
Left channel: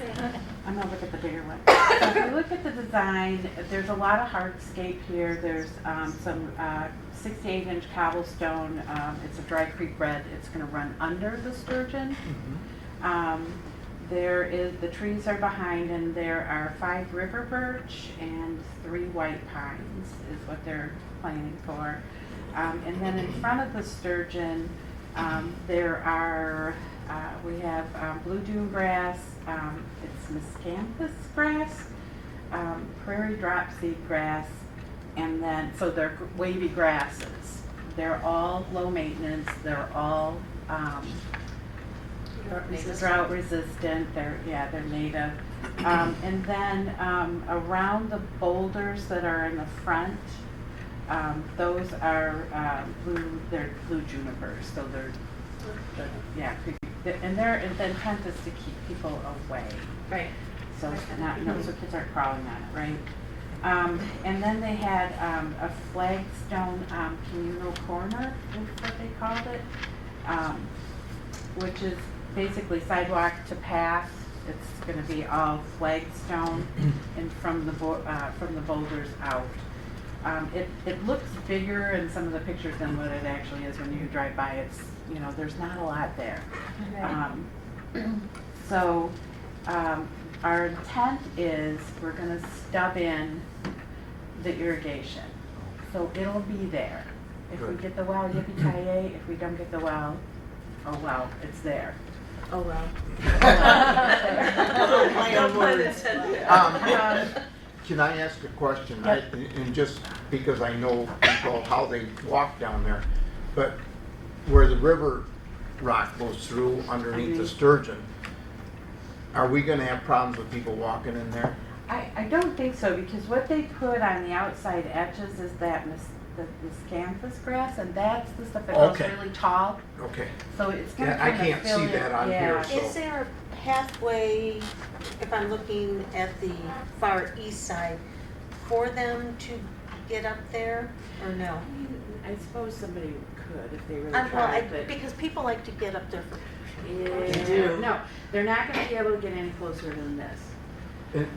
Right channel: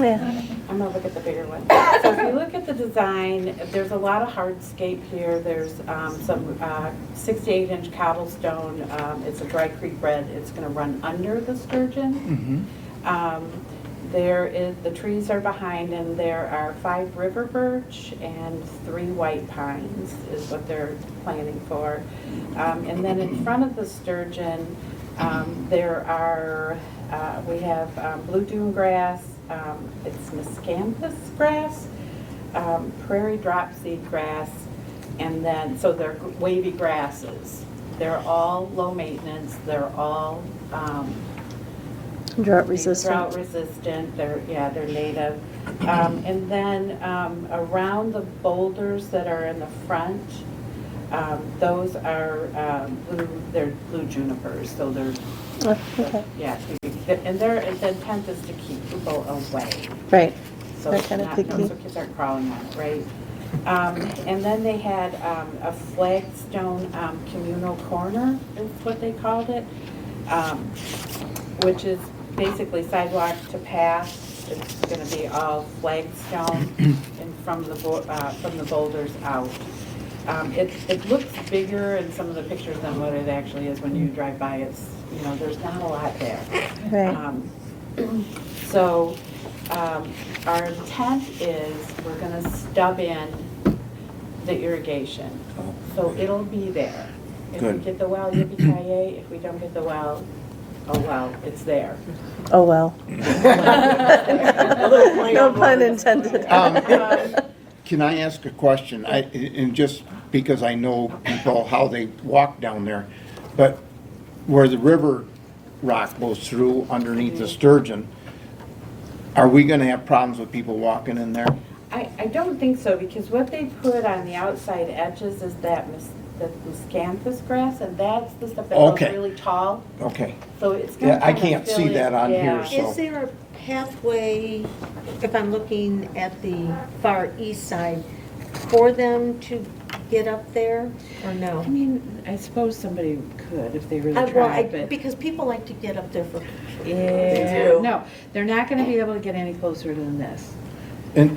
Yeah. I'm gonna look at the bigger one. So if you look at the design, there's a lot of hardscape here. There's some 68-inch cobblestone. It's a dry creek red. It's gonna run under the sturgeon. The trees are behind, and there are 5 river birch and 3 white pines is what they're planning for. And then in front of the sturgeon, there are We have blue dune grass, it's miscanthus grass, prairie dropseed grass, and then, so they're wavy grasses. They're all low maintenance, they're all Drought resistant. drought resistant, they're native. And then around the boulders that are in the front, those are they're blue junipers, so they're, Oh, okay, and they're intent is to keep people away. right. So They're it's kinda not, picky. so kids aren't crawling on it, right? And then they had a flagstone communal corner, is what they called it, which is basically sidewalk to path. It's gonna be all flagstone and from the boulders out. It looks bigger in some of the pictures than what it actually is when you drive by. It's, there's not a lot there. Right. So, our intent is we're gonna stub in the irrigation. So it'll be there. If we Good. get the well, yippee-ki-yay. If we don't get the well, oh well, it's there. Oh, well. No pun intended. Can I ask a question? And just because I know people, how they walk down there, but where the river rock goes through underneath the sturgeon, are we gonna have problems with people walking in there? I don't think so, because what they put on the outside edges is that the miscanthus grass, and that's the stuff that goes Okay. really tall. Okay. So it's gonna Yeah, I kinda can't fill see in. that on Yeah. here, so. Is there a pathway, if I'm looking at the far east side, for them to get up there, or no? I mean, I suppose somebody could if they really Well, tried, but. because people like to get up there for Yeah, no, they're not gonna be able to get any closer than this.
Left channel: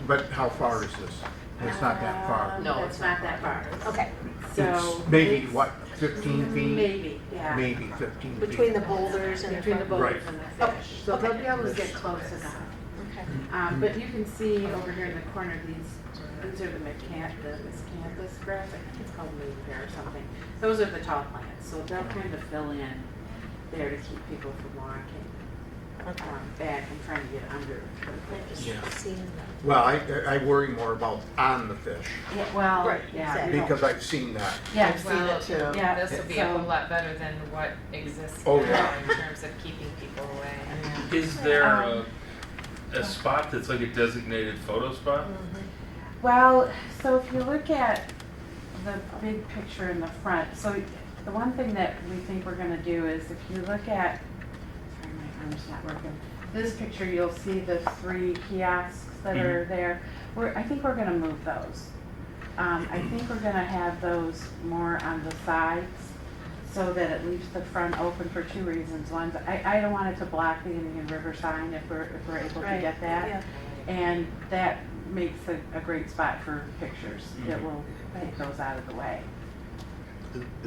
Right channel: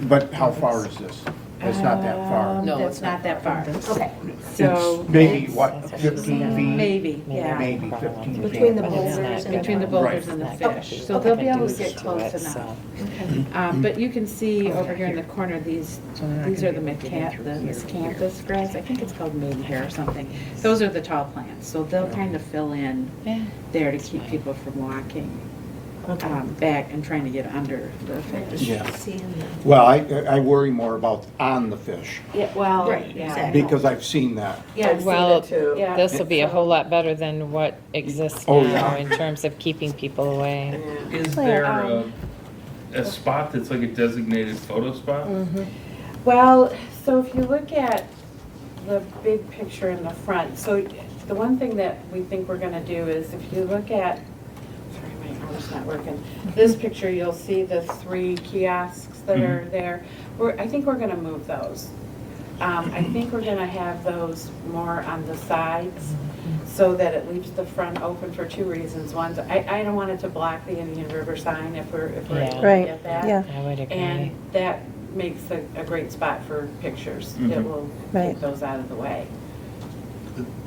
But how far is this? It's not that far. No, That's not that far. Okay, So. It's maybe, it's- what, 15 feet? Maybe, yeah. Maybe 15 feet. between the boulders and Between the boulders and the fish, so they'll be able to get close enough. But you can see over here in the corner, these are the miscanthus grass, I think it's called maidenhair or something. Those are the tall plants, so they'll kind of fill in there to keep people from walking back and trying to get under the fish. Yeah. seeing the, Well, I worry more about on the fish, Yeah, well, Right, yeah. exactly. because I've seen that. Yeah, I've seen Well, it too. Yeah. this will be a whole lot better than what exists Oh, now yeah. in terms of keeping people away. Is there a spot that's like a designated photo spot? Well, so if you look at the big picture in the front, so the one thing that we think we're gonna do is if you look at, sorry, my camera's not working. This picture, you'll see the 3 kiosks that are there. I think we're gonna move those. I think we're gonna have those more on the sides so that it leaves the front open for 2 reasons. One, I don't want it to block the Indian River sign if we're able to Right, get that. yeah. I would And agree. that makes a great spot for pictures that will Right. keep those out of the way.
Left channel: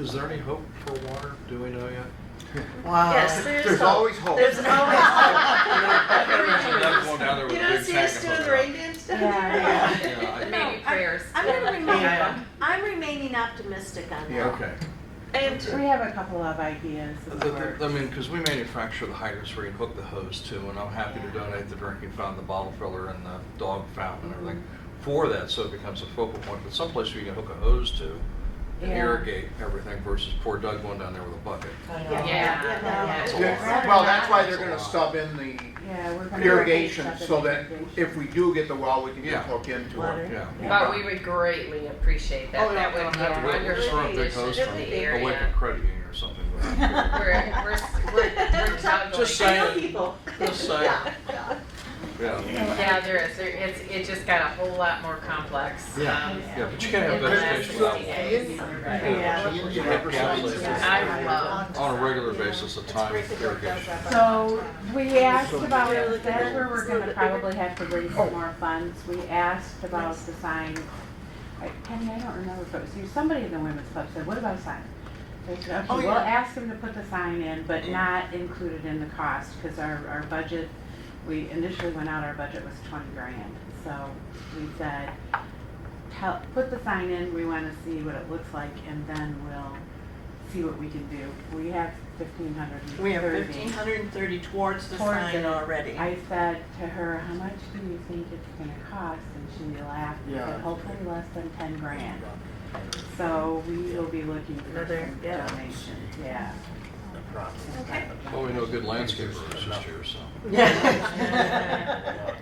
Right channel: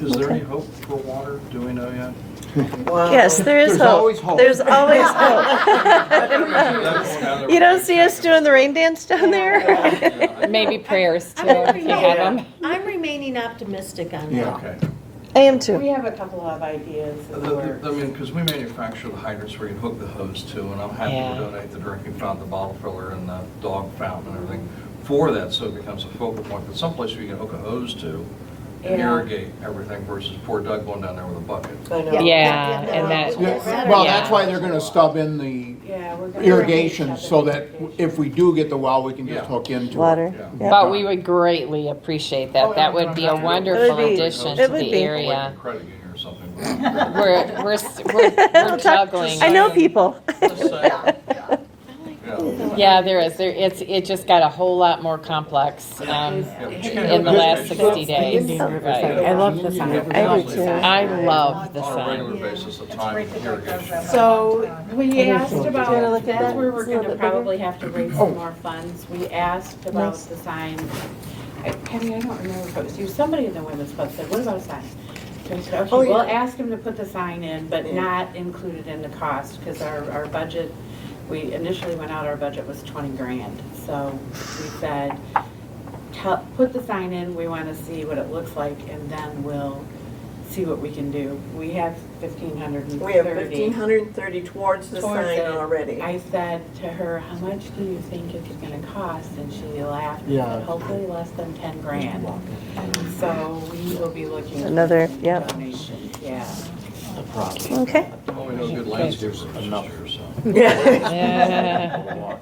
Is there any hope for water? Do we know yet? Yes, there is There's hope. always hope. There's always hope. You don't see us doing the rain dance down there? Maybe prayers too, I'm if you have them. I'm remaining optimistic on Yeah. that. Okay. I am We too. have a couple of ideas. I mean, because we manufacture the hydrants where you hook the hose to, and I'm happy Yeah. to donate the drinking fountain, the bottle filler, and the dog fountain and everything for that, so it becomes a focal point. But someplace you can hook a hose to and Yeah. irrigate everything versus poor Doug going down there with a bucket. Yeah, and that, Yeah, well, that's why they're gonna stub in the Yeah, we're gonna irrigation, so that if we do get the well, we can just Yeah. hook into it. Water. Yeah. but we would greatly appreciate that. That would be a wonderful It would be- addition it to would the be. area. Like a credit union or something. We're juggling. I know people. Just saying. Yeah. Yeah, there is. It just got a whole lot more complex Yeah, but you can't in have the that last issue. 60 days. Right. I love the You sign. have I do it too. I love the on a regular sign. basis of time irrigation. So we asked about, that's where we're gonna probably have to raise some more funds. We asked about the sign. Penny, I don't remember if it was you, somebody in the women's club said, what about a sign? And we said, okay, we'll ask them to put the sign in, but not included in the cost, because our budget, we initially went out, our budget was 20 grand. So we said, put the sign in, we wanna see what it looks like, and then we'll see what we can do. We have 1,530. We have 1,530 towards the Towards sign it. already. I said to her, how much do you think it could be a cost? And she laughed and Yeah. said, hopefully less than 10 grand. So we will be looking. for Another, yeah. donations, yeah. Okay. Well, we know good landscapers this year, so. Yeah.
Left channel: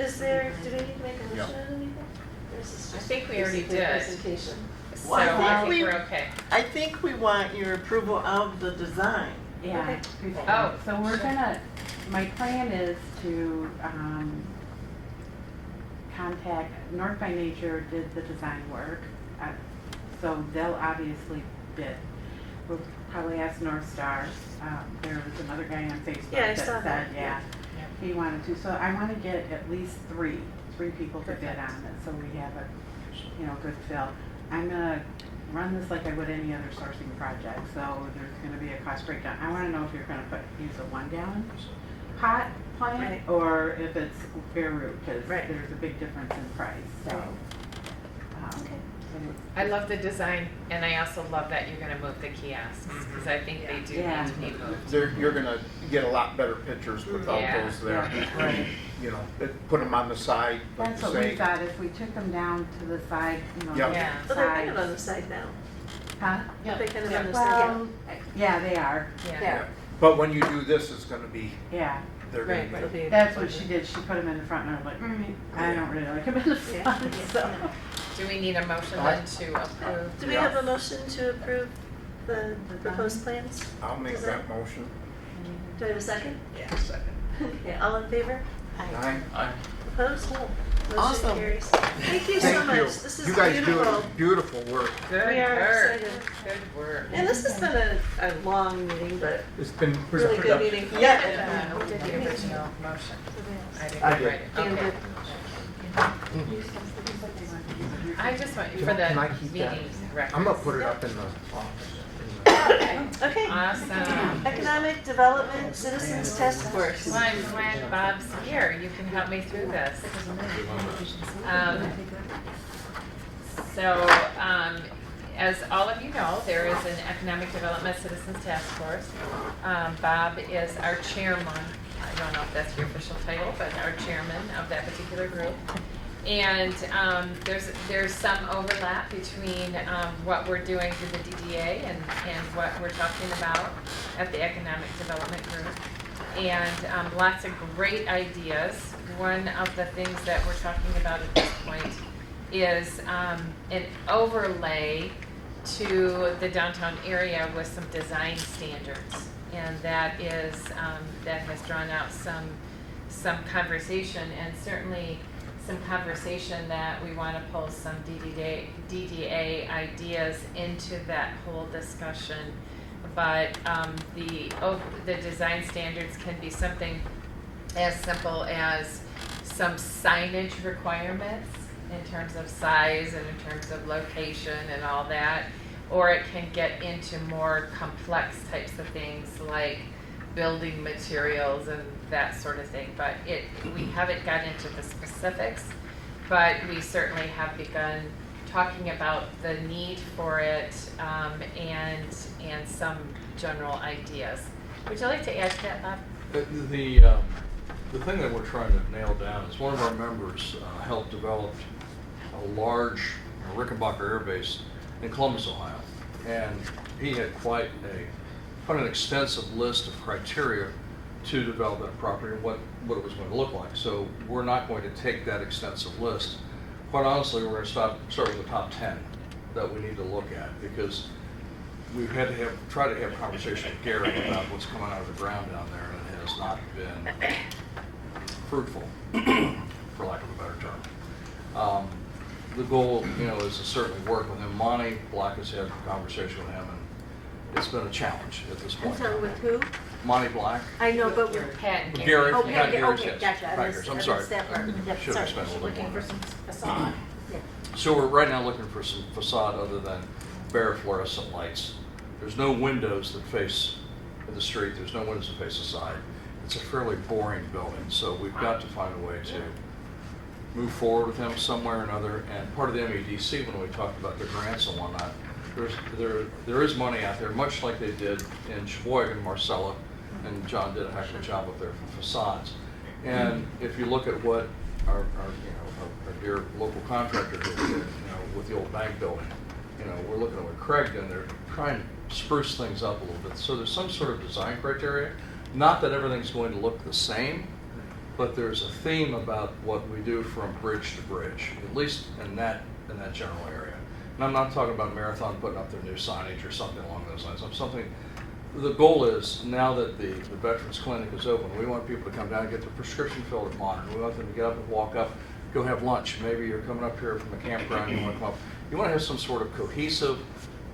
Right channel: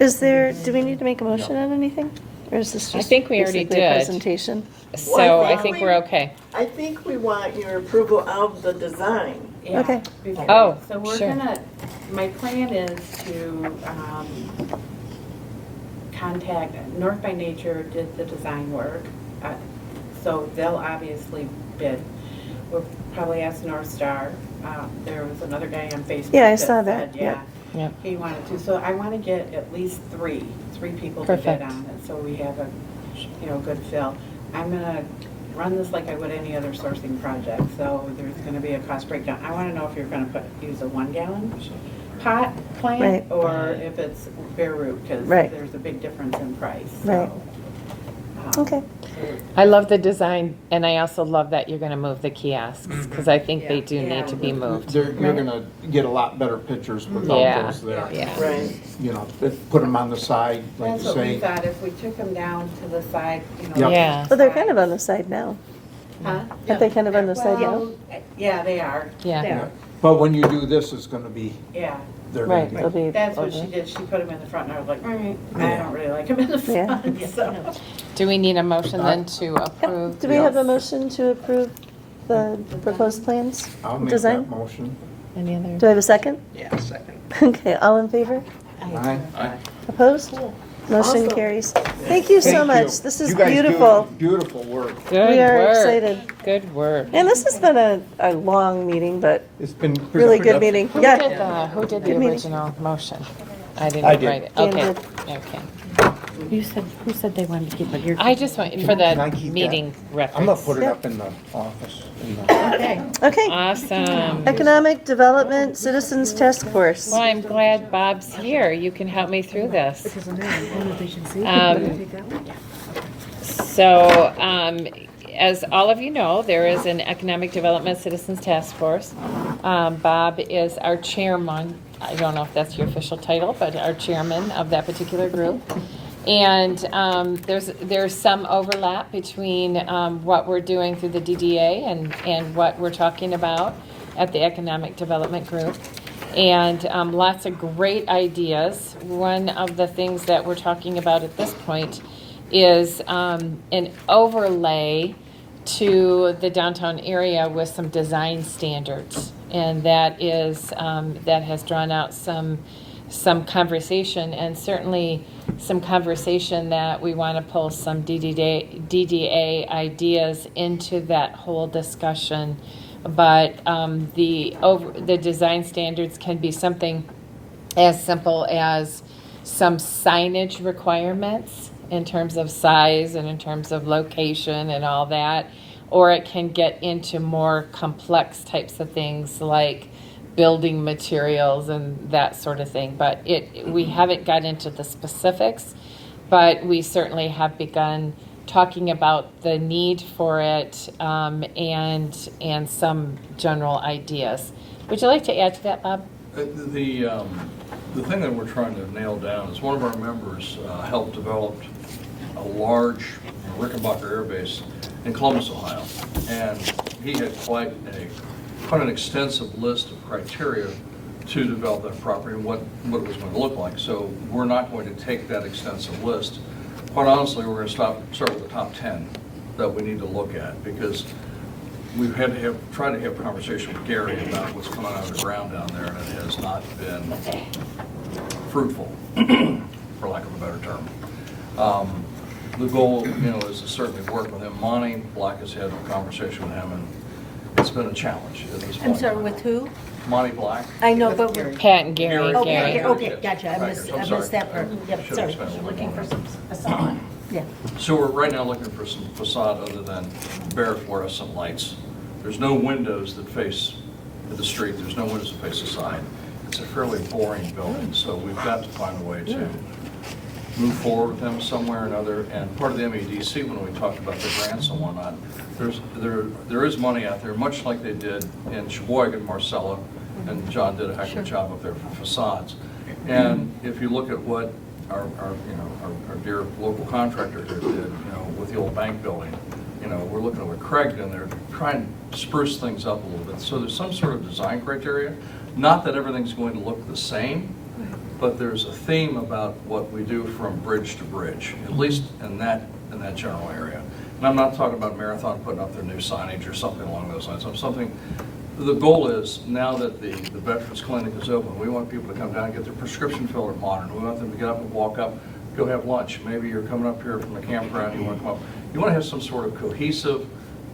Is there, do we need to make a motion on anything? Or is this I just think we already basically a did. presentation? So Well, I think we're okay. I think we want your approval of the design. Yeah. Okay. Oh, So we're sure. gonna, my plan is to, contact, North by Nature did the design work, so they'll obviously bid. We'll probably ask Northstar, there was another guy on Facebook. Yeah, I saw that, said, yeah. Yep. He wanted to, so I wanna get at least three people to bid Perfect. on it, so we have a, good fill. I'm gonna run this like I would any other sourcing project, so there's gonna be a cost breakdown. I wanna know if you're gonna use a 1 gallon pot plant, Right. or if it's bare root, because Right. there's a big difference in price, Right. so. Okay. I love the design, and I also love that you're gonna move the kiosks, because I think they do need to be moved. You're gonna get a lot better pictures without Yeah. those there. Yeah. Right. You know, put them on the side, like That's you what we say. thought, if we took them down to the side, Yep. Yeah. Well, they're kind of on the side now. Huh? Aren't they kind of on the side now? Well, yeah, they are. Yeah. Yeah. But when you do this, it's gonna be, Yeah, they're gonna Right, be. they'll be that's what she over. did, she put them in the front, and I was like, I don't really like them in the Yeah. front, so. Do we need a motion then to approve? Do we have a motion to approve the proposed plans? I'll make Design? that motion. Any Do other? I have a second? Yeah, second. Okay, all in favor? Aye. Opposed? Motion Awesome. carries. Thank you so Thank you. much. This is You guys do beautiful. Beautiful work. Good We are work. excited. Good work. And this has been a long meeting, but It's been. really good meeting. Who Yeah. did who did the original motion? I I didn't did. write it. Dan Okay, did. okay. You said they wanted to keep it here. I just want, for Can I the keep that? meeting I'm gonna reference. put it up in the office. Okay. Awesome. Economic Development Citizens Task Force. Well, I'm glad Bob's here. You can help me through this. As all of you know, there is an Economic Development Citizens Task Force. Bob is our chairman. I don't know if that's your official title, but our chairman of that particular group. And there's some overlap between what we're doing through the DDA and what we're talking about at the Economic Development Group. And lots of great ideas. One of the things that we're talking about at this point is an overlay to the downtown area with some design standards. And that is, that has drawn out some conversation, and certainly some conversation that we want to pull some DDA ideas into that whole discussion. But the design standards can be something as simple as some signage requirements in terms of size and in terms of location and all that, or it can get into more complex types of things like building materials and that sort of thing. But we haven't got into the specifics, but we certainly have begun talking about the need for it, and some general ideas. Would you like to add to that, Bob? The thing that we're trying to nail down is one of our members helped develop a large Rickenbacker Air Base in Columbus, Ohio. And he had quite an extensive list of criteria to develop that property and what it was going to look like. So we're not going to take that extensive list. Quite honestly, we're going to start with the top 10 that we need to look at, because we've had to try to have a conversation with Gary about what's going on out of the ground down there, and it has not been fruitful, for lack of a better term. The goal, is to certainly work with him. Monty Black has had a conversation with him, and it's been a challenge at this point. I'm sorry, with who? Monty Black. I know, but we're. Pat and Gary. Gary. Gary. Okay, okay, gotcha, I missed I'm that part. Yeah, Should sorry. have spent a little Looking more for time. some. Yeah. So we're right now looking for some facade other than bare fluorescent lights. There's no windows that face the street, there's no windows that face the side. It's a fairly boring building, so we've got to find a way to move forward with them somewhere or another. And part of the MEDC, when we talked about the grants and whatnot, there is money out there, much like they did in Sheboygan, Marcella, and John did a heck of a job up there for facades. And if you look at what our dear local contractor did, with the old bank building, we're looking at what Craig did, and they're trying to spruce things up a little bit. So there's some sort of design criteria. Not that everything's going to look the same, but there's a theme about what we do from bridge to bridge, at least in that general area. And I'm not talking about Marathon putting up their new signage or something along those lines. The goal is, now that the Veterans Clinic is open, we want people to come down and get their prescription filled at Modern. We want them to get up and walk up, go have lunch. Maybe you're coming up here from a campground, you want to come. You want to have some sort of cohesive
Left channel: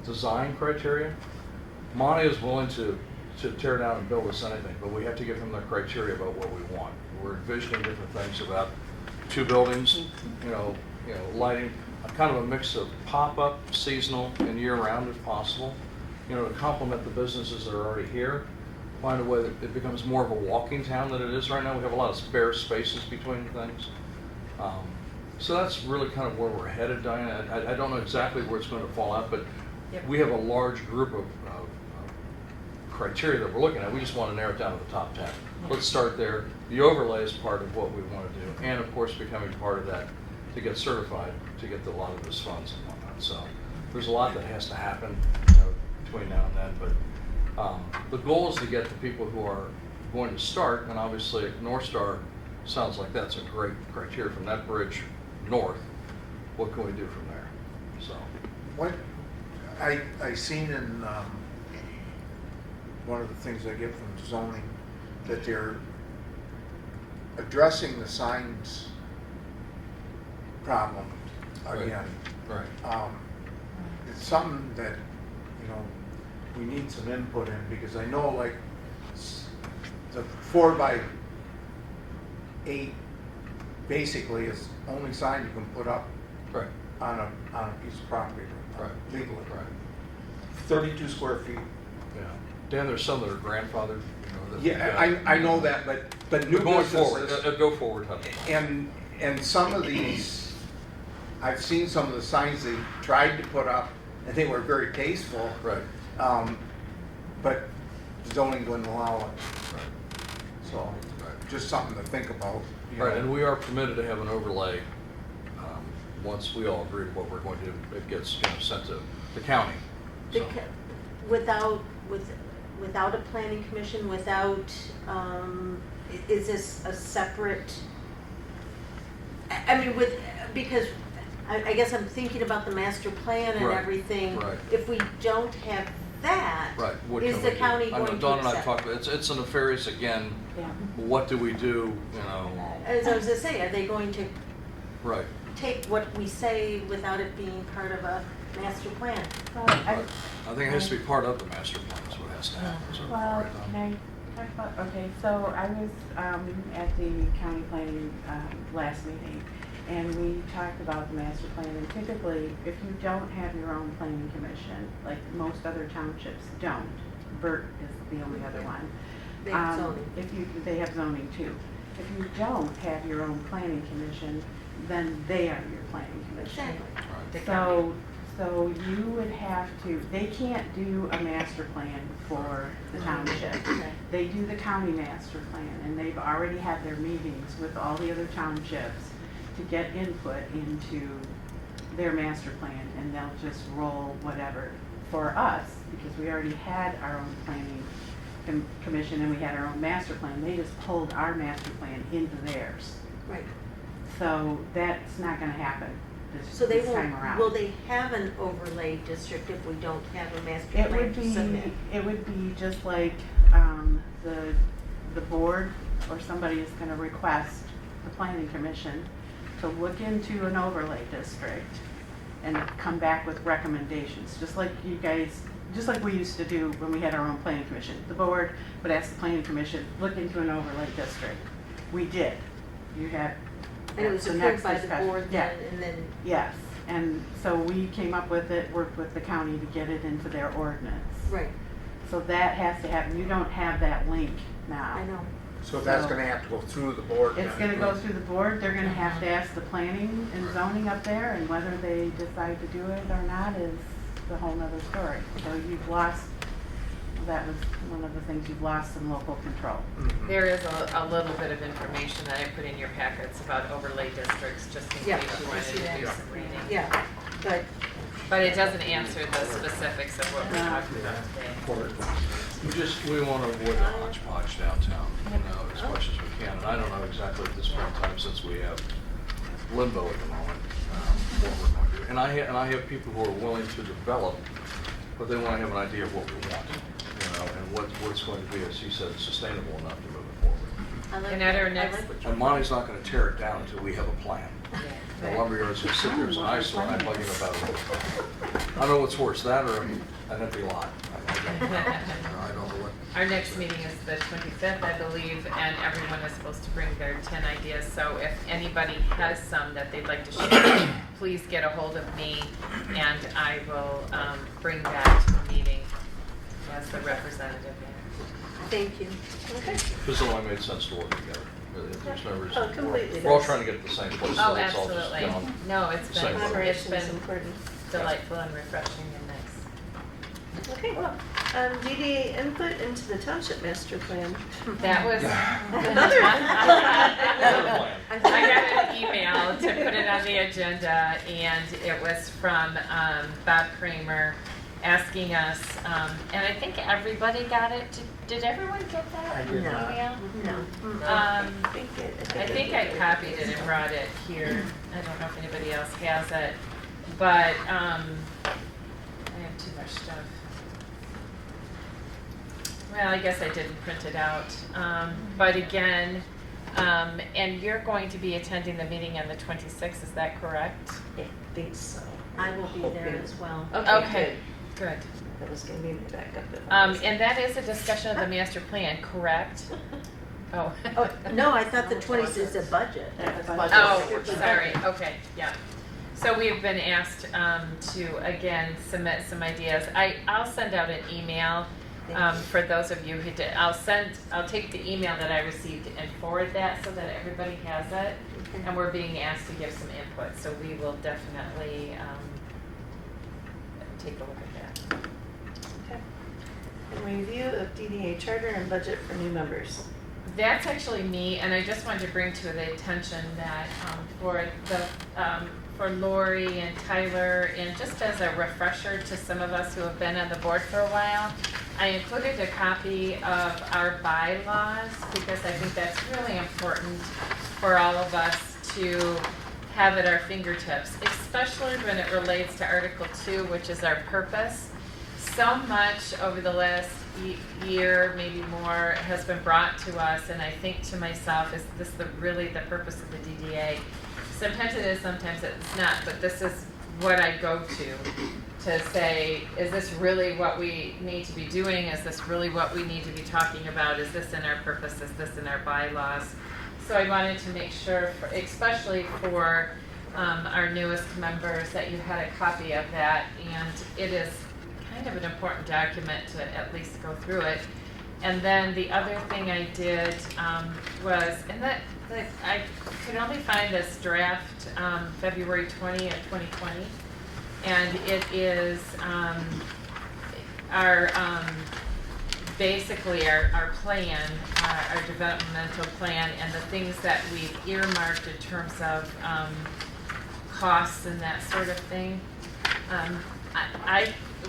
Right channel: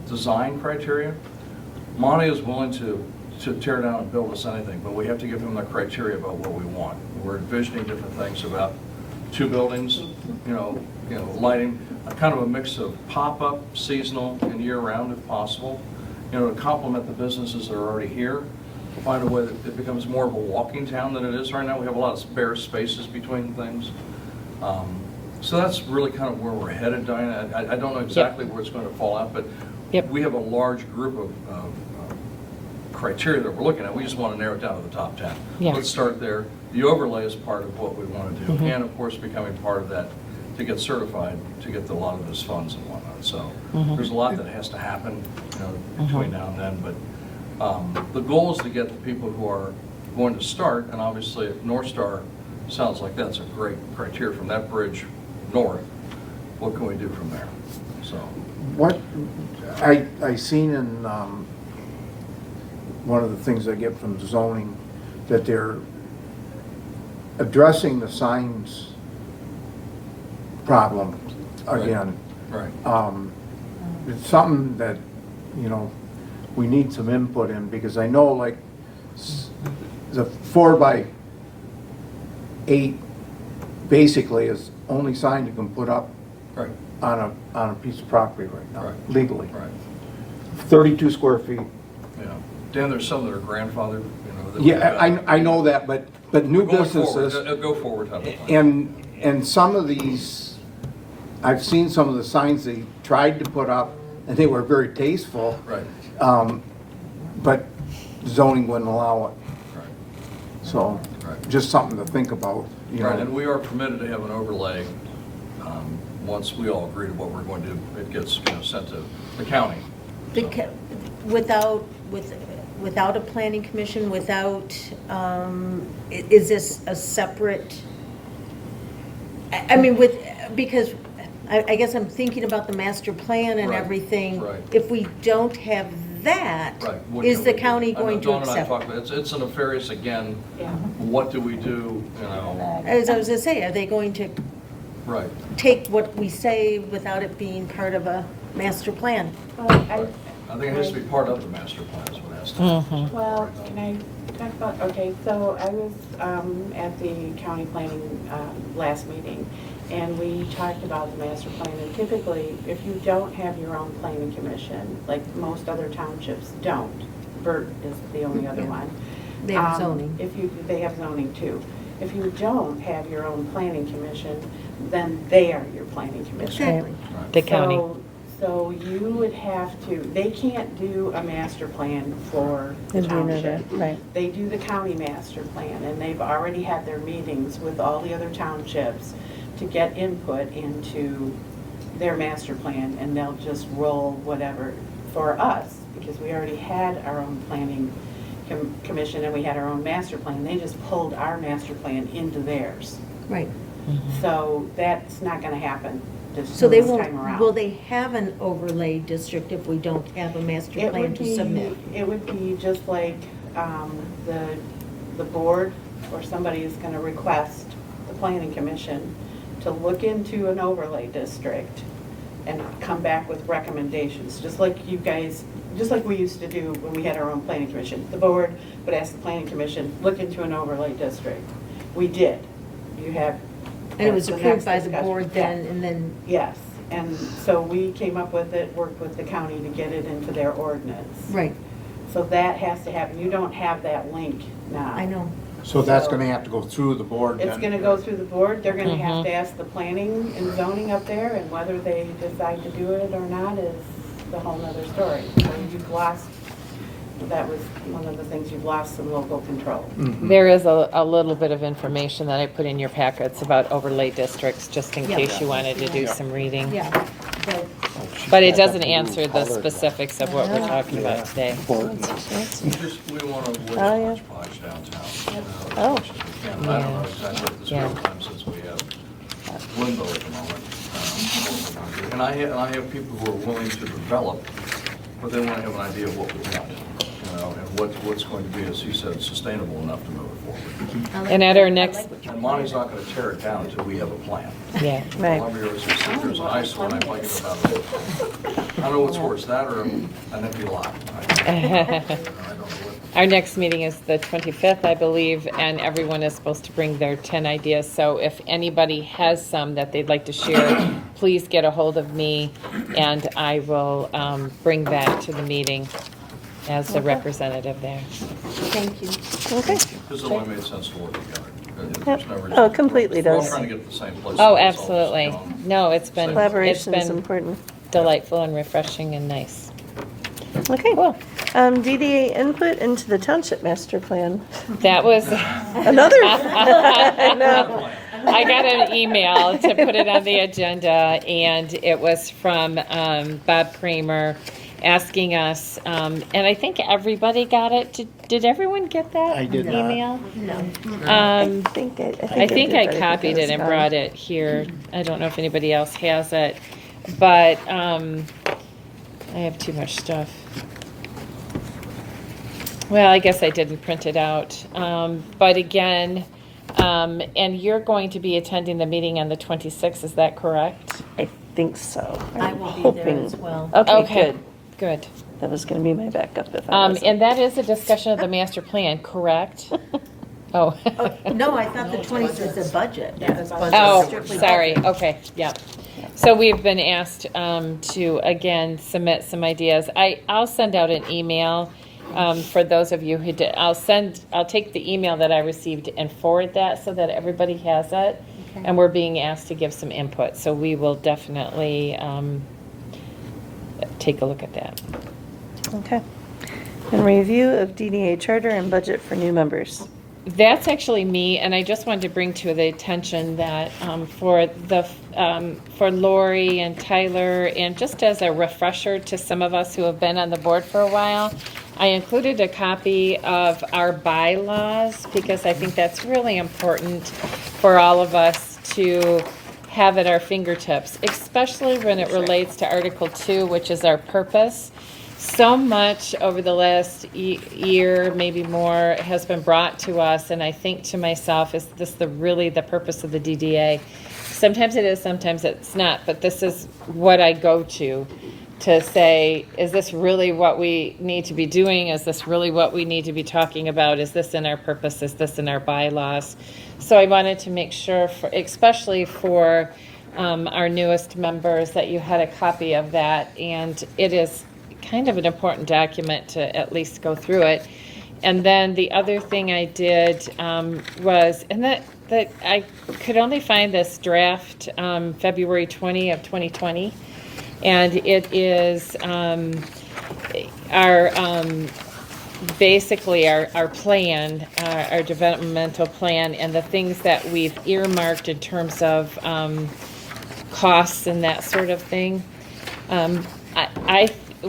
design criteria. Monty is willing to tear down and build us anything, but we have to give them that criteria about what we want. We're envisioning different things about 2 buildings, lighting, kind of a mix of pop-up, seasonal, and year-round if possible, to complement the businesses that are already here. Find a way that it becomes more of a walking town than it is right now. We have a lot of spare spaces between things. So that's really kind of where we're headed, Diana. I don't know exactly where it's going to fall out, but we have a large group of criteria that we're looking at. We just want to narrow it down to the top 10. Let's start there. The overlay is part of what we want to do, and of course becoming part of that to get certified, to get a lot of those funds and whatnot. So there's a lot that has to happen between now and then, but the goal is to get the people who are going to start, and obviously if Northstar sounds like that's a great criteria from that bridge north, what can we do from there? So What I seen in one of the things I get from zoning, that they're addressing the signs problem again. Right. It's something that, we need some input in, because I know like the 4x8 basically is only sign you can put up Right. on a piece of property right now, Right. legally. Right. 32 square feet. Yeah. Dan, there's some that are grandfathered. Yeah, I know that, but new Going forward, businesses, go forward. and some of these, I've seen some of the signs they tried to put up, and they were very tasteful. Right. But zoning wouldn't allow it. Right. So, Right. just something to think about. Right, and we are permitted to have an overlay once we all agree to what we're going to do. It gets sent to the county. Without a planning commission, is this a separate, because I guess I'm thinking about the master plan and Right, everything. right. If we don't have that, Right. What is can the we do? county I know going to Dawn and I accept? talked about it. It's a nefarious, again, what do we do, As I was gonna say, are they going to Right. take what we say without it being part of a master plan? I think it has to be part of the master plan, is what has to happen. Well, can I talk about, okay, so I was at the county planning last meeting, and we talked about the master plan, and typically, if you don't have your own planning commission, like most other townships don't, Burt is the only other one. They have zoning. They have zoning too. If you don't have your own planning commission, then they are your planning commission. Exactly. The county. So you would have to, they can't do a master plan for the township. Right. They do the county master plan, and they've already had their meetings with all the other townships to get input into their master plan, and they'll just roll whatever for us, because we already had our own planning commission and we had our own master plan. They just pulled our master plan into theirs. Right. So that's not gonna happen So they this won't, time around. will they have an overlay district if we don't have a master It plan would to be, submit? it would be just like, the board or somebody is gonna request the planning commission to look into an overlay district and come back with recommendations, just like you guys, just like we used to do when we had our own planning commission. The board would ask the planning commission, look into an overlay district. We did. You had. And it was the approved next by the discussion. board then, and then, Yes, and so we came up with it, worked with the county to get it into their ordinance. right, So that has to happen. You don't have that link now. I know. So that's gonna have to go through the board then? It's gonna go through the board. They're gonna have to ask the planning and zoning up there, and whether they decide to do it or not is a whole nother story. You've lost, that was one of the things, you've lost some local control. There is a little bit of information that I put in your packets about overlay districts, just in Yeah. case you wanted to do Yeah. some reading. Yeah, but But it doesn't answer the specifics of what we're talking about today. We want to avoid Oh, yeah. hodgepodge downtown. Oh. As much as we can. I don't know exactly what the Yeah. scope is, since we have limbo at the moment. And I have people who are willing to develop, but they want to have an idea of what we want, and what's going to be, as he said, sustainable enough to move it forward. And at our next, And Monty's not going to tear it down until we have a plan. yeah. Right. Over here, so sit there as an eyesore, and I'm talking about, I don't know what's worse, that or an empty lot. I don't know what. Our next meeting is the 25th, I believe, and everyone is supposed to bring their 10 ideas. So if anybody has some that they'd like to share, please get a hold of me, and I will bring that to the meeting as the representative there. thank you. Okay. This has only made sense to work together. Yep. It's never- Oh, it completely We're all does. trying to get to the same place. Oh, so it's all absolutely. just, No, it's been Collaboration is important. delightful and refreshing and nice. Okay. DDA input into the township master plan. That was. Another. I know. I got an email to put it on the agenda, and it was from Bob Kramer asking us, and I think everybody got it. Did everyone get that I did not. email? No. Um, I think I everybody copied it and got brought it here. I don't know if anybody else has it, but I have too much stuff. Well, I guess I didn't print it out. But again, and you're going to be attending the meeting on the 26th, is that correct? I think so. I I'm will be there hoping. as well. Okay, good. Good. That was going to be my backup if I wasn't. And that is a discussion of the master plan, correct? Oh. Oh, no, I thought the 20th is a budget. Oh, sorry, okay, yeah. So we've been asked to, again, submit some ideas. I'll send out an email for those of you who did. I'll take the email that I received and forward that so that everybody has it. Okay. And we're being asked to give some input, so we will definitely take a look at that. Okay. And review of DDA charter and budget for new members. That's actually me, and I just wanted to bring to the attention that for Lori and Tyler, and just as a refresher to some of us who have been on the board for a while, I included a copy of our bylaws because I think that's really important for all of us to have at our fingertips, especially when it relates to Article 2, which is our purpose. So much over the last year, maybe more, has been brought to us, and I think to myself, is this really the purpose of the DDA? Sometimes it is, sometimes it's not, but this is what I go to say, is this really what we need to be doing? Is this really what we need to be talking about? Is this in our purpose? Is this in our bylaws? So I wanted to make sure, especially for our newest members, that you had a copy of that, and it is kind of an important document to at least go through it. And then the other thing I did was, and that I could only find this draft February 20 of 2020, and it is basically our plan, our developmental plan, and the things that we've earmarked in terms of costs and that sort of thing.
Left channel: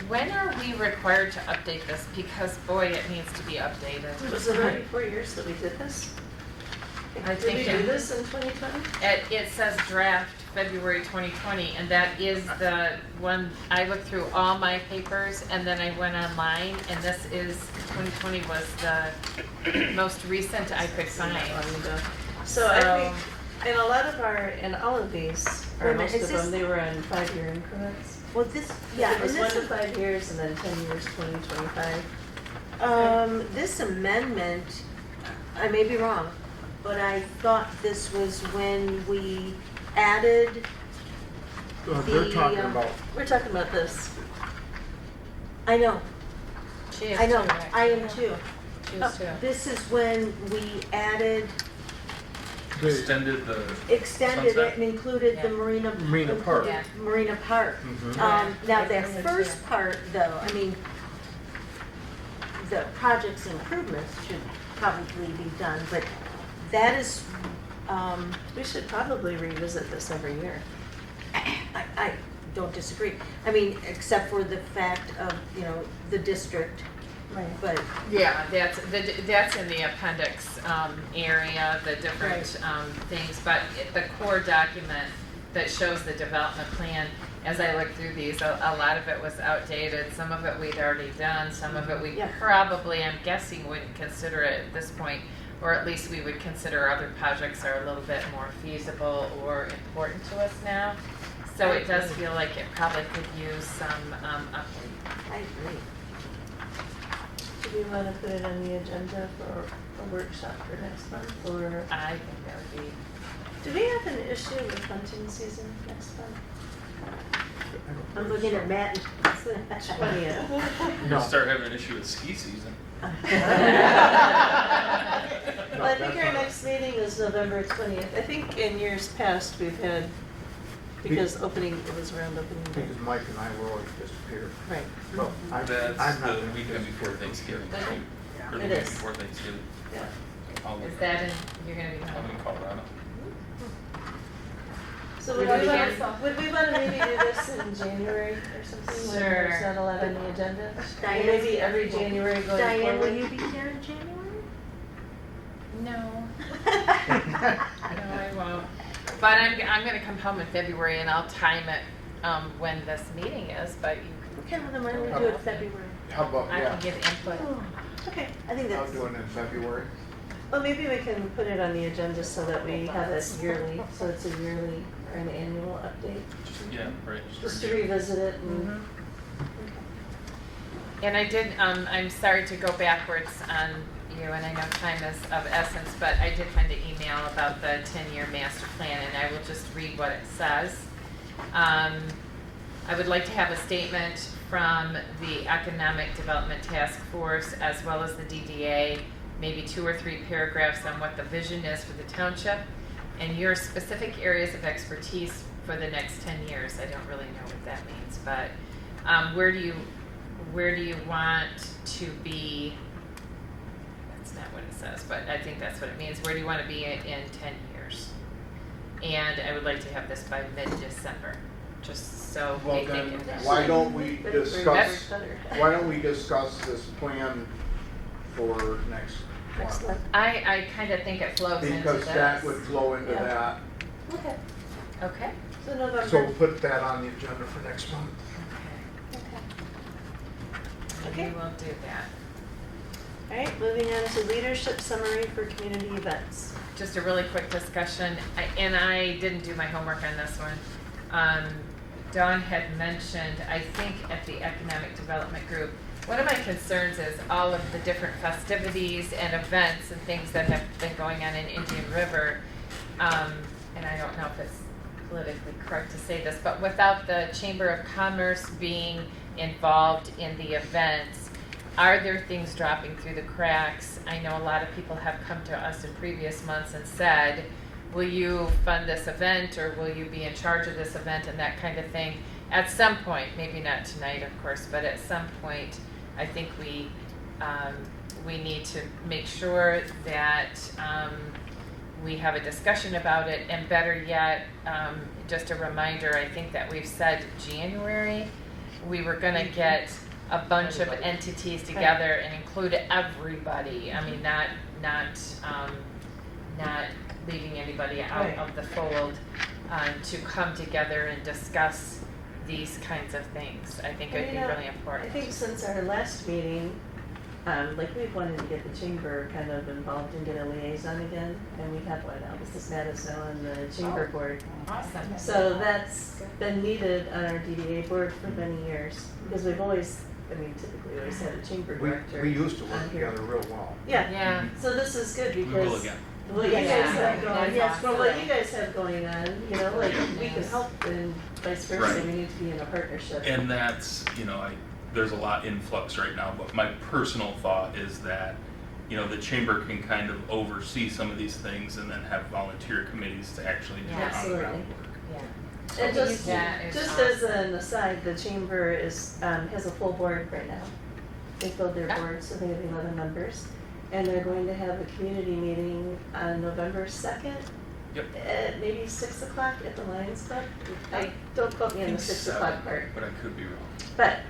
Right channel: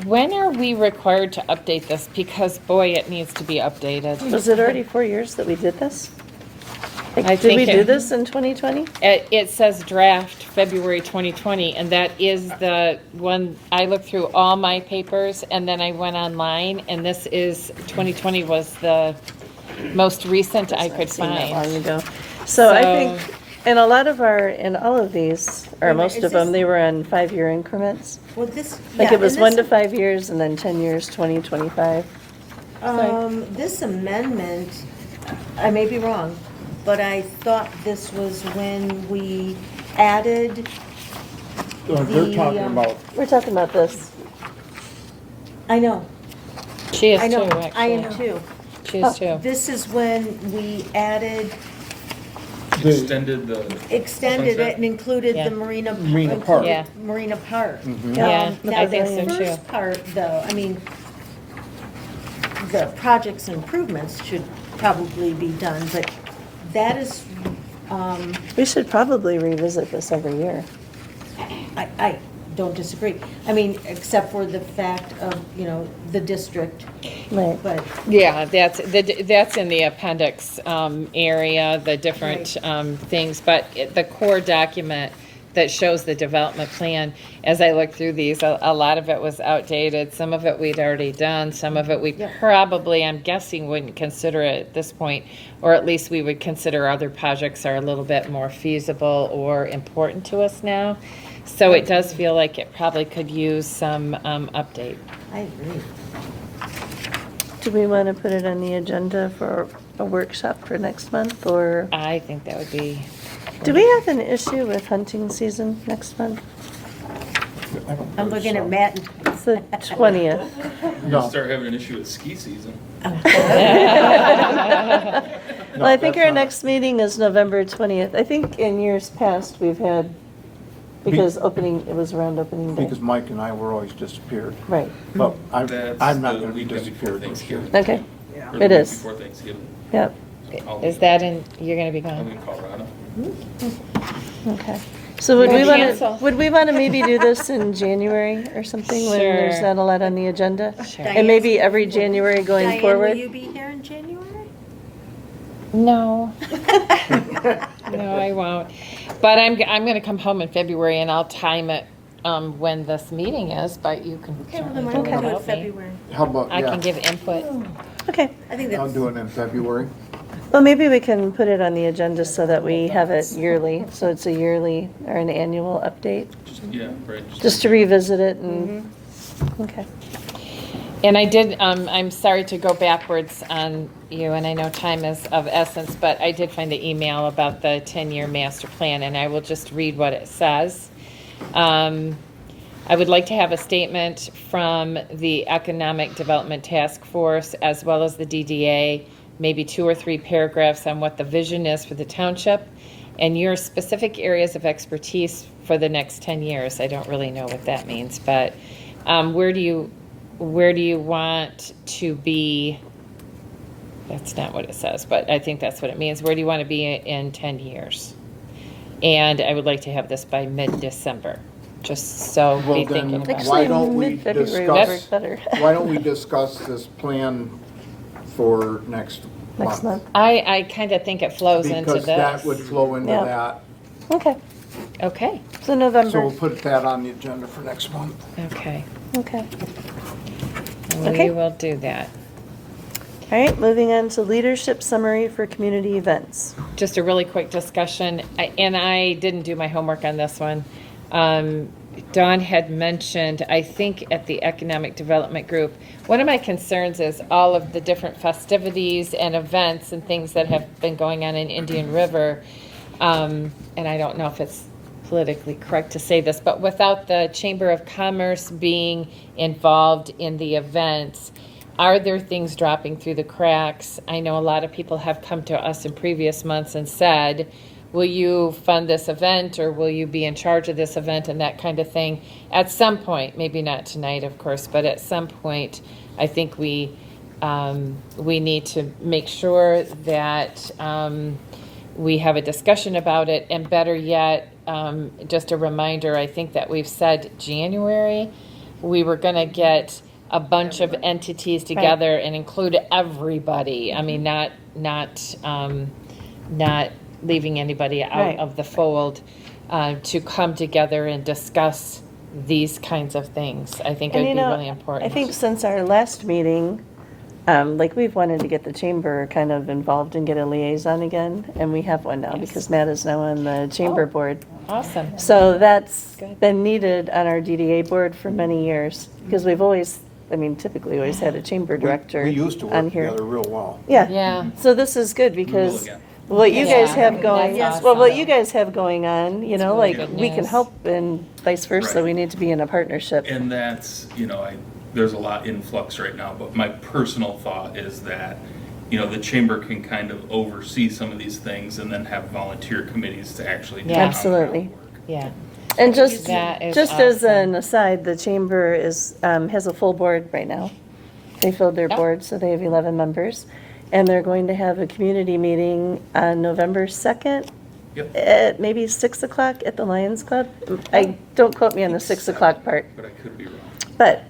When are we required to update this? Because boy, it needs to be updated. Was it already 4 years that we did this? I Did think we do this in 2020? It says draft February 2020, and that is the one. I looked through all my papers, and then I went online, and this is 2020 was the most recent I could Seen that find. long ago. So I think in a lot of in all of these, or Wait, most is of them, this- they were on 5-year increments. Well, this, Like yeah, it was and 1 to this- 5 years and then 10 years, 20, 25. This amendment, I may be wrong, but I thought this was when we added We're talking the, about, We're talking about this. I know, She is I know, too, I am actually. too. She is too. This is when we added extended the. extended Sunset? it and included Yeah. the Marina. Marina Park. Yeah. Marina Park. Mhm. Yeah, Now, I the think so too. first part, though, I mean, the project's improvements should probably be done, but that is, We should probably revisit this every year. I don't disagree. I mean, except for the fact of, you know, the district, Right. but Yeah, that's in the appendix area, the different things, but the core document that shows the development plan, as I look through these, a lot of it was outdated, some of it we'd already done, some of it we Yeah. probably, I'm guessing, wouldn't consider it at this point, or at least we would consider other projects are a little bit more feasible or important to us now. So it does feel like it probably could use some update. I agree. Do we want to put it on the agenda for a workshop for next month, or I think that would be. do we have an issue with hunting season next month? I'm looking at Matt. It's the 20th. We'll start having an issue with ski season. Well, I think our next meeting is November 20th. I think in years past, we've had, because it was around opening day. Because Mike and I were always disappeared. Right, But I'm That's not the gonna be weekend before disappeared this year. Thanksgiving. okay, Or the It week is. Before Thanksgiving. yep, Is that in, you're gonna be I'm gone? in Colorado. okay. So would We'll we want cancel. to, would we want to maybe do this in January or something, when there's Sure. not a lot on the agenda? Sure. And maybe every January going Diane, forward? will you be here in January? No. No, I won't. But I'm gonna come home in February and I'll time it, when this meeting is, but you can Okay, well, certainly then do I it can do it without me. February. How about, I can yeah, give input. Okay, I think I'll that's. do it in February. well, maybe we can put it on the agenda so that we have it yearly, so it's a yearly or an annual update, Yeah, right. just to revisit it and, okay. And I did, I'm sorry to go backwards on you, and I know time is of essence, but I did find the email about the 10-year master plan, and I will just read what it says. I would like to have a statement from the Economic Development Task Force as well as the DDA, maybe 2 or 3 paragraphs on what the vision is for the township and your specific areas of expertise for the next 10 years. I don't really know what that means, but where do you want to be? That's not what it says, but I think that's what it means. Where do you want to be in 10 years? And I would like to have this by mid-December, just so Well, be thinking then, about it. why don't we Mid-February would work discuss, better. why don't we discuss this plan for next Next month, I kind of think it flows into Because that would this. flow into Yeah. that. okay, Okay, so So November, we'll put that on the agenda for next month. okay. okay. We Okay. will do that. All right, moving on to leadership summary for community events. Just a really quick discussion, and I didn't do my homework on this one. Dawn had mentioned, I think at the Economic Development Group, one of my concerns is all of the different festivities and events and things that have been going on in Indian River. And I don't know if it's politically correct to say this, but without the Chamber of Commerce being involved in the events, are there things dropping through the cracks? I know a lot of people have come to us in previous months and said, will you fund this event, or will you be in charge of this event, and that kind of thing. At some point, maybe not tonight, of course, but at some point, I think we need to make sure that we have a discussion about it, and better yet, just a reminder, I think that we've said January, we were gonna get a bunch of entities together and include everybody. I mean, not leaving anybody out Right. of the fold, to come together and discuss these kinds of things. I think it And would you be know, really important. I think since our last meeting, like we've wanted to get the chamber kind of involved and get a liaison again, and we have one now Yes. because Matt is now on the chamber board. Awesome. So that's Good. been needed on our DDA board for many years, because we've always, I mean, typically always had a chamber director We used to on work here. together real well. Yeah, Yeah. so this is good because again. what you guys Yeah, have going, that's well, what awesome. you guys have going on, you know, Really like good we can news. help and vice versa. Right. We need to be in a partnership. And that's, there's a lot in flux right now, but my personal thought is that the chamber can kind of oversee some of these things and then have volunteer committees to actually do Yeah. on-the-ground Absolutely. work. Yeah. And just That is as awesome. an aside, the chamber has a full board right now. They filled their Oh. board, so they have 11 members. And they're going to have a community meeting on November 2nd Yep. at maybe 6 o'clock at the Lions Club. Don't quote me on the 6 o'clock part. But I could be wrong. But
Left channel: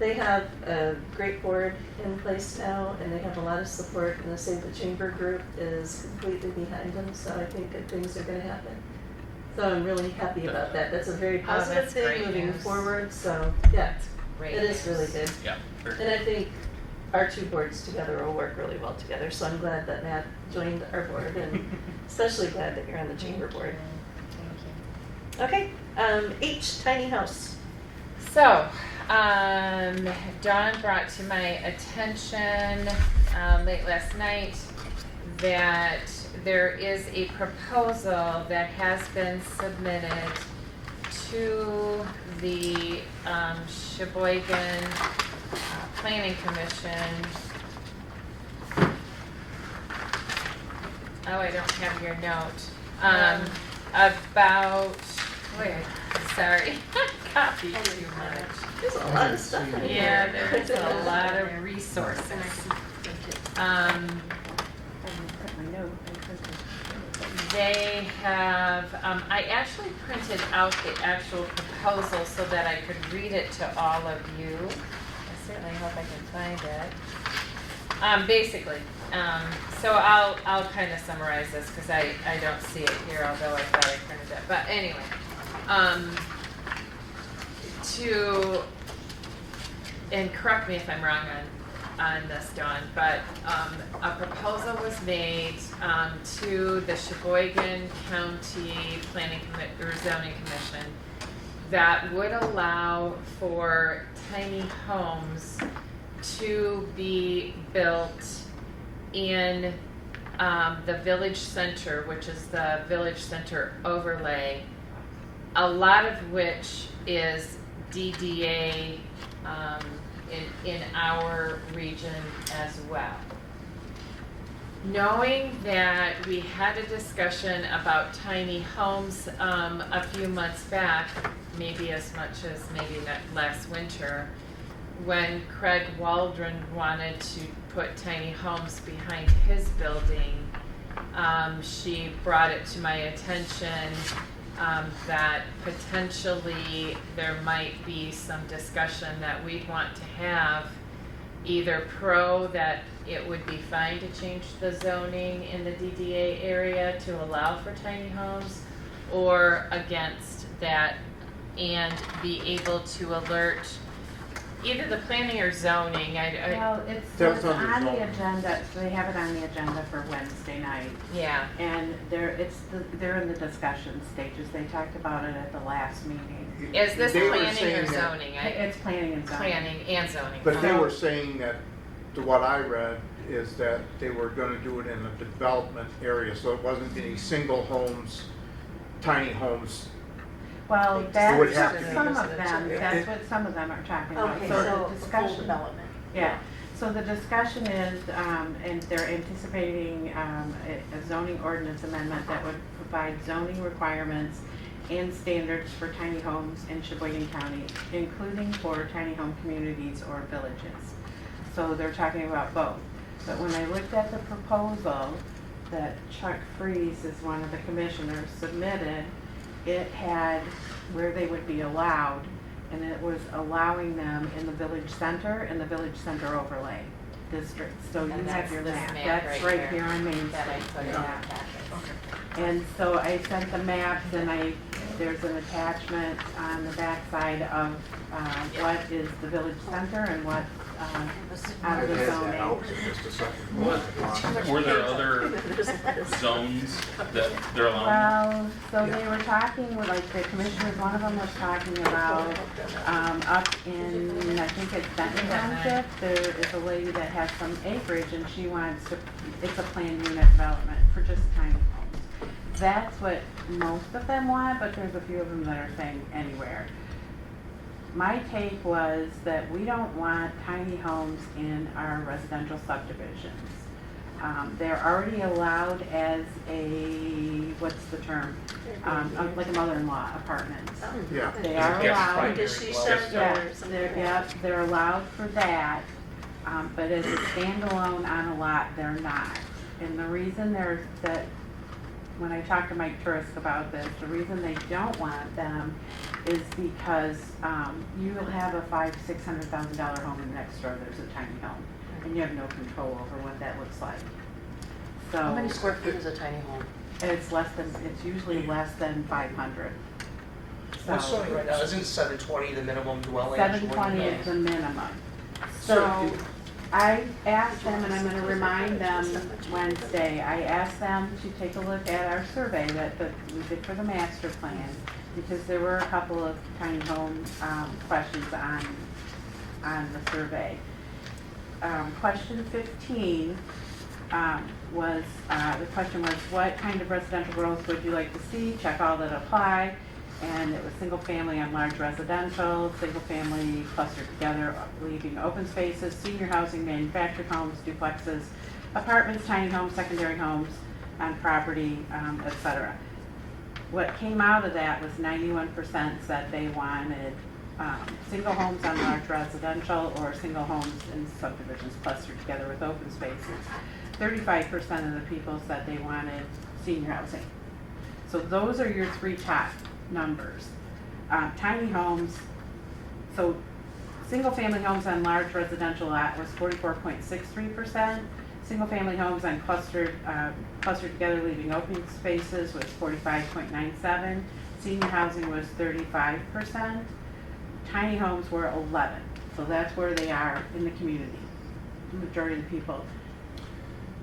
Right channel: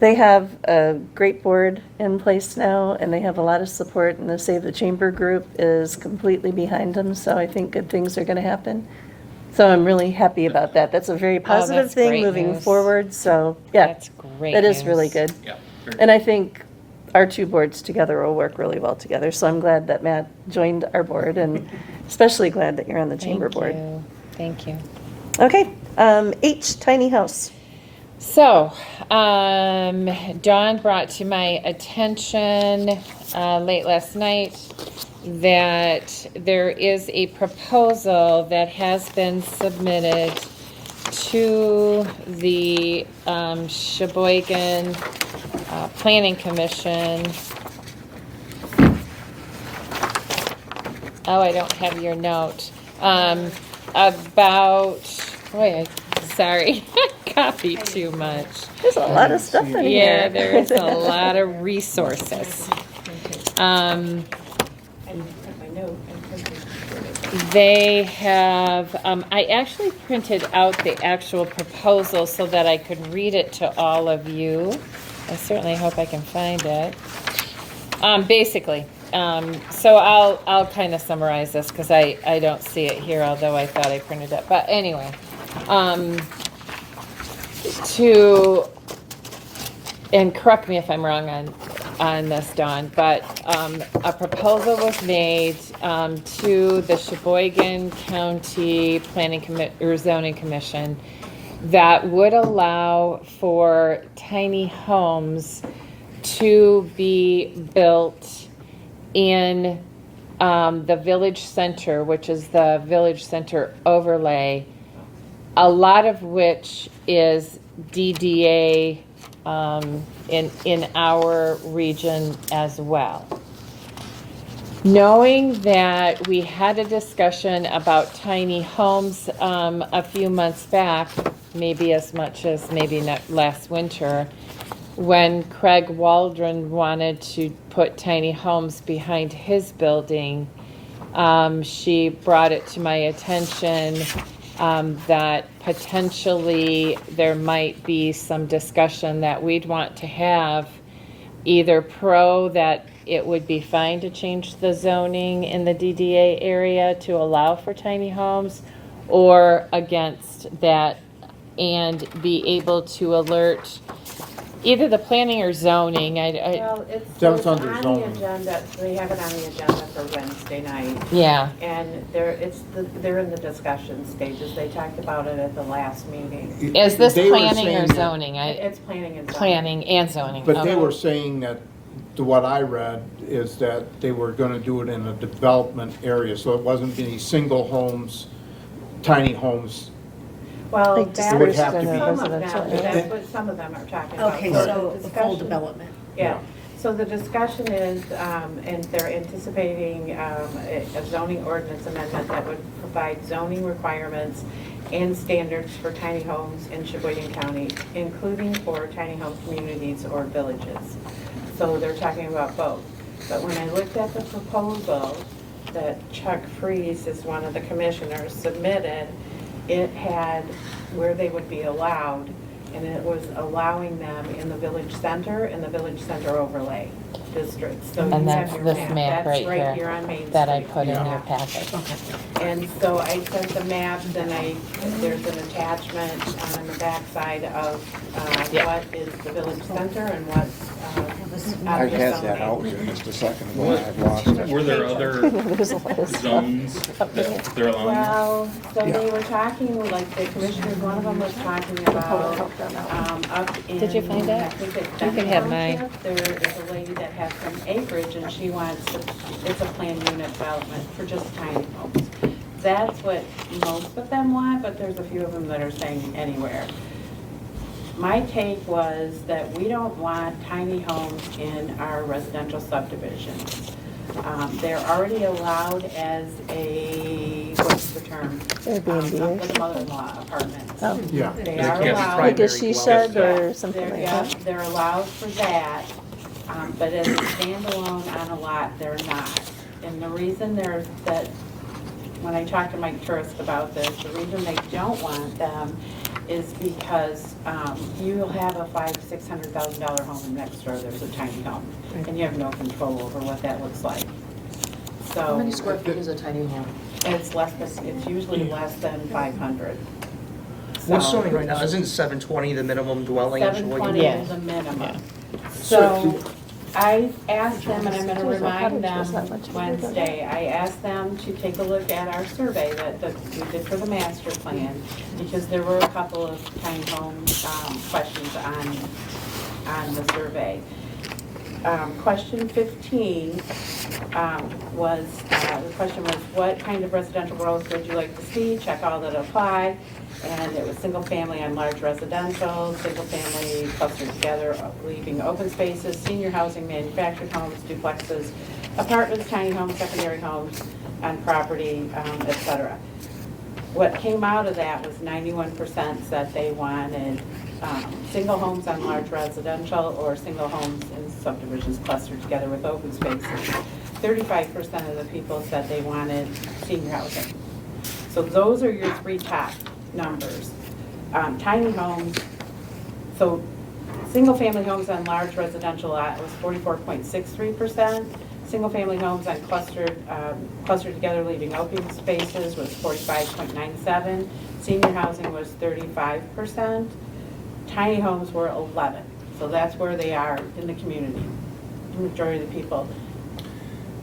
they have a great board in place now, and they have a lot of support, and the Save the Chamber group is completely behind them, so I think good things are going to happen. So I'm really happy about that. That's a very positive that's thing great moving news. forward, so, yeah. That's great. It is news. really good. Yeah. very And I think our two boards together will work really well together, so I'm glad that Matt joined our board, and especially glad that you're on the chamber board. Thank you. Okay, H, tiny house. So, Dawn brought to my attention late last night that there is a proposal that has been submitted to the Sheboygan Planning Commission. Oh, I don't have your note. About, wait, sorry, copied too much. There's a lot of stuff in here. Yeah, there is a lot of resources. They have, I actually printed out the actual proposal so that I could read it to all of you. I certainly hope I can find it. Basically, so I'll kind of summarize this because I don't see it here, although I thought I printed it. But anyway, and correct me if I'm wrong on this, Dawn, but a proposal was made to the Sheboygan County Planning or Zoning Commission that would allow for tiny homes to be built in the village center, which is the village center overlay, a lot of which is DDA in our region as well. Knowing that we had a discussion about tiny homes a few months back, maybe as much as maybe last winter, when Craig Waldron wanted to put tiny homes behind his building, she brought it to my attention that potentially there might be some discussion that we'd want to have, either pro that it would be fine to change the zoning in the DDA area to allow for tiny homes, or against that and be able to alert either the planning or zoning. Well, it's That's on under the zoning. agenda, they have it on the agenda for Wednesday night. Yeah, And they're in the discussion stages. They talked about it at the last meeting. is this They were planning or saying that- zoning? It's planning and zoning. Planning and zoning. But they Okay. were saying that, to what I read, is that they were gonna do it in a development area, so it wasn't any single homes, tiny homes. Well, Like that's It would have to be- some of residential. them, that's what some of them are talking about. Okay, the so full discussion- development. Yeah, so the discussion is, and they're anticipating a zoning ordinance amendment that would provide zoning requirements and standards for tiny homes in Sheboygan County, including for tiny home communities or villages. So they're talking about both. But when I looked at the proposal that Chuck Freeze is one of the commissioners submitted, it had where they would be allowed, and it was allowing them in the village center and the village center overlay districts. So you And have that's your this map That's right right here here on Main that I Street. put in your packet. And so I sent the maps, and there's an attachment on the backside of Yeah. what is the village center and what's I out the had that zoning. out in just a second. when I lost it. Were there other There's a lot of stuff. zones that they're allowing? Well, so they were talking, like, the commissioners, one of them was talking about, up in. Did you find that? I think it's You can have mine. Township. There is a lady that has some acreage, and she wants, it's a planned unit development for just tiny homes. That's what most of them want, but there's a few of them that are saying anywhere. My take was that we don't want tiny homes in our residential subdivisions. They're already allowed as a, what's the term? Airbnb. Like mother-in-law apartments. Oh. Yeah. They Like are a allowed. Like a she shed or something They're, like yeah, that. they're allowed for that, but as a standalone on a lot, they're not. And the reason that, when I talked to Mike Turist about this, the reason they don't want them is because you'll have a $500,000-$600,000 home next door, there's a tiny home, and you have no control over what that looks like. How So many square feet is a tiny home? it's usually less than 500. What's So showing right now, isn't 720 the minimum dwelling? 720 is the minimum. So I asked them, and I'm gonna remind them Wednesday, I asked them to take a look at our survey that we did for the master plan, because there were a couple of tiny home questions on the survey. Question 15 was, the question was, what kind of residential growth would you like to see? Check all that apply. And it was single family on large residential, single family clustered together, leaving open spaces, senior housing, manufactured homes, duplexes, apartments, tiny homes, secondary homes on property, et cetera. What came out of that was 91% said they wanted single homes on large residential or single homes in subdivisions clustered together with open spaces. 35% of the people said they wanted senior housing. So those are your three top numbers. Tiny homes, so single-family homes on large residential lot was 44.63%. Single-family homes on clustered together leaving open spaces was 45.97%. Senior housing was 35%. Tiny homes were 11%. So that's where they are in the community. The majority of the people,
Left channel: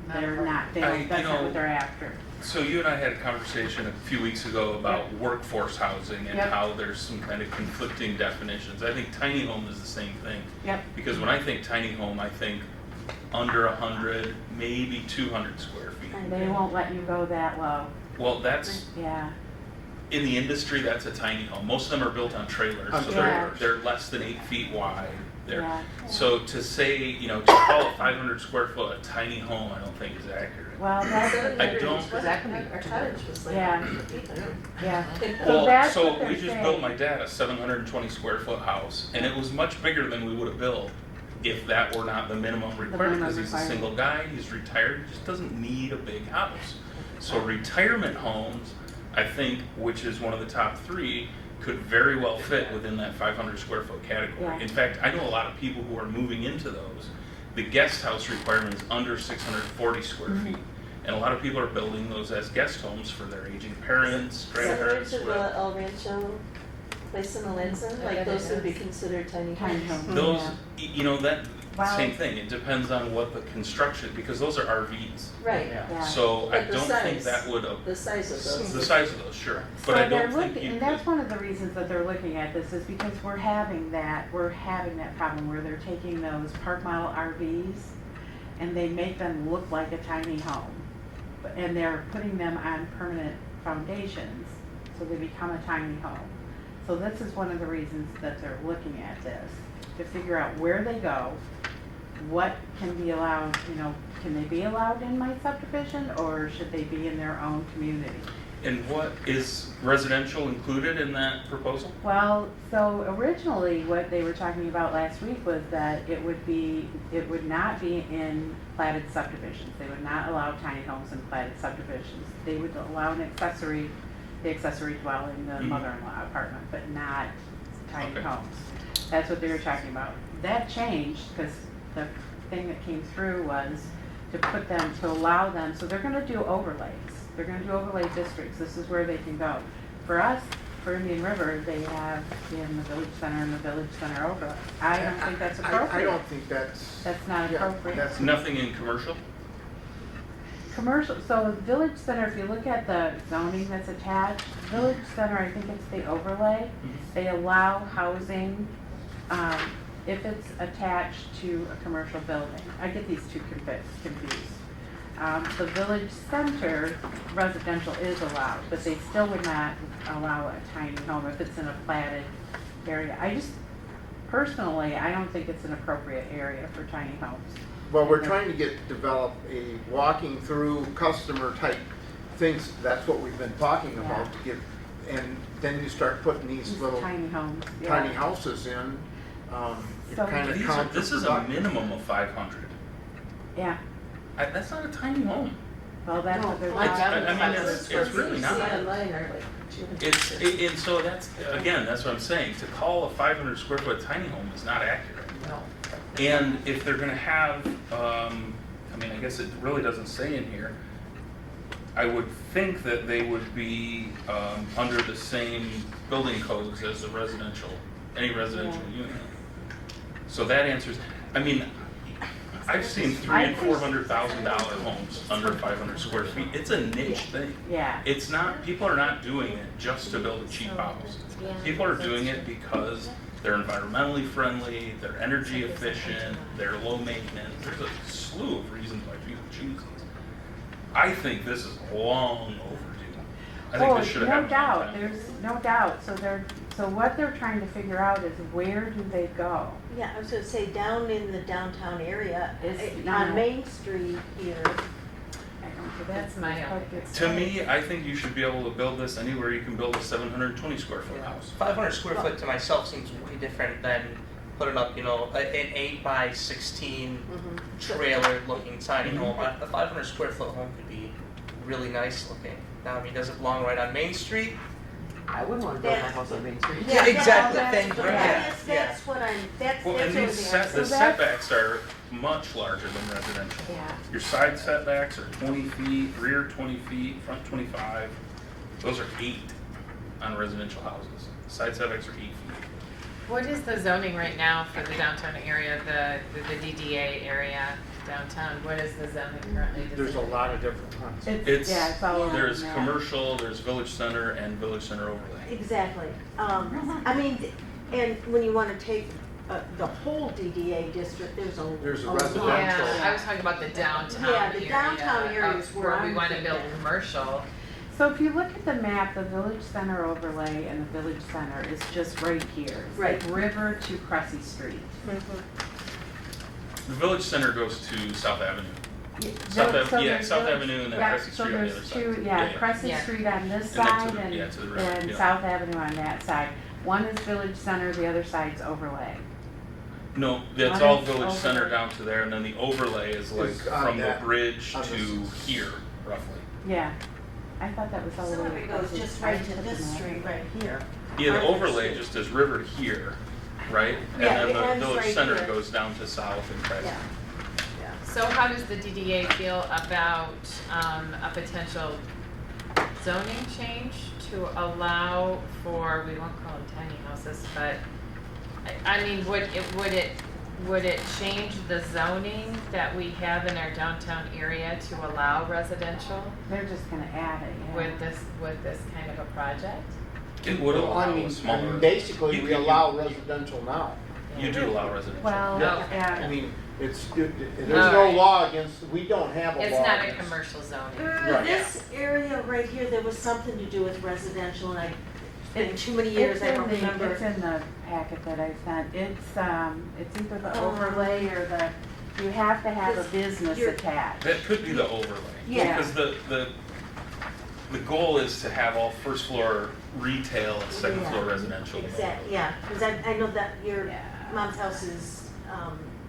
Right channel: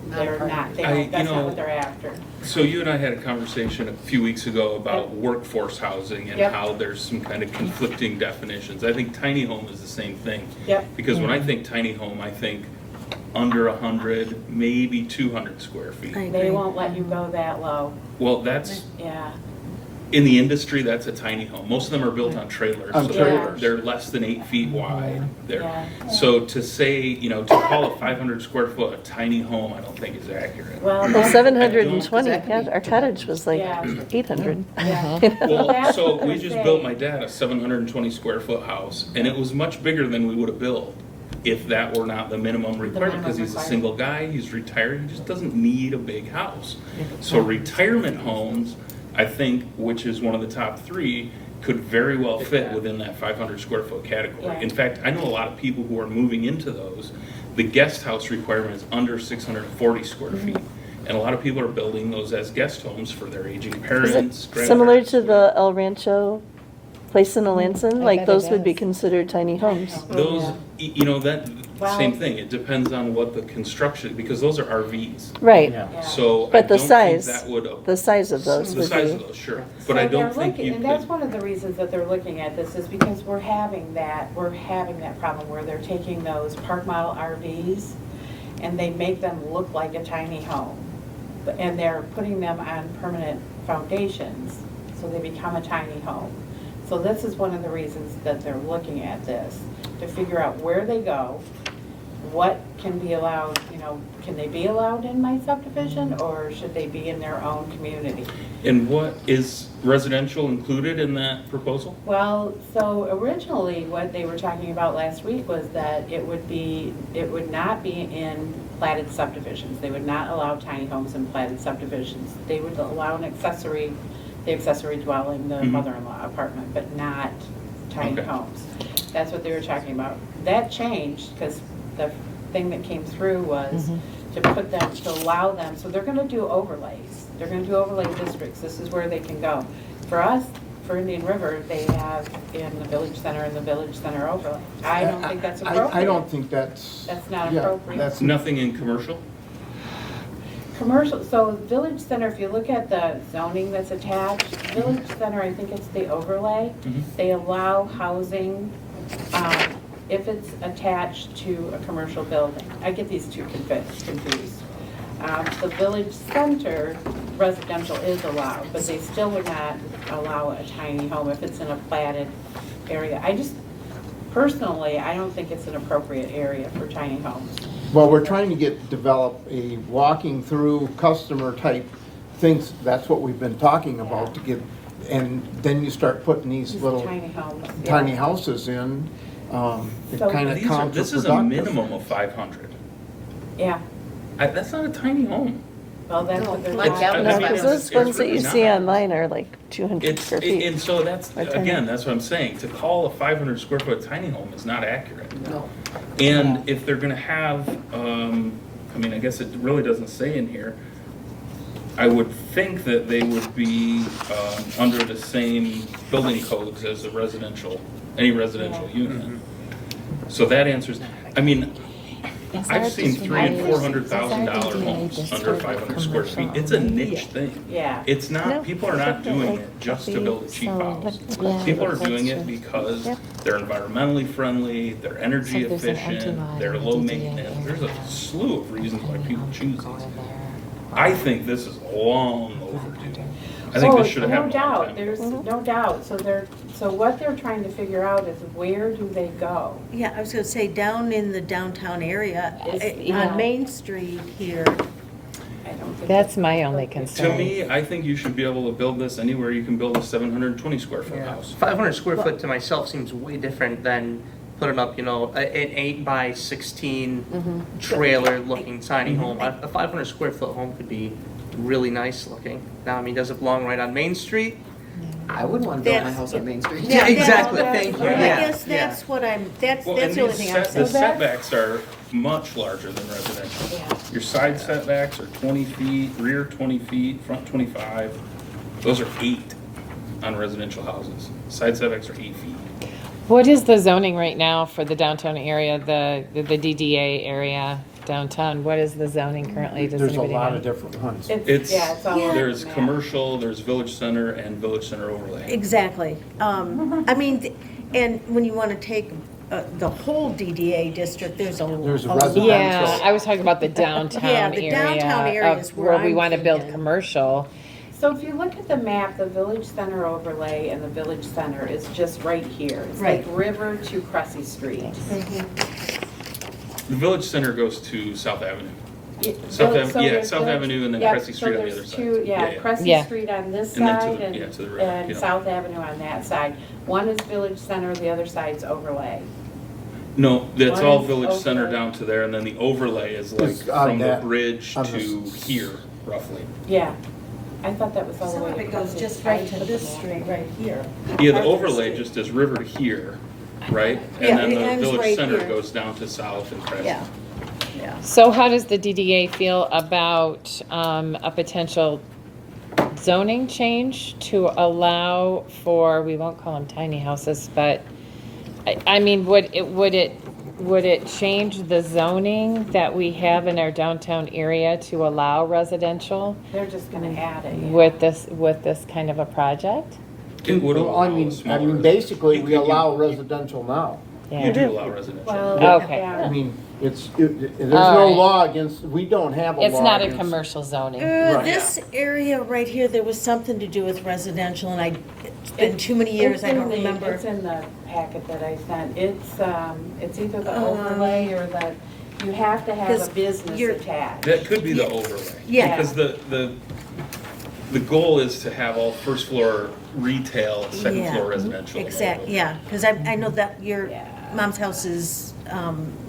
they're not, that's not what they're after. So you and I had a conversation a few weeks ago about workforce housing and Yep. how there's some kind of conflicting definitions. I think tiny home is the same thing. Yep. Because when I think tiny home, I think under 100, maybe 200 square feet. They won't let you go that low. Well, that's, Yeah. in the industry, that's a tiny home. Most of them are built on trailers. On So trailers. they're less than 8 feet wide. Yeah. So to say, to call a 500 square foot a tiny home, I don't think is accurate. Well, Well, that's, 720, yeah, our cottage was like Yeah. 800. yeah. Well, That's so what we they're just saying. built my dad a 720 square foot house, and it was much bigger than we would have built if that were not the minimum requirement, because he's a requirement. single guy, he's retired, he just doesn't need a big house. So retirement homes, I think, which is one of the top three, could very well fit within that 500 square foot category. Yeah. In fact, I know a lot of people who are moving into those. The guest house requirement is under 640 square feet. And a lot of people are building those as guest homes for their aging Is it parents, similar grandparents. to the El Rancho place in Alanson? I Like bet those it would be is. considered tiny homes? Those, that, Wow. same thing, it depends on what the construction, because those are RVs. Right, Yeah. So I But the don't think size- that would, the size of those the would size be. of those, sure. So But I they're don't think looking- you And that's could, one of the reasons that they're looking at this, is because we're having that problem where they're taking those park model RVs and they make them look like a tiny home. And they're putting them on permanent foundations, so they become a tiny home. So this is one of the reasons that they're looking at this, to figure out where they go, what can be allowed, can they be allowed in my subdivision, or should they be in their own community? and what, is residential included in that proposal? Well, so originally, what they were talking about last week was that it would not be in platted subdivisions. They would not allow tiny homes in platted subdivisions. They would allow the accessory dwelling, the Mhm. mother-in-law apartment, but not tiny Okay. homes. That's what they were talking about. That changed, because the thing that came through was to allow them, so they're gonna do overlays. They're gonna do overlay districts. This is where they can go. For us, for Indian River, they have in the village center and the village center overlay. I don't think that's appropriate. I don't think that's. That's not yeah, appropriate. That's Nothing in commercial? Commercial, so village center, if you look at the zoning that's attached, village center, I think it's the overlay. They allow housing, if it's attached to a commercial building. I get these two confused. The village center residential is allowed, but they still would not allow a tiny home if it's in a platted area. personally, I don't think it's an appropriate area for tiny homes. Well, we're trying to develop a walking through customer type things. That's what we've been talking about to get, and then you start putting these little Tiny homes. tiny yeah. houses in. It So- kind of This is a counterproductive. minimum of 500. Yeah, That's not a tiny home. well, that's what they're. Like that No, one. because those It's ones that really you see not. online are like 200 It's, square feet. and so that's, Or tiny. again, that's what I'm saying, to call a 500 square foot tiny home is not accurate. No. And if they're gonna have, I mean, I guess it really doesn't say in here, I would think that they would be, under the same building codes as a residential, any residential unit. So that answers, I mean, I've seen $300,000 and $400,000 homes under 500 square feet. It's a niche thing. Yeah. It's No, not, people are I not think doing that it just to would build a be cheap so- house. Yeah, People are that's doing it true. because Yeah. they're environmentally friendly, they're energy So there's an efficient, empty line they're in low DDA maintenance. There's a area. slew of reasons why people choose these. I think this is long overdue. I think this should have No happened. doubt, there's no doubt. So what they're trying to figure out is where do they go? Yeah, I was gonna say, down in the downtown area, It's, on Main Street here, I don't think That's my only appropriate. To concern. me, I think you should be able to build this anywhere you can build a 720 square foot house. 500 square foot to myself seems way different than putting up, you know, an 8 by 16 trailer looking tiny home. A 500 square foot home could be really nice looking. Now, I mean, does it belong right on Main Street? I would want to build my house on Main Street. Yeah, exactly, thank you, I yeah, guess yeah. that's what that's Well, the and only these thing I was the saying. setbacks are much larger than residential. Yeah. Your side setbacks are 20 feet, rear 20 feet, front 25. Those are 8 on residential houses. Side setbacks are 8 feet. What is the zoning right now for the downtown area, the DDA area downtown? What is the zoning currently? Does There's a anybody lot know? of different ones. It's, Yeah, it's all over there's the map. commercial, there's village center, and village center overlay. Exactly. I mean, and when you wanna take the whole DDA district, there's a There's a lot. residential. Yeah, I was talking about the downtown Yeah, the downtown area area is of where where we I'm want to build thinking. commercial. So if you look at the map, the village center overlay and the village center is just right here. It's like Right. River to Cressy Street. The village center goes to South Avenue. Yeah, South so Ave- yeah, there's South village- Avenue and then yeah, Cressy so Street on the there's other side. two- Yeah, Yeah, yeah. Cressy Yeah. Street on this And then to side the- yeah, to the right, and yeah. South Avenue on that side. One is village center, the other side's overlay. No, it's all Mine's village center overlay. down to there, and then the overlay is like It's on from the that- bridge on to the- here, roughly. Yeah, I thought that was all the Some way. of it goes just right to this street right here. Yeah, the overlay just is river to here, right? Yeah, And then the mine's village right center here. goes down to south and Cressy. Yeah. So how does the DDA feel about a potential zoning change to allow for, we won't call them tiny houses, but I mean, would it change the zoning that we have in our downtown area to allow residential They're just gonna add it. yeah. with this kind of a project? It would Well, allow I mean, smaller. basically, You we could- allow residential now. Yeah. You do allow residential. Well, Okay. I yeah. mean, there's All no right. law against, we don't have a law It's not a against- commercial zoning. Right. This area right here, there was something to do with residential, and it's been too many years, It's I in don't the- remember. It's in the packet that I sent. It's either the Oh. overlay or you have to have Because a business you're- attached. That could be the overlay. Yeah. Because the goal is to have all first floor retail, second floor residential. Exactly, yeah, because I know that your Yeah. mom's house is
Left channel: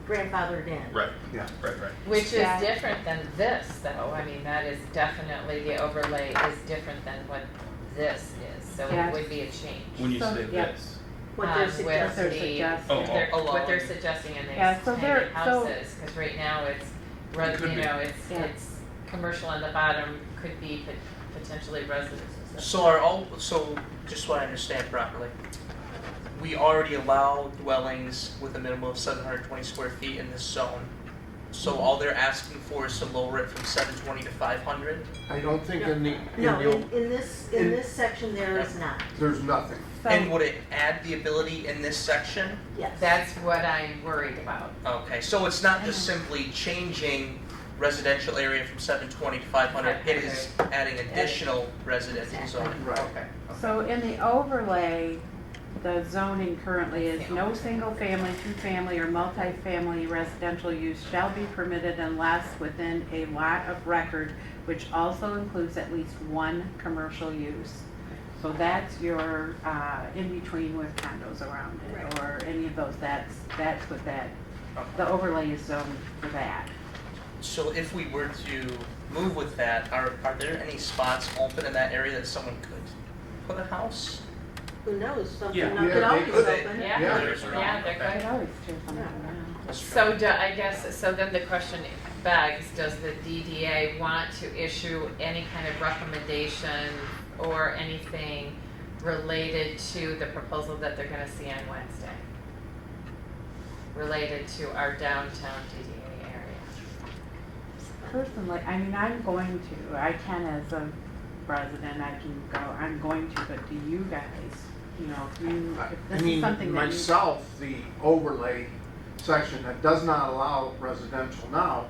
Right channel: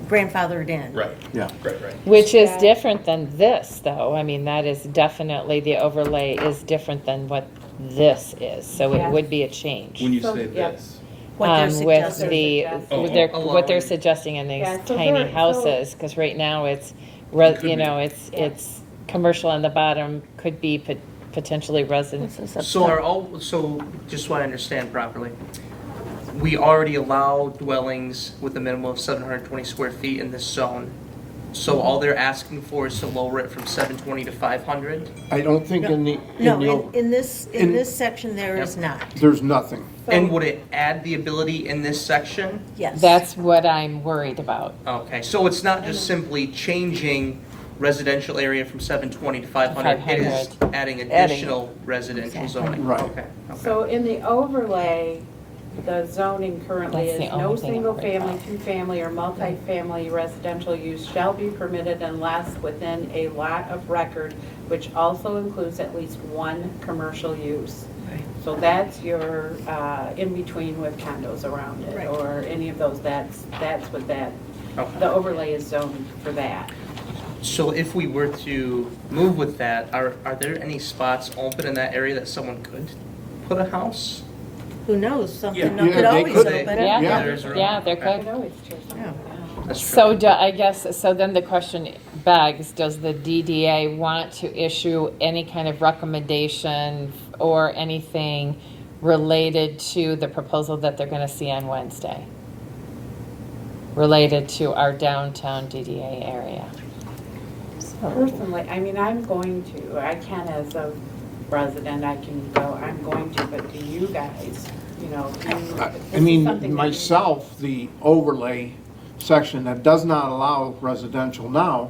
grandfathered in. Right, Yeah. right. Which is Yeah. different than this, though. I mean, that is definitely, the overlay is different than what this is, so it Yeah. would be a change. When you So, say yeah. this, What they're With suggesting. the, Oh, they're- oh, what they're along. suggesting in these Yeah, so tiny they're- so- houses, because right now it's, It could you be. know, it's, Yeah. it's commercial on the bottom, could be potentially residence. So just so I understand properly, we already allow dwellings with a minimum of 720 square feet in this zone. So all they're asking for is to lower it from 720 to 500? I don't think in the, No, in your, in this in- section, there is not, there's nothing. And would it add the ability in this section? yes. That's what I'm worried about. Okay, so it's not just simply changing residential area from 720 to 500, it is adding additional residential zoning? Right. Okay. So in the overlay, the zoning currently That's is the no only thing I single remember. family, two-family, or multifamily residential use shall be permitted unless within a lot of record, which also includes at least one commercial use. So that's your, in between with condos around it, Right. or any of those, that's what that, Okay. the overlay is zoned for that. So if we were to move with that, are there any spots open in that area that someone could put a house? Who knows, something Yeah. could they always could. open. Yeah, Yeah. yeah, they're I good. always choose something. That's true. So I guess, so then the question begs, does the DDA want to issue any kind of recommendation or anything related to the proposal that they're gonna see on Wednesday? Related to our downtown DDA area? Personally, I mean, I'm going to, I can as a resident, I can go, I'm going to, but do you guys, you know, do you? I this is mean, something that you- myself, the overlay section that does not allow residential now,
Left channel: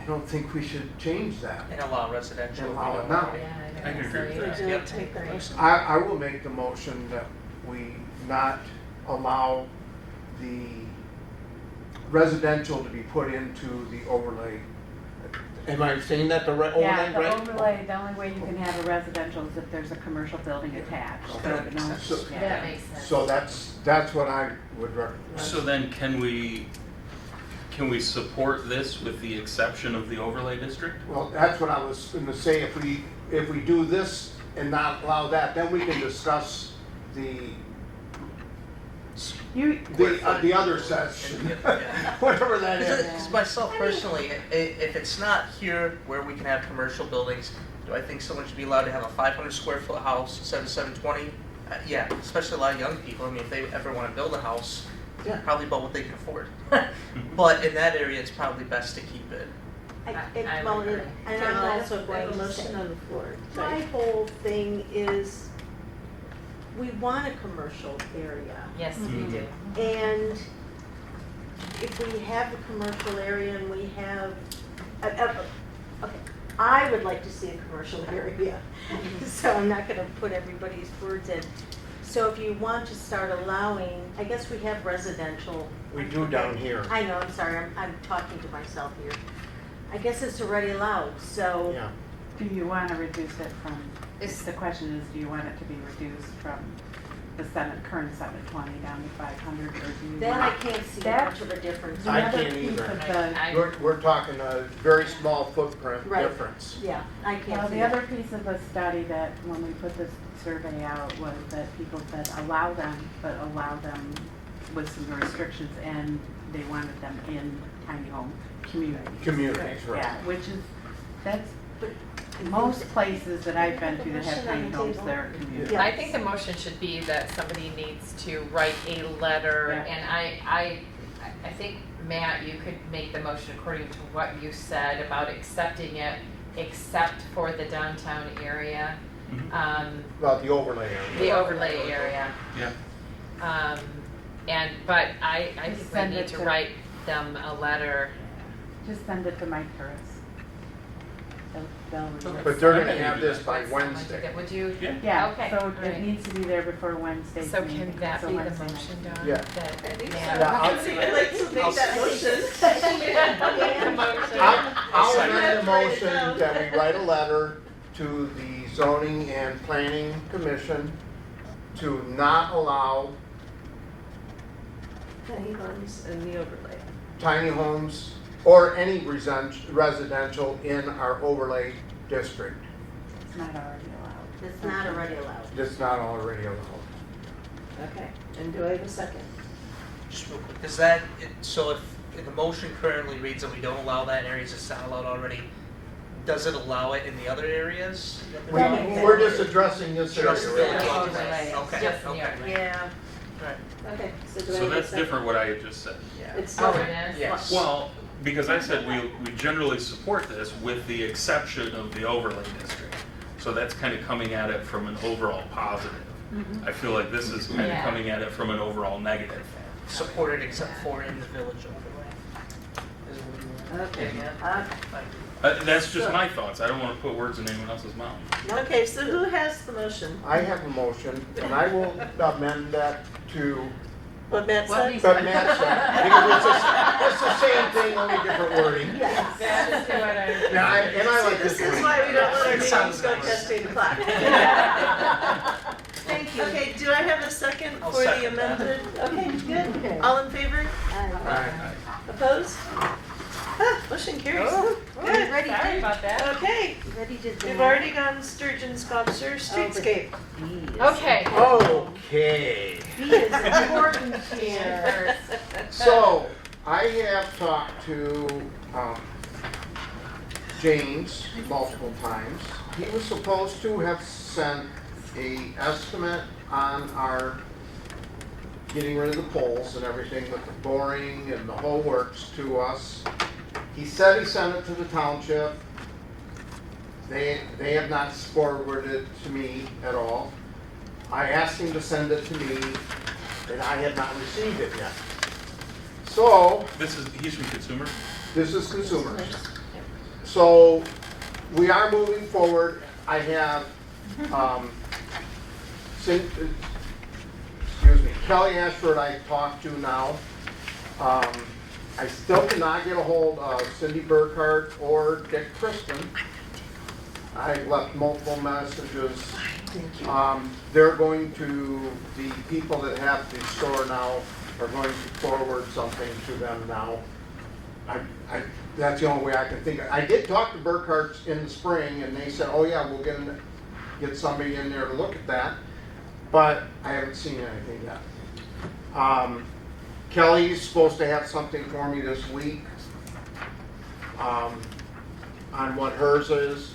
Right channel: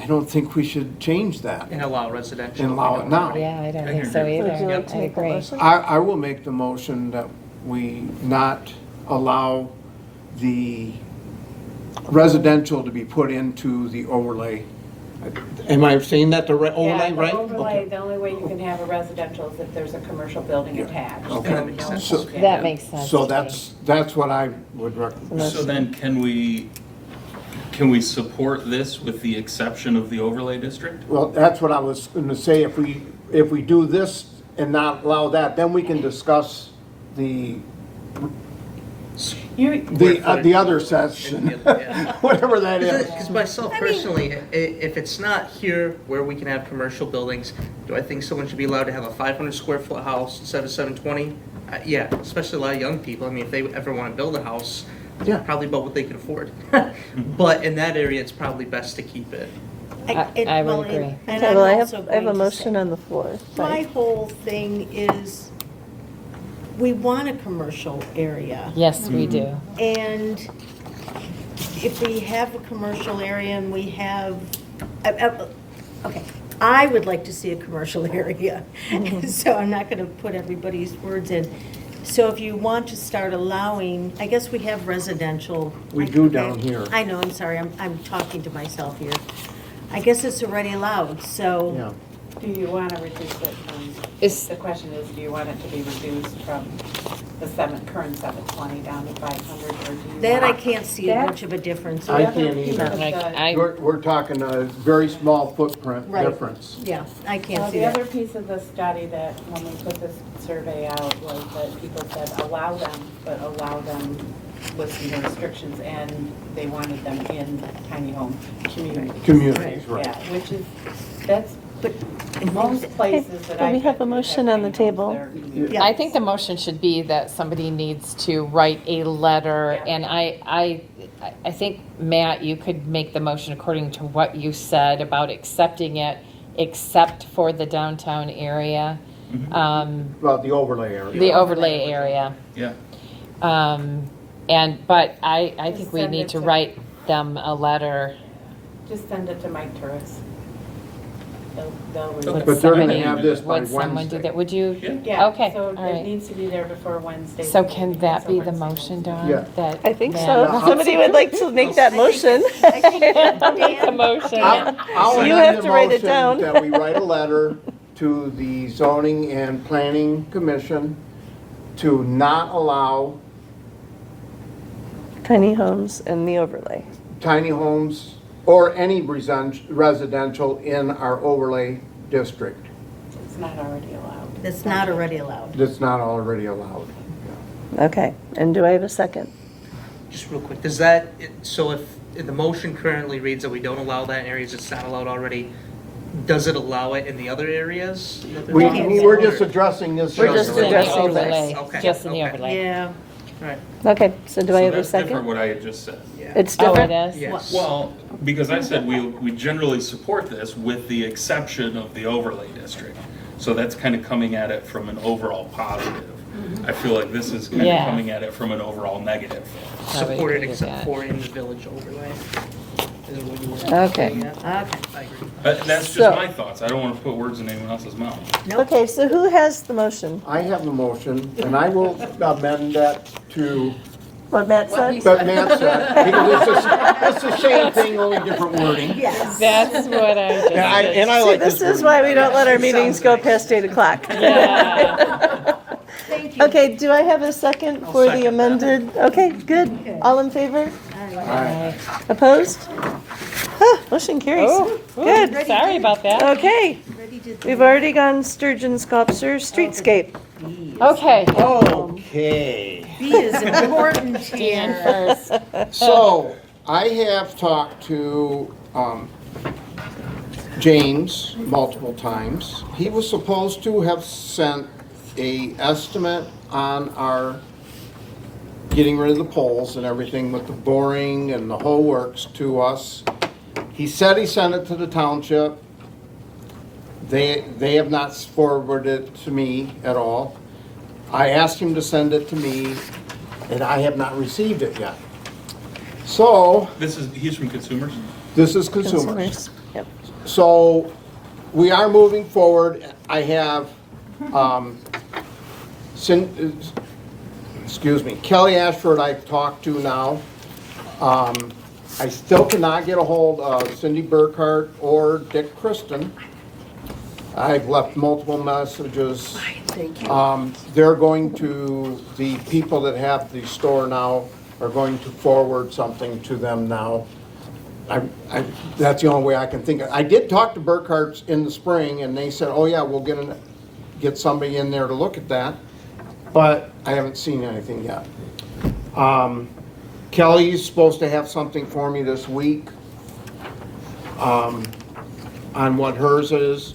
I don't think we should change that And allow residential. and allow it now. Yeah, I don't I think so agree. either. Would you like to I make a agree. motion? I will make the motion that we not allow the residential to be put into the overlay. Am I saying that the overlay, Yeah, right? the overlay, the only way you can have a residential is if there's a commercial building attached. Okay. So, no- So- yeah. That makes sense. So to me. that's what I would recommend. So then can we support this with the exception of the overlay district? Well, that's what I was gonna say, if we do this and not allow that, then we can discuss the other section, whatever that is. Because myself personally, if it's not here where we can have commercial buildings, do I think someone should be allowed to have a 500 square foot house instead of 720? Yeah, especially a lot of young people. I mean, if they ever want to build a house, Yeah. probably about what they can afford. But in that area, it's probably best to keep it. I would well, agree. and Okay, I'm well, I also have a going to motion say- on the floor. My whole thing is, we want a commercial area. Yes, we do. And if we have a commercial area and we have, okay, I would like to see a commercial area. So I'm not gonna put everybody's words in. So if you want to start allowing, I guess we have residential. We do down here. I know, I'm sorry, I'm talking to myself here. I guess it's already allowed, so. Yeah. Do you want to reduce it from, Is- the question is, do you want it to be reduced from the current 720 down to 500, or do you? That I want- can't see That- much of a difference. the I other can't piece either. of the- I- We're talking a very small footprint Right. difference. Yeah, I can't see The that. other piece of the study that, when we put this survey out, was that people said allow them, but allow them with some restrictions, and they wanted them in tiny home communities. Communities, right. Yeah, which is, that's, But in most places that Okay, I've we been have a to that motion have on the tiny homes, table. they're in- Yeah. I think the motion should be that somebody needs to write a letter, Yeah. and I think, Matt, you could make the motion according to what you said about accepting it, except for the downtown area, Well, the overlay area. the overlay area. Yeah. But I think we Send need it to to- write them a letter. Just send it to Mike Turris. They'll read Would it. But they're gonna somebody- have this by Would someone do Wednesday. that? Would you? Yeah. Yeah, Okay, so all it right. needs to be there before Wednesday. So can that be the motion, Dawn? Yeah. That I think so. Matt- If somebody would like to make that motion. Make the motion. I'll You amend have the to write it motion down. That we write a letter to the zoning and planning commission to not allow Tiny homes and the overlay. tiny homes or any residential in our overlay district. It's not already allowed. It's not already allowed. That's not already allowed. Okay, and do I have a second? Just real quick, does that, so if the motion currently reads that we don't allow that in areas it's not allowed already, does it allow it in the other areas? We're just addressing this. We're just section. addressing overlay, Okay, just in the okay. overlay. Yeah. Right. Okay, so do I have a that's different second? what I had just said. It's Oh, different? it is? Yes. Well, because I said we generally support this with the exception of the overlay district. So that's kind of coming at it from an overall positive. I feel like this is kind Yeah. of coming at it from an overall negative. I would Supported agree with except that. for in the village overlay. Okay. That's just So- my thoughts. I don't want to put words in anyone else's mouth. Okay, so who has the motion? I have a motion, and I will amend that to, What Matt said? but Matt said, it's the same thing, only different wording. Yes. That's what I'm just. And I See, like this this is why we don't let our meetings go past 8 o'clock. Thank you. Okay, do I have a second for the amended? Okay, good. All in favor? Aye. Opposed? Ah, motion carries. Good. Sorry about that. Okay, Ready to- we've already gone sturgeon sculpture, streetscape. Okay. Okay. B is important Dan here. first. So, I have talked to James multiple times. He was supposed to have sent a estimate on our getting rid of the poles and everything with the boring and the whole works to us. He said he sent it to the township. They have not forwarded it to me at all. I asked him to send it to me, and I have not received it yet. So, He's from Consumer. this is consumers. Consumers. Yep. So, we are moving forward. I have, Kelly Ashford I've talked to now. I still cannot get a hold of Cindy Burkhart or Dick Kristen. I've left multiple messages. They're going to, the people that have the store now are going to forward something to them now. That's the only way I can think of. I did talk to Burkhart's in the spring, and they said, oh yeah, we'll get somebody in there to look at that, but I haven't seen anything yet. Kelly's supposed to have something for me this week on what hers is.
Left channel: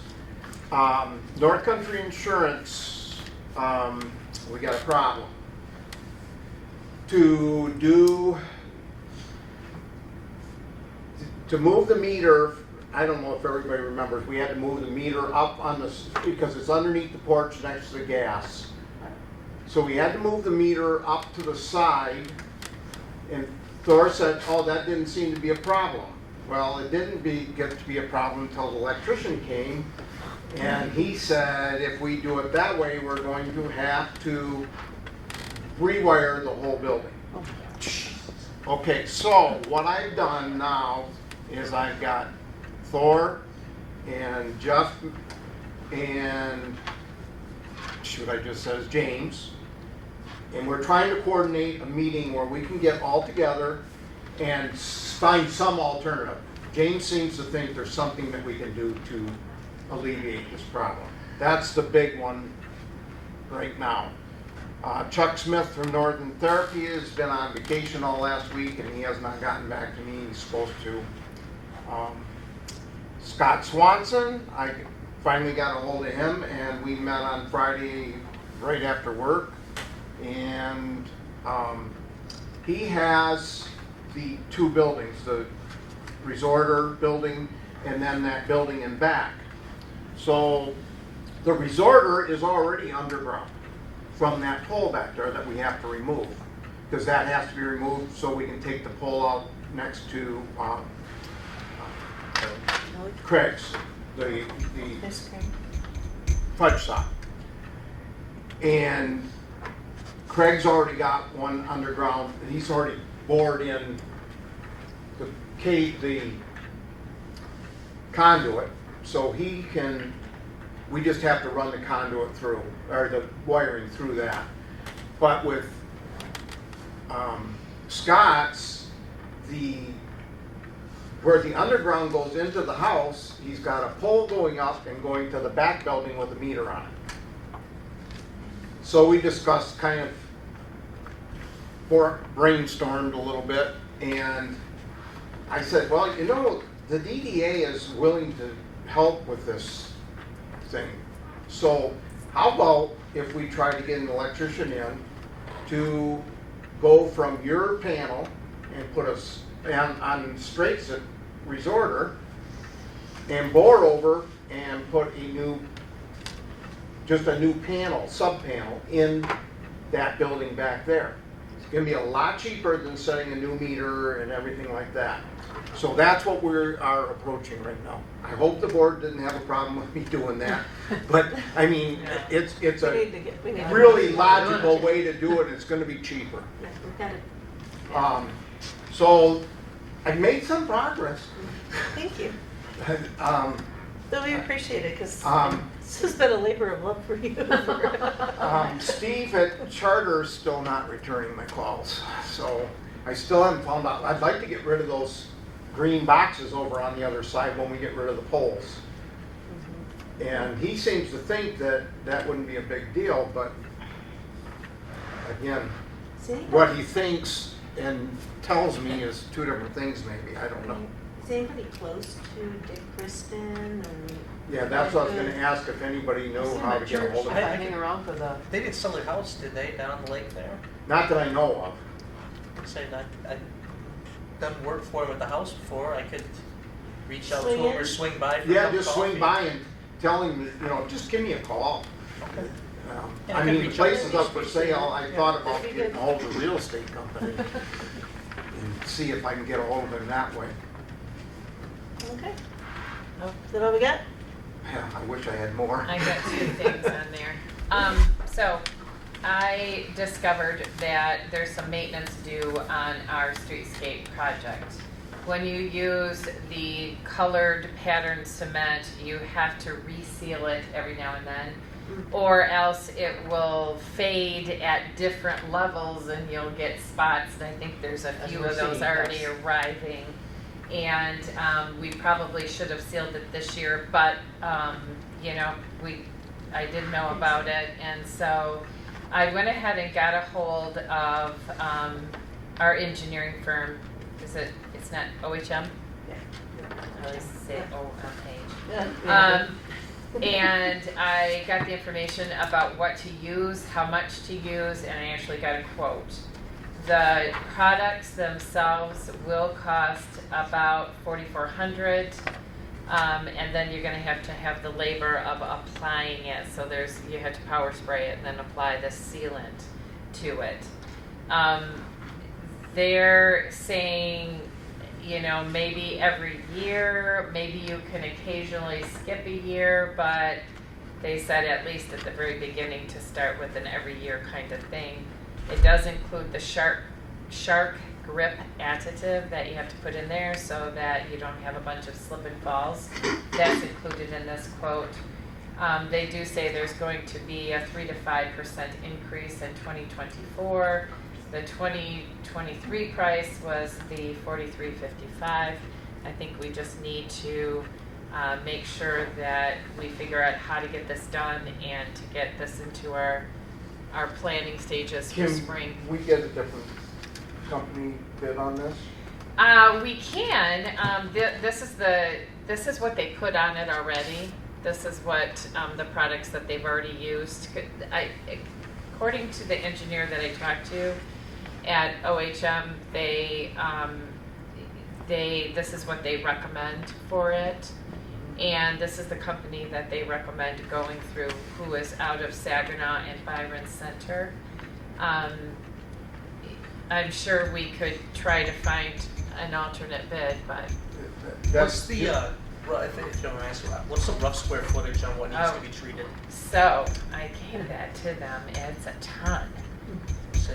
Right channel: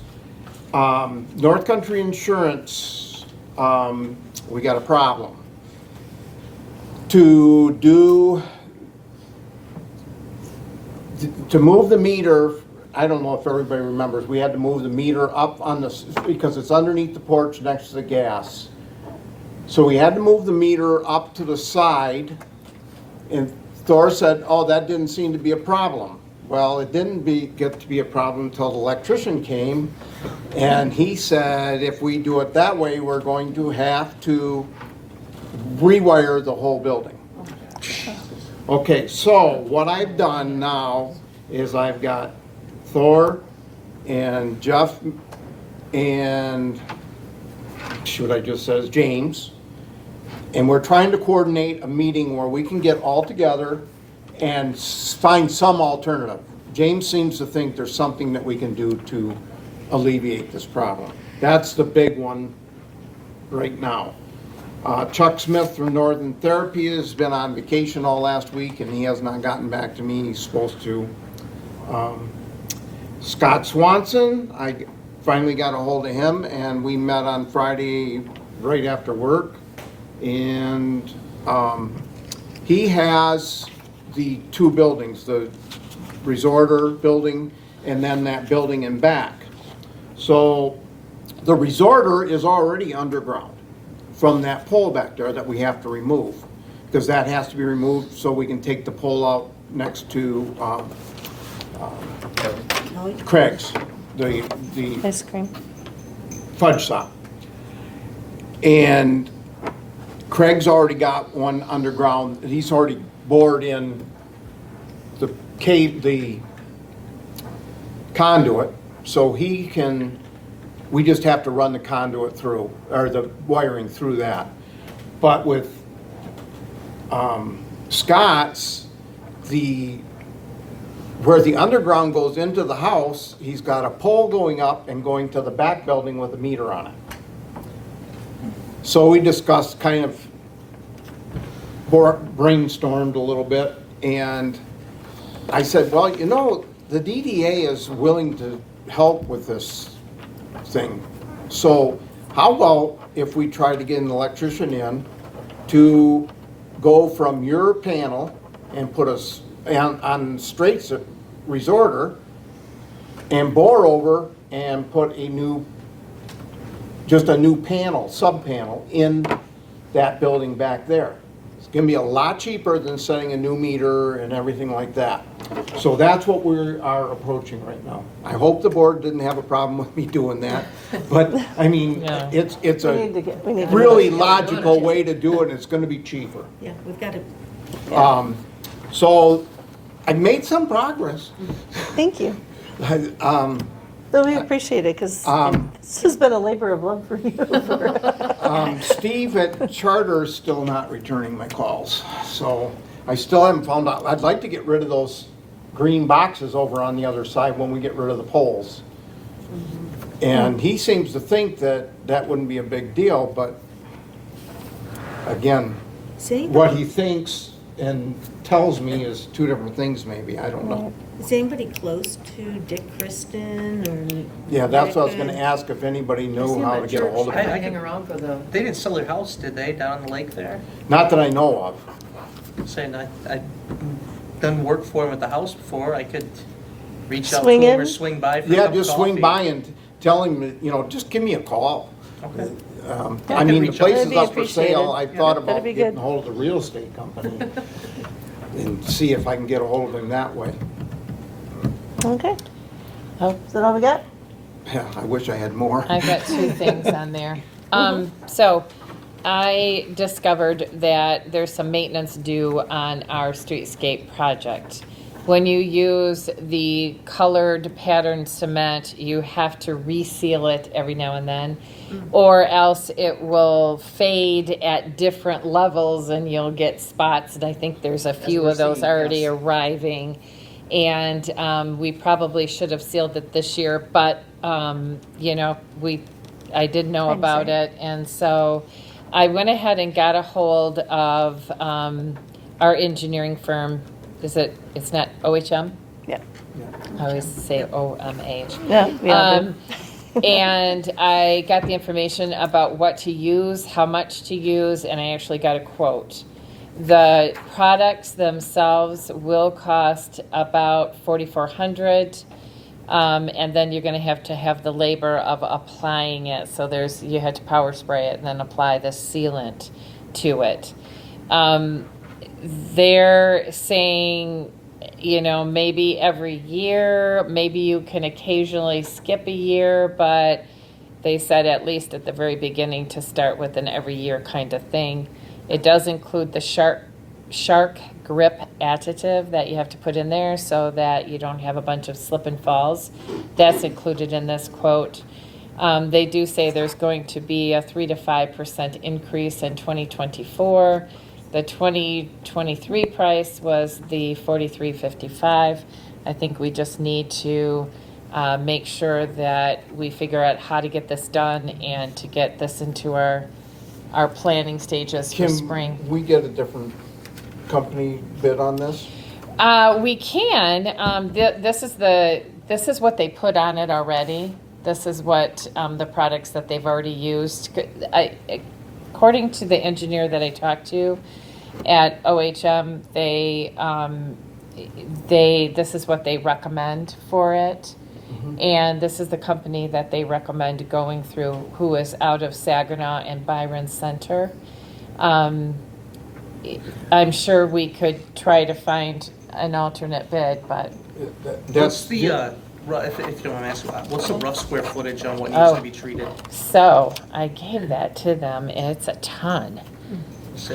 North Country Insurance, we got a problem. To move the meter, I don't know if everybody remembers, we had to move the meter up on the, because it's underneath the porch next to the gas. So we had to move the meter up to the side, and Thor said, oh, that didn't seem to be a problem. Well, it didn't get to be a problem until the electrician came, and he said, if we do it that way, we're going to have to rewire the whole building. Okay, so what I've done now is I've got Thor and Jeff and, what I just said is James, and we're trying to coordinate a meeting where we can get all together and find some alternative. James seems to think there's something that we can do to alleviate this problem. That's the big one right now. Chuck Smith from Northern Therapy has been on vacation all last week, and he has not gotten back to me. He's supposed to. Scott Swanson, I finally got a hold of him, and we met on Friday right after work. And he has the two buildings, the resorter building and then that building in back. So the resorter is already underground from that pole back there that we have to remove, because that has to be removed so we can take the pole out next to Craig's, the Ice cream. fudge shop. And Craig's already got one underground. He's already bored in the conduit, so he can, we just have to run the conduit through, or the wiring through that. But with Scott's, where the underground goes into the house, he's got a pole going up and going to the back building with a meter on it. So we discussed, kind of brainstormed a little bit, and I said, well, you know, the DDA is willing to help with this thing. So how about if we try to get an electrician in to go from your panel and put us on Straits resorter and bore over and put just a new panel, sub panel in that building back there. It's gonna be a lot cheaper than setting a new meter and everything like that. So that's what we are approaching right now. I hope the board didn't have a problem with me doing that, but I mean, No. it's We need to a get. really logical way to do it, and it's gonna be cheaper. Yeah, we've got it. So I made some progress. Thank you. Um, Well, we appreciate it, because this has been a labor of love for you. Steve at Charter is still not returning my calls, so I still haven't found out. I'd like to get rid of those green boxes over on the other side when we get rid of the poles. And he seems to think that that wouldn't be a big deal, but again, See? what he thinks and tells me is two different things maybe, I don't know. Is anybody close to Dick Kristen or? Yeah, that's what I was gonna ask, if anybody knew how to get a hold of I- him. Hang around for the, They didn't sell their house, did they, down on the lake there? Not that I know of. Saying I've done work for him at the house before, I could reach out to Swing him in? or swing by for a Yeah, cup of just swing coffee. by and tell him, you know, just give me a call. Okay. I mean, the reach out. place That'd is be up for sale, I appreciated. thought That'd about be getting good. a hold of the real estate company and see if I can get a hold of him that way. Okay. Oh, is that all we got? Yeah, I wish I had more. I've got two things on there. So I discovered that there's some maintenance due on our streetscape project. When you use the colored patterned cement, you have to reseal it every now and then, or else it will fade at different levels and you'll get spots. And I think there's a few of those already arriving. And we probably should have sealed it this year, but you know, I did know about it, and so I went ahead and got a hold of our engineering firm. It's not OHM? Yeah. I always say OMH. Yeah. And I got the information about what to use, how much to use, and I actually got a quote. The products themselves will cost about $4,400, and then you're going to have the labor of applying it. So you had to power spray it and then apply the sealant to it. They're saying, you know, maybe every year, maybe you can occasionally skip a year, but they said at least at the very beginning to start with an every year kind of thing. It does include the shark grip additive that you have to put in there so that you don't have a bunch of slip and falls. That's included in this quote. They do say there's going to be a 3 to 5% increase in 2024. The 2023 price was the $43.55. I think we just need to make sure that we figure out how to get this done and to get this into our planning stages for spring. Can we get a different company bid on this? We can. This is what they put on it already. This is what the products that they've already used. According to the engineer that I talked to at OHM, this is what they recommend for it. And this is the company that they recommend going through, who is out of Saginaw and Byron Center. I'm sure we could try to find an alternate bid, but What's the, if you don't want to ask, what's the rough square footage on what needs to be treated? so I gave that to them, and it's a ton.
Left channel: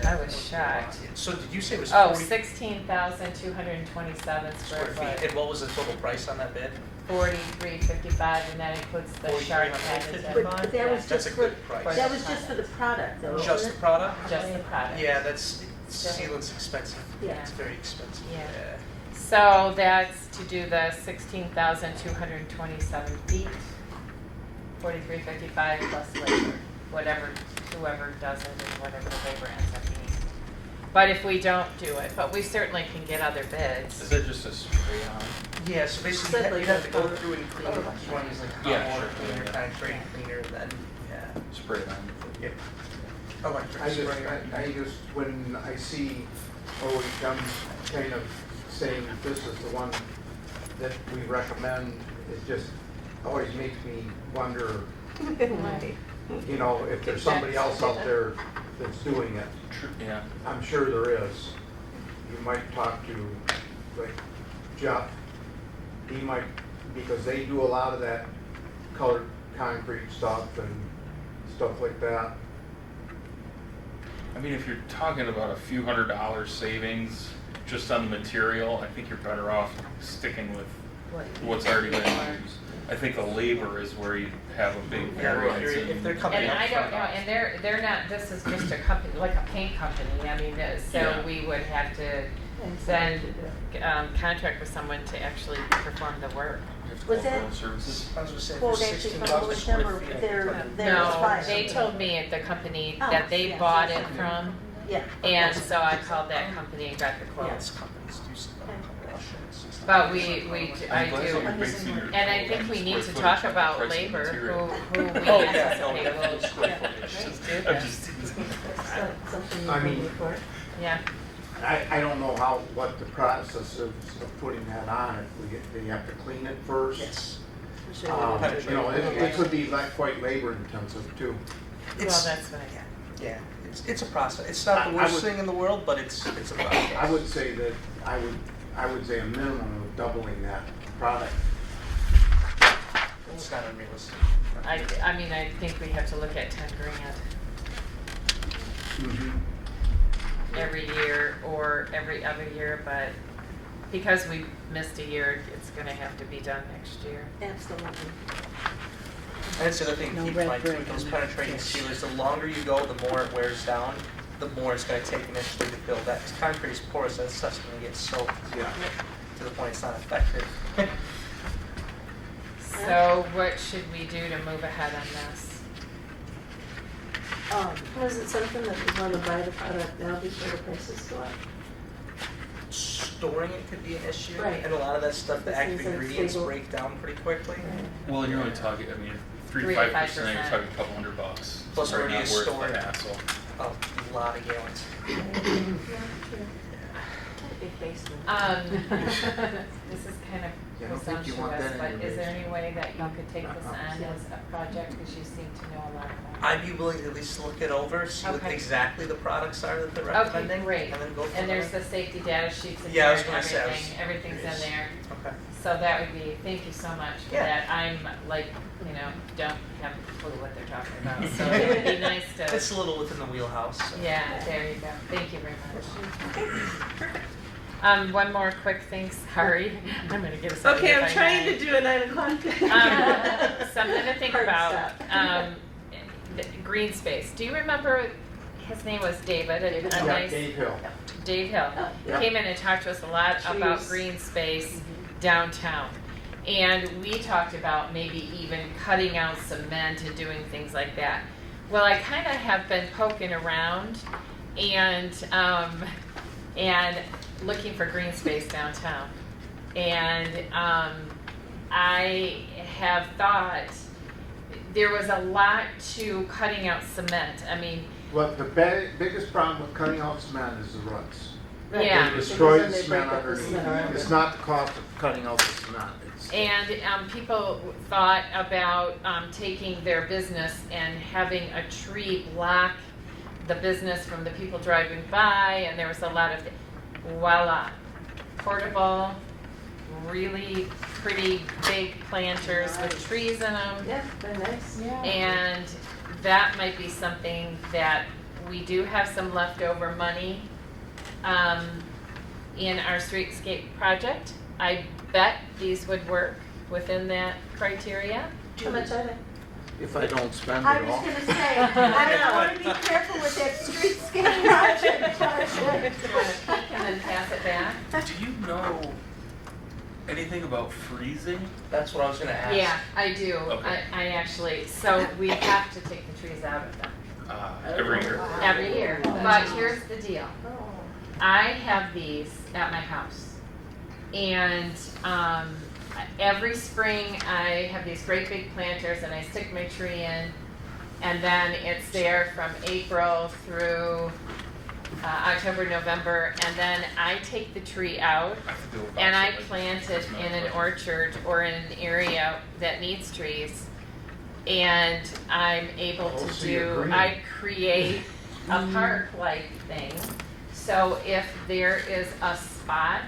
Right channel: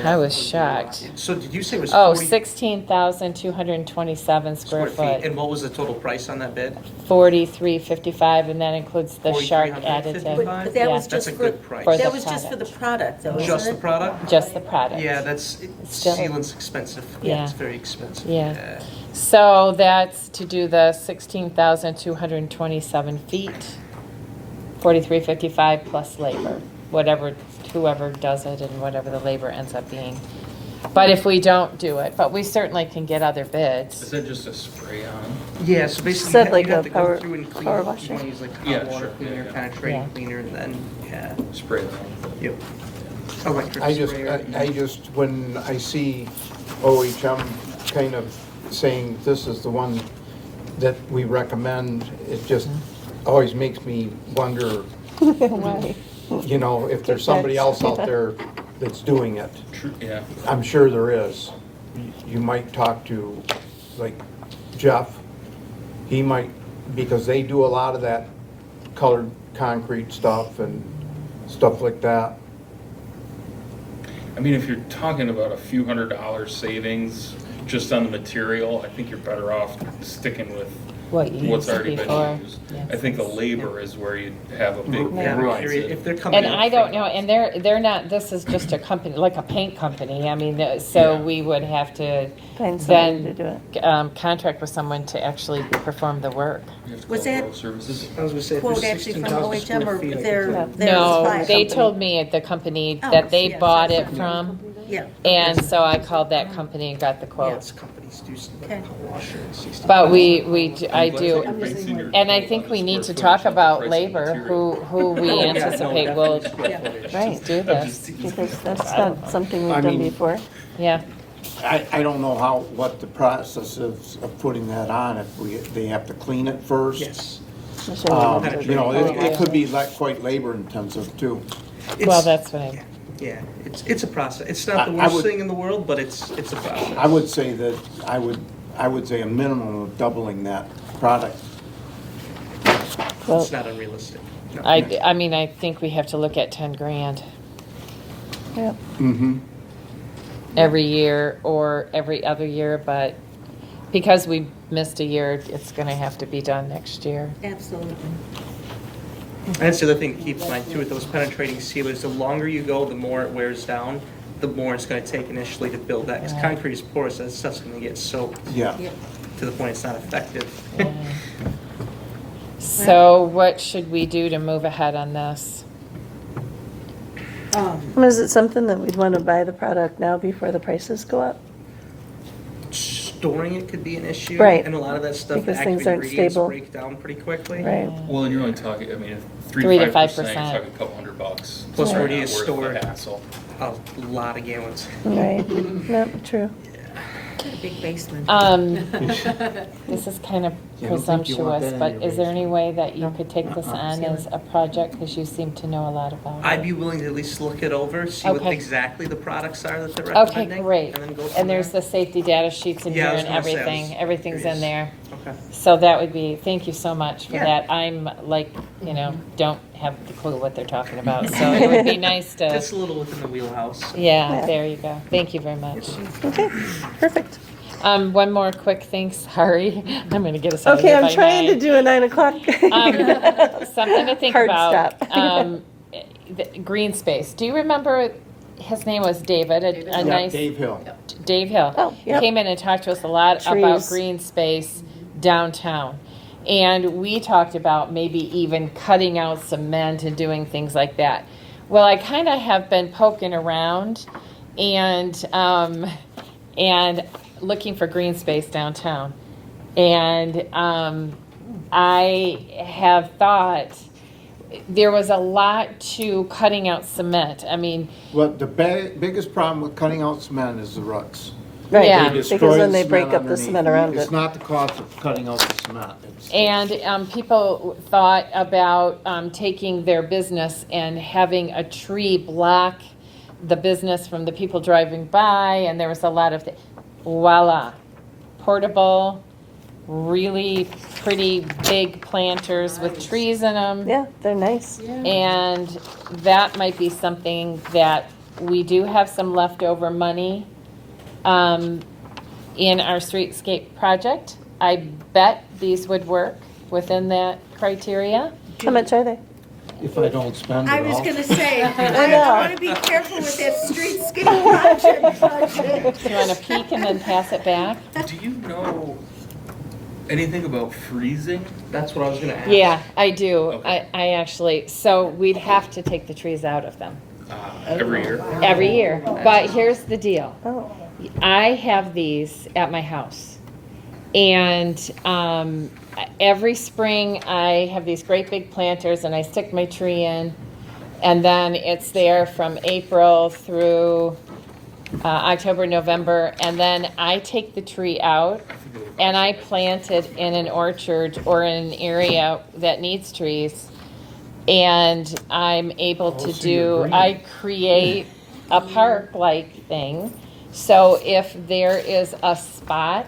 I was shocked. So did you say it was Oh, 40 16,227 square foot, And what was the total price on that bid? $43.55, and that includes the shark additive. But Yeah. that was That's just a for, good price. For that the was just for the product. product though, Just the wasn't it? product? Just the product. Yeah, that's, Still- sealant's expensive. Yeah. It's very expensive. Yeah. So that's to do the 16,227 feet, $43.55 plus labor, whoever does it and whatever the labor ends up being. But if we don't do it, but we certainly can get other Is bids. that just a spray on? Yeah, so basically Said you like have a to go power- through and clean. power You washer? want to use like Yeah, hot water sure. cleaner, penetrating Yeah. cleaner, and then, yeah. Spray that. Yep. Electric I sprayer. just, when I see OHM kind of saying that this is the one that we recommend, it just always makes me wonder, Why? you know, if there's somebody else out there that's doing it. Yeah. I'm sure there is. You might talk to, like, Jeff. He might, because they do a lot of that colored concrete stuff and stuff like that. I mean, if you're talking about a few $100 savings just on the material, I think you're better off sticking with What you what's used to already be, been or- used. yeah. I think the labor is where you have a big Yeah, variance. if they're coming. And in I don't from- know, and they're not, this is just a company, like a paint company, I mean, so Yeah. we would have to Find somebody to do then it. contract with someone to actually perform the work. Was that Services. I was gonna say, quote for actually from 16,000 OHM square or feet, I think their, that- their No, supplier they company? told me the company Oh, that they yeah, bought so- it from, Yeah. and so I called that company and got the quote. Yes, companies do stuff Okay. like washer and 16. But I do, and I think we need to talk about labor, who we anticipate will, right, do this. Because that's not something we've I done mean- before. Yeah, I don't know what the process is of putting that on, if they have to clean it first. Yes. You know, it could be like quite labor intensive too. well, It's- that's what I, Yeah, it's a process. It's not the I worst would- thing in the world, but it's a process. I would say that, I would say a minimum of doubling that product. Well, It's not unrealistic. No. I mean, I think we have to look at 10 grand yeah. Mm-hmm. every year or every other year, but because we missed a year, it's gonna have to be done next year. Absolutely. And that's the other thing to keep in mind too, with those penetrating sealers, the longer you go, the more it wears down, the more it's gonna take initially to build that. Because Yeah. concrete is porous, and stuff's gonna get soaked Yeah. to the point it's not effective. So what should we do to move ahead on this? Is it something that we'd want to buy the product now before the prices go up? Storing it could be an issue. Right. And a lot of that stuff, the Because active things aren't ingredients stable. break down pretty quickly. Right. Well, you're only talking, I mean, 3 to 5%, 5%. you're talking a couple $100. Plus It's where do not you worth store the it? hassle. A lot of gallons. Right. No, true. Big basement. This is kind of Yeah, I don't think you want presumptuous, that but in your is there any way that you could take this Uh-uh. on as a project, because you seem to know a lot about it? I'd be willing to at least look it over, see what Okay. exactly the products are that they're Okay, recommending. great. And then go from And there's there. the safety data sheets in Yeah, here I was and gonna say, I was everything, everything's in curious. there. Okay. So that would be, thank you so much for Yeah. that. I'm like, don't have the clue what they're talking about, so it would be nice to, Just a little within the wheelhouse. yeah, there you go. Thank you very much. Okay, perfect. One more quick thing, sorry. I'm gonna get us out of Okay, here I'm by trying to 9. do a 9 o'clock. Something to think Hard about. stop. The green space. Do you remember, his name was David, a Yeah, nice, Dave Hill. Dave Hill. Oh, yeah. Came in and talked to us a lot about Trees. green space downtown. And we talked about maybe even cutting out cement and doing things like that. Well, I kind of have been poking around and looking for green space downtown. And I have thought there was a lot to cutting out cement. I mean, Well, the biggest problem with cutting out cement is the roots. Right, Yeah. They because destroy then the they break cement up the underneath. cement around It's it. not the cost of cutting out the cement. and people thought about taking their business and having a tree block the business from the people driving by, and there was a lot of, voila, portable, really pretty big planters with trees in them. Yeah, they're nice. And that might be something that we do have some leftover money in our streetscape project. I bet these would work within that criteria. How much are they? If I don't spend I it was all. gonna say, I know. want to be careful with that streetscape project. Do you want to peek and then pass it back? Do you know anything about freezing? That's what I was gonna ask. Yeah, I do. Okay. I actually, so we'd have to take the trees out of them Every year? every year. But here's the deal. Oh, I have these at my house. And every spring I have these great big planters and I stick my tree in. And then it's there from April through October, November. And then I take the tree out and I plant it in an orchard or in an area that needs trees. And I'm able to so you're do, green. I create a park-like thing. So if there is a spot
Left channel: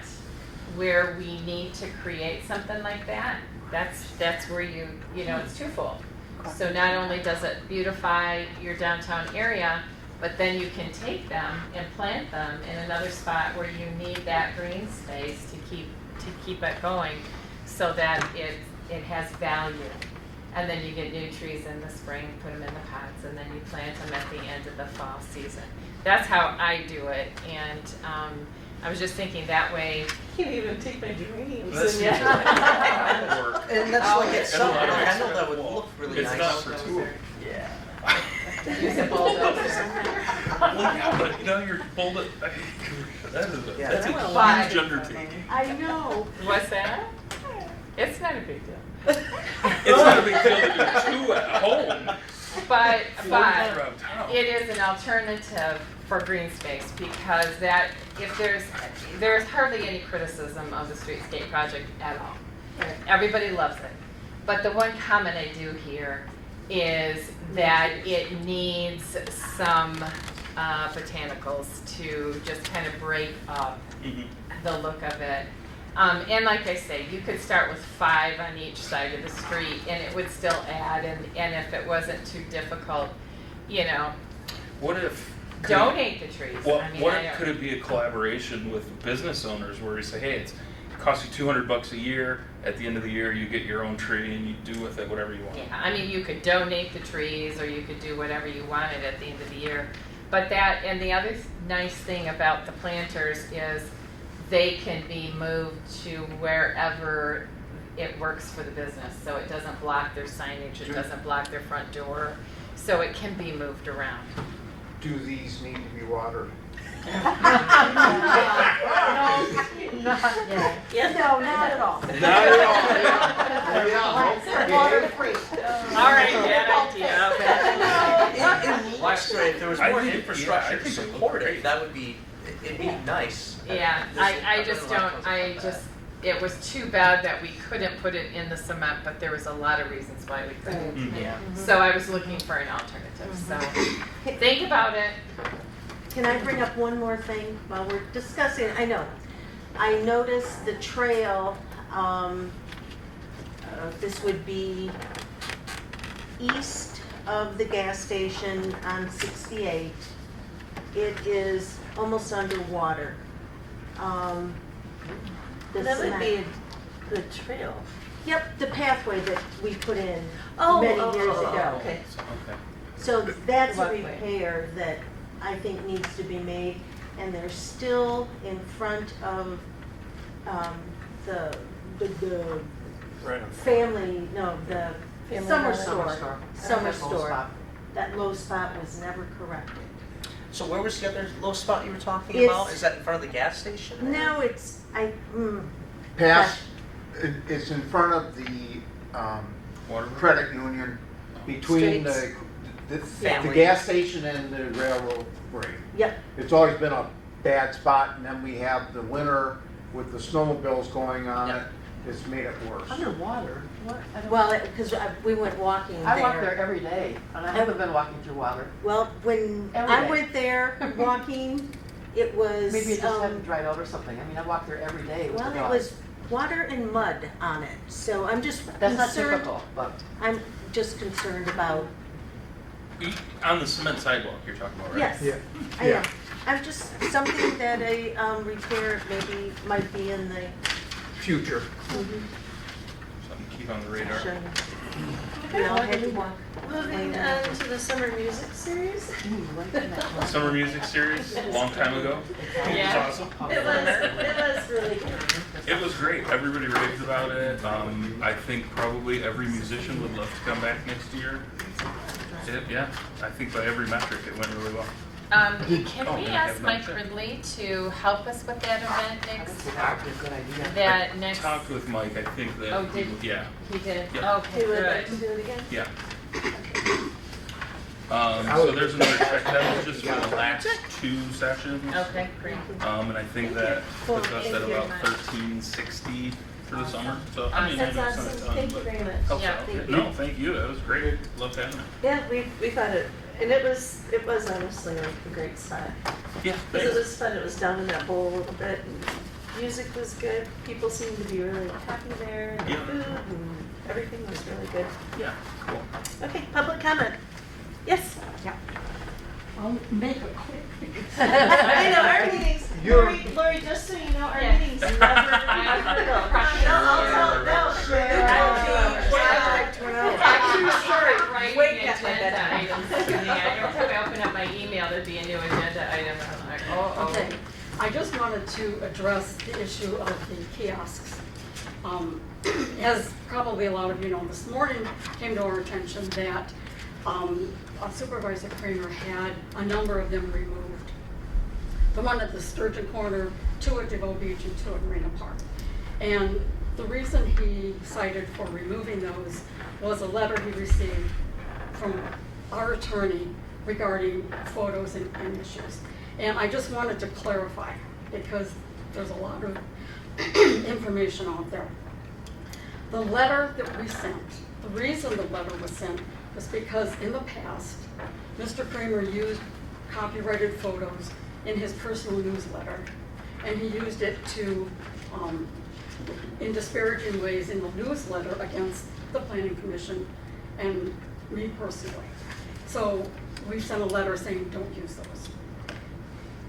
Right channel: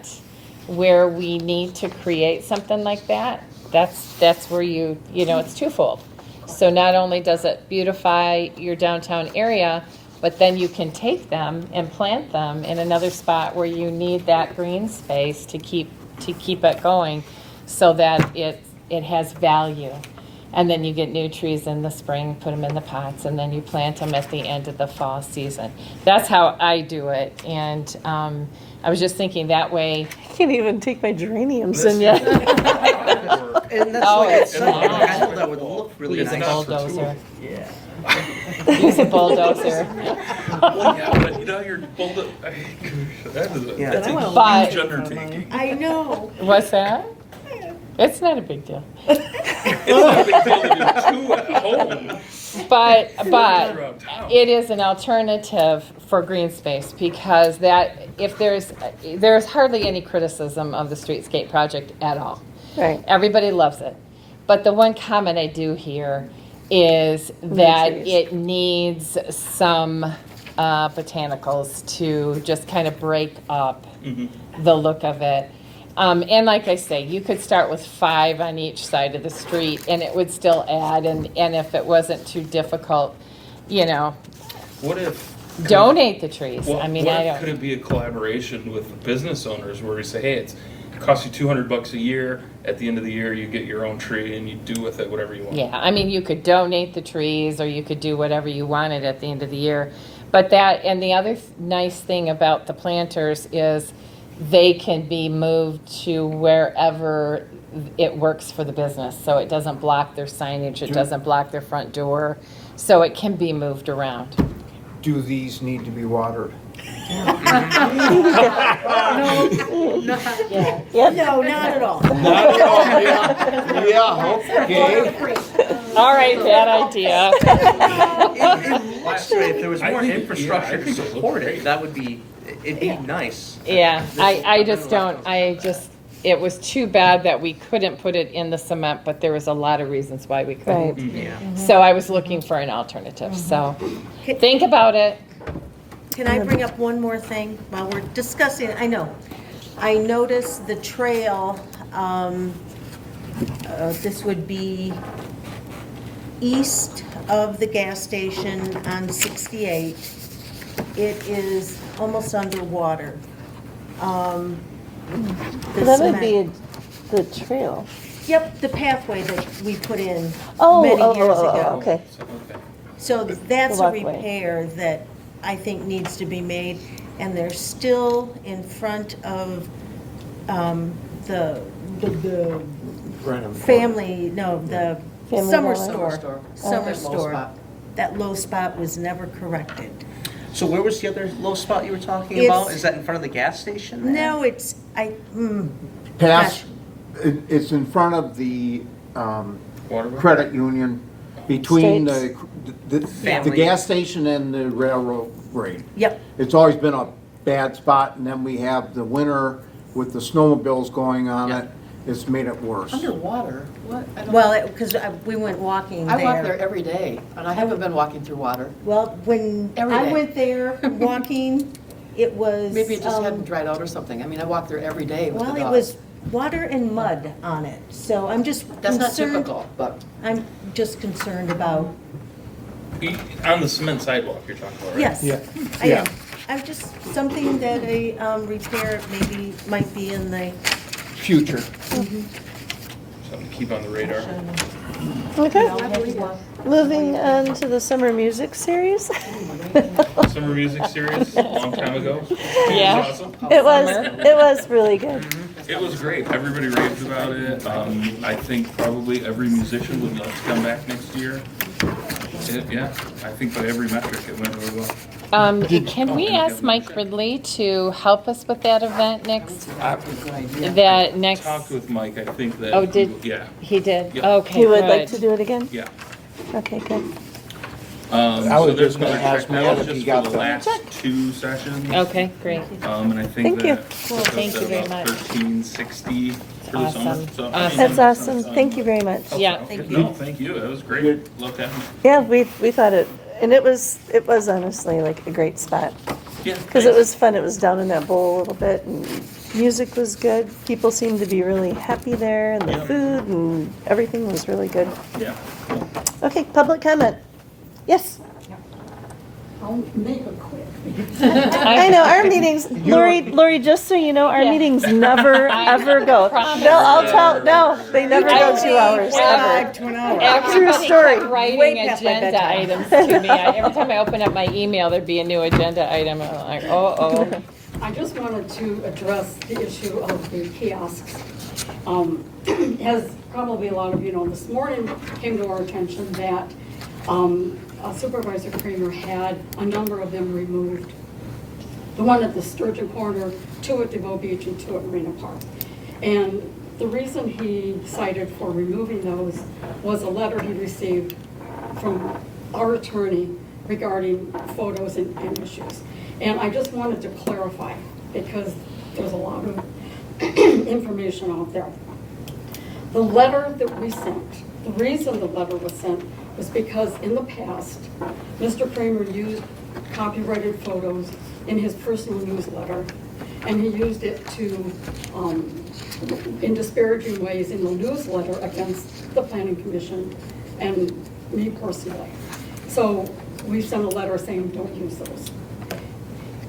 where we need to create something like that, that's where you know, it's twofold. So not only does it beautify your downtown area, but then you can take them and plant them in another spot where you need that green space to keep it going, so that it has value. And then you get new trees in the spring, put them in the pots, and then you plant them at the end of the fall season. That's how I do it. And I was just thinking that way. I can't even take my geraniums in yet. And that's Oh, why it's it's so not. that would look really Use a nice. bulldozer. Yeah. Use a bulldozer. Well, yeah, but you know, you're that's a But- huge undertaking. I know. What's that? It's not a big deal. It's not a big deal to do 2 at home. But Around town. it is an alternative for green space, because that, if there's hardly any criticism of the Streetscape project at all. Right. Everybody loves it. But the one comment I do hear is that it needs some botanicals to just kind of break up the look of it. And like I say, you could start with 5 on each side of the street and it would still add, and if it wasn't too difficult, you know, What if? donate the trees. Well, I mean, what I if, could don't, it be a collaboration with the business owners where you say, hey, it costs you $200 a year. At the end of the year, you get your own tree and you do with it whatever you want. yeah, I mean, you could donate the trees or you could do whatever you wanted at the end of the year. But that, and the other nice thing about the planters is they can be moved to wherever it works for the business. So it doesn't block their signage, it doesn't block their front door. So it can be moved around. Do these need to be watered? Yep. No, not at all. All right, bad idea. It looks great. If there was more infrastructure to support it, that would be, it'd be nice. Yeah, it was too bad that we couldn't put it in the cement, but there was a lot of reasons why we couldn't. Right. Yeah. So I was looking for an alternative, so think about it. Can I bring up one more thing while we're discussing? I know. I noticed the trail, this would be east of the gas station on 68. It is almost underwater. The That would cement- be the trail. Yep, the pathway that we put in Many many years ago. Okay. So that's a Walkway. repair that I think needs to be made, and they're still in front of the family, no, the Family summer Dollar. store. Summer Summer store. store. That low spot was never corrected. So where was the other little spot you were talking It's- about? Is that in front of the gas station? there? No, it's, Past, it's in front of the Water. credit union, between Straits. the Family. gas station and the railroad grade. Yep, It's always been a bad spot, and then we have the winter with the snowmobiles going on it. It's made it worse. Underwater? What? I don't- well, because we went walking I walk there there. every day, and I haven't been walking through water. Well, when Every I day. went there walking, it was. Maybe it just hadn't dried out or something. I mean, I walk there every day with the Well, it dog. was water and mud on it, so I'm just That's not concerned, typical, but I'm just concerned about, On the cement sidewalk you're talking about, right? yes. Yeah. I Yeah. am. I'm just, something that a repair maybe might be in the, Future. Something to keep on the radar. Okay. I'll have you look. Moving on to the summer music series. Summer music series, a long time ago. Yeah. It was awesome. It was really good. It was great. Everybody raved about it. I think probably every musician would love to come back next year. Yeah, I think by every metric it went really well. Can we ask Mike Ridley to help us with that event next? Talked with Mike, I think that. Oh, did- Yeah, He did? Yeah. Okay, You would like to good. do it again? yeah. Okay, good. I So was there's just no gonna ask check Matt now, if just he for got the the- last 2 sessions. Okay, great. And I think Thank you. that Cool, puts us thank you at very about much. 1360 for the summer. Awesome. So, I mean, Awesome. That's awesome. Thank you very much. Yeah. No, thank you. That was great. Love that. Yeah, we thought it, And it was honestly like a great spot. Yeah. Because it was fun, it was down in that bowl a little bit, and music was good. People seemed to be really happy there, and the food and everything was really good. Yeah, cool. Okay, public comment. Yes? I'll make it quick. I know, our meetings, Lori, just so you know, our Yeah. meetings never, ever go. No, I'll tell, no, they never go 2 hours, ever. True Everybody story. kept writing agenda items to me. Every time I open up my email, there'd be a new agenda item, and I'm like, oh. I just wanted to address the issue of the kiosks. As probably a lot of you know, this morning came to our attention that Supervisor Kramer had a number of them removed. The one at the Sturgeon Corner, 2 at DeVoe Beach, and 2 at Marina Park. And the reason he cited for removing those was a letter he received from our attorney regarding photos and issues. And I just wanted to clarify, because there's a lot of information out there. The letter that we sent, the reason the letter was sent was because in the past, Mr. Kramer used copyrighted photos in his personal newsletter, and he used it to, in disparaging ways in the newsletter against the Planning Commission and me personally. So we sent a letter saying, don't use those.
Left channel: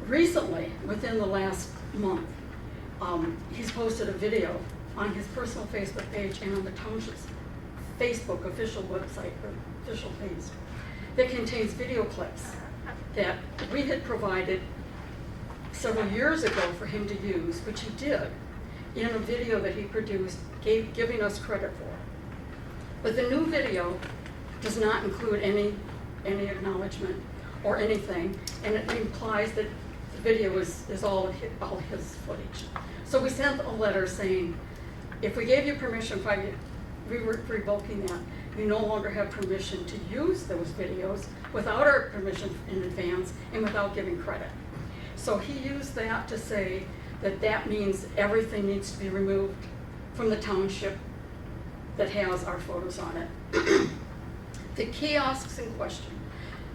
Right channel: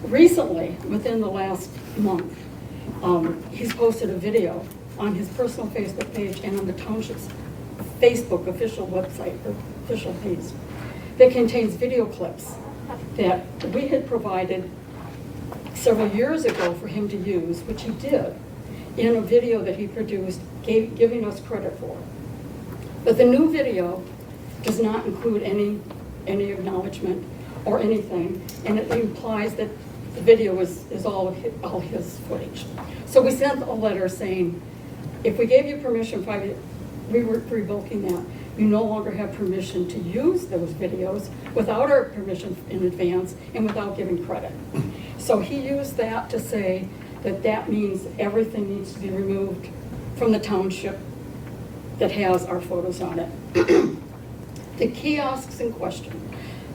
Recently, within the last month, he's posted a video on his personal Facebook page and on the Township's Facebook official website, official page, that contains video clips that we had provided several years ago for him to use, which he did, in a video that he produced, giving us credit for. But the new video does not include any acknowledgement or anything, and it implies that the video is all his footage. So we sent a letter saying, if we gave you permission, we were revoking that, you no longer have permission to use those videos without our permission in advance and without giving credit. So he used that to say that that means everything needs to be removed from the township that has our photos on it. The kiosks in question,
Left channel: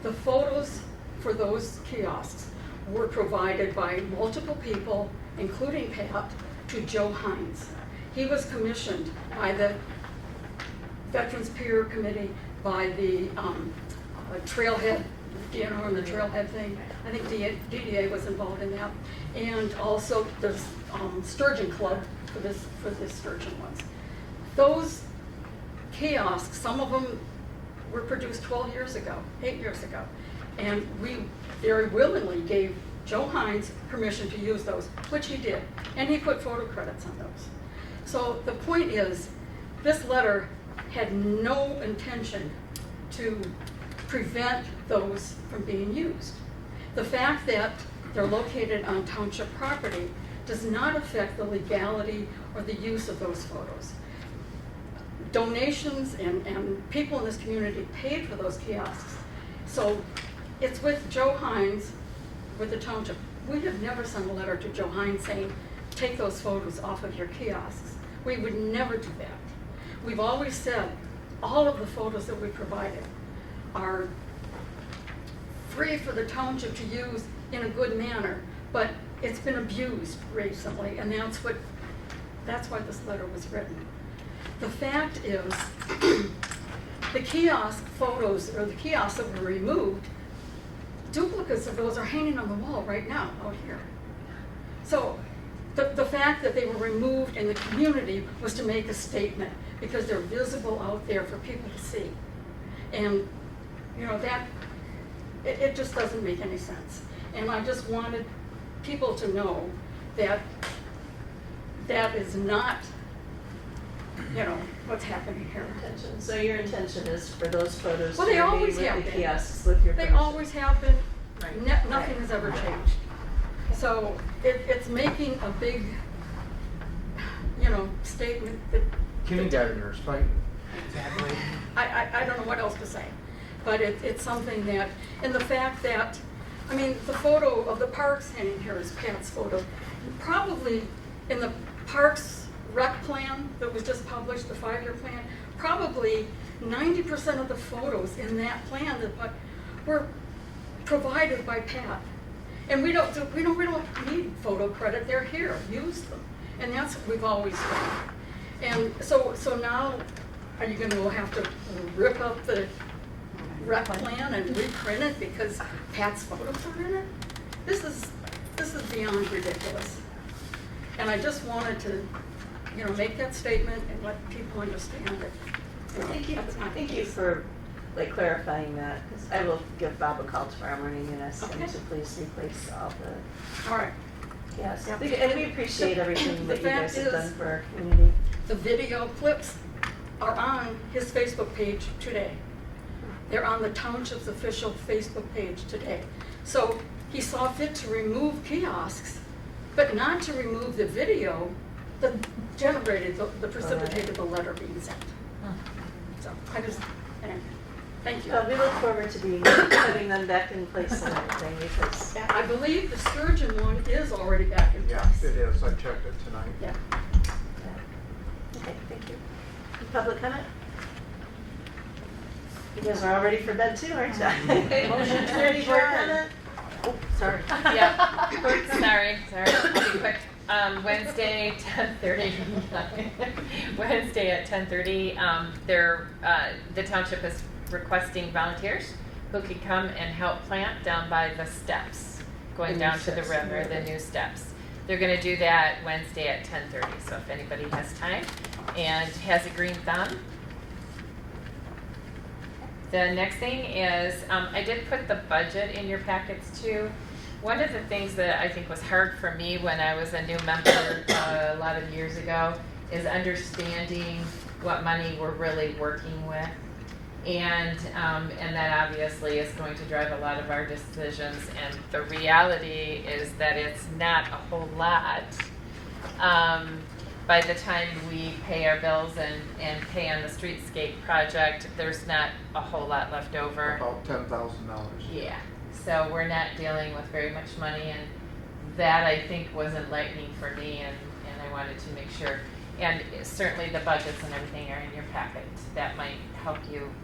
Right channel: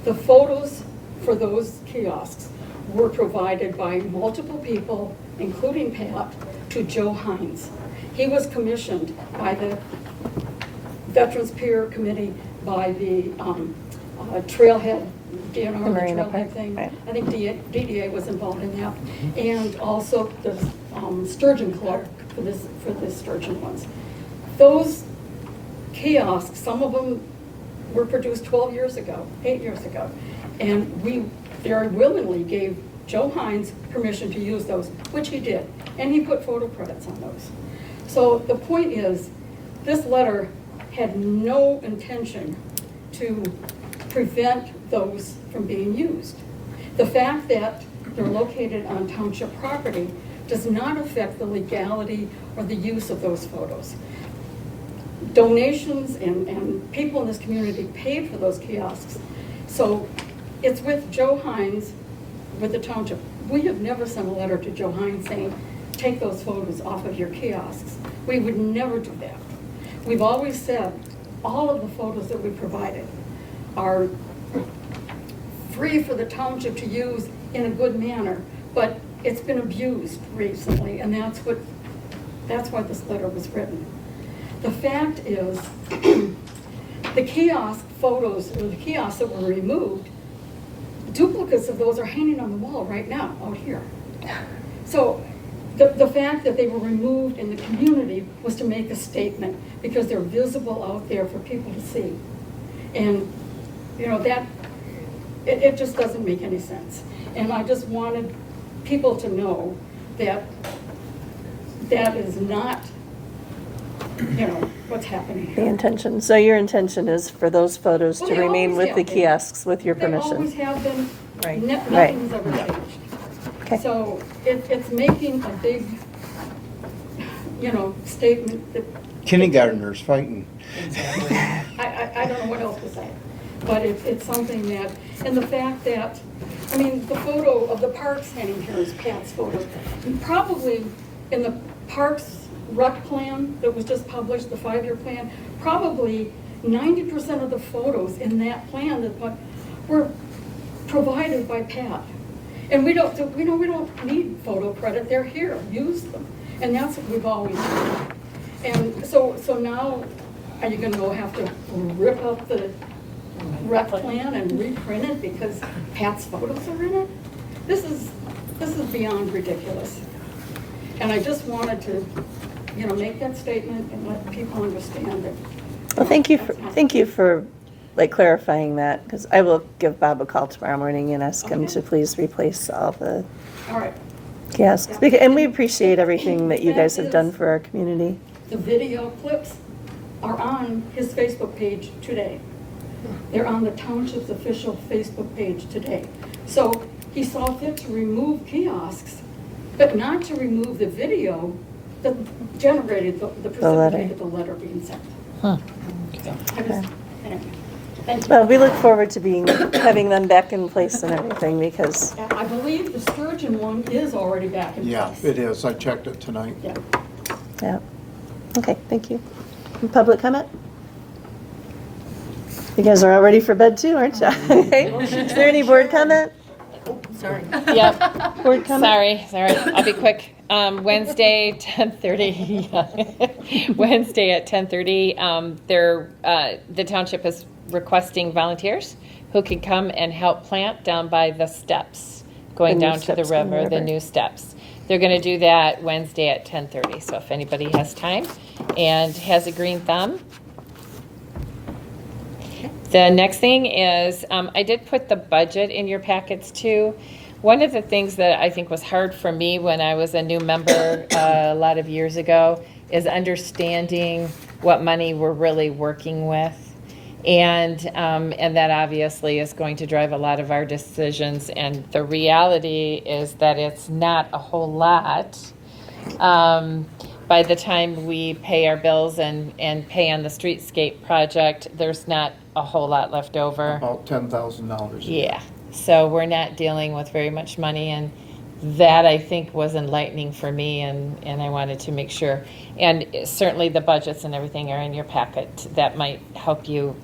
the photos for those kiosks were provided by multiple people, including Pat, to Joe Hines. He was commissioned by the Veterans Peer Committee, by the Trailhead, DNR, the Trailhead thing. Right. I think DDA was involved in that. And also the Sturgeon Club for the Sturgeon ones. Those kiosks, some of them were produced 12 years ago, 8 years ago. And we very willingly gave Joe Hines permission to use those, which he did. And he put photo credits on those. So the point is, this letter had no intention to prevent those from being used. The fact that they're located on township property does not affect the legality or the use of those photos. Donations and people in this community paid for those kiosks. So it's with Joe Hines, with the township. We have never sent a letter to Joe Hines saying, take those photos off of your kiosks. We would never do that. We've always said all of the photos that we provided are free for the township to use in a good manner, but it's been abused recently, and that's why this letter was written. The fact is, the kiosk photos, or the kiosks that were removed, duplicates of those are hanging on the wall right now, out here. So the fact that they were removed in the community was to make a statement, because they're visible out there for people to see. And, you know, that, it just doesn't make any sense. And I just wanted people to know that that is not, you know, what's happening The here. intention, so your intention is for those photos Well, to they remain always with have the been. kiosks with your They always permission? have been. Right. Nothing Right. has ever changed. Okay. So it's making a big, you know, statement that Kindergartners fighting. I don't know what else to say. But it's something that, and the fact that, I mean, the photo of the parks hanging here is Pat's photo. And probably in the parks rec plan that was just published, the 5-year plan, probably 90% of the photos in that plan that were provided by Pat. And we don't need photo credit, they're here, use them. And that's what we've always done. And so now, are you gonna have to rip up the rep plan and reprint it because Pat's photos are in it? This is beyond ridiculous. And I just wanted to, make that statement and let people understand it. Well, thank you for like clarifying that, because I will give Bob a call tomorrow morning and ask him to please replace all the All right. kiosks. And we appreciate everything that you guys have done for our community. The video clips are on his Facebook page today. They're on the Township's official Facebook page today. So he saw fit to remove kiosks, but not to remove the video that generated the precipitated the letter being sent. Huh. I just, thank you. Well, we look forward to having them back in place and everything, because And I believe the Sturgeon one is already back in place. Yeah, it is. I checked it tonight. Yeah. yeah. Okay, thank you. Public comment? You guys are all ready for bed too, aren't you? Is there any board comment? Sorry. Yep. Board comment? Sorry, I'll be quick. Wednesday, 10:30. Wednesday at 10:30, the township is requesting volunteers who can come and help plant down by the steps, going The new down to the steps in the river, the river. new steps. They're gonna do that Wednesday at 10:30, so if anybody has time and has a green thumb. The next thing is, I did put the budget in your packets too. One of the things that I think was hard for me when I was a new member a lot of years ago is understanding what money we're really working with. And that obviously is going to drive a lot of our decisions. And the reality is that it's not a whole lot. By the time we pay our bills and pay on the Streetscape project, there's not a whole lot left over. About $10,000. Yeah, so we're not dealing with very much money, and that I think was enlightening for me, and I wanted to make sure. And certainly the budgets and everything are in your packet. That might help you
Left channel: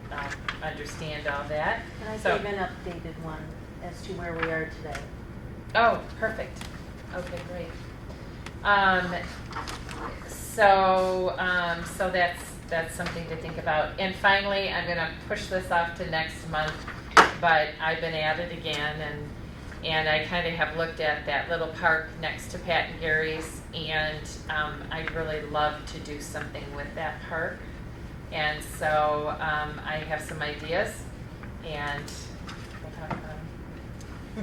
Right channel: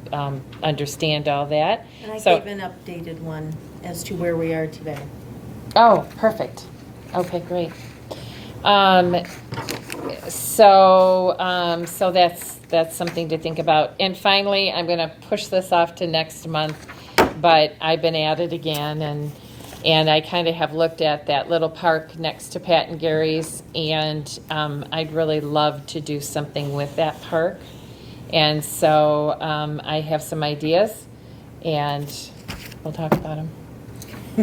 understand all that. And I So- gave an updated one as to where we are today. Oh, perfect. Okay, great. So that's something to think about. And finally, I'm gonna push this off to next month, but I've been at it again, and I kind of have looked at that little park next to Pat and Gary's, and I'd really love to do something with that park. And so I have some ideas, and we'll talk about them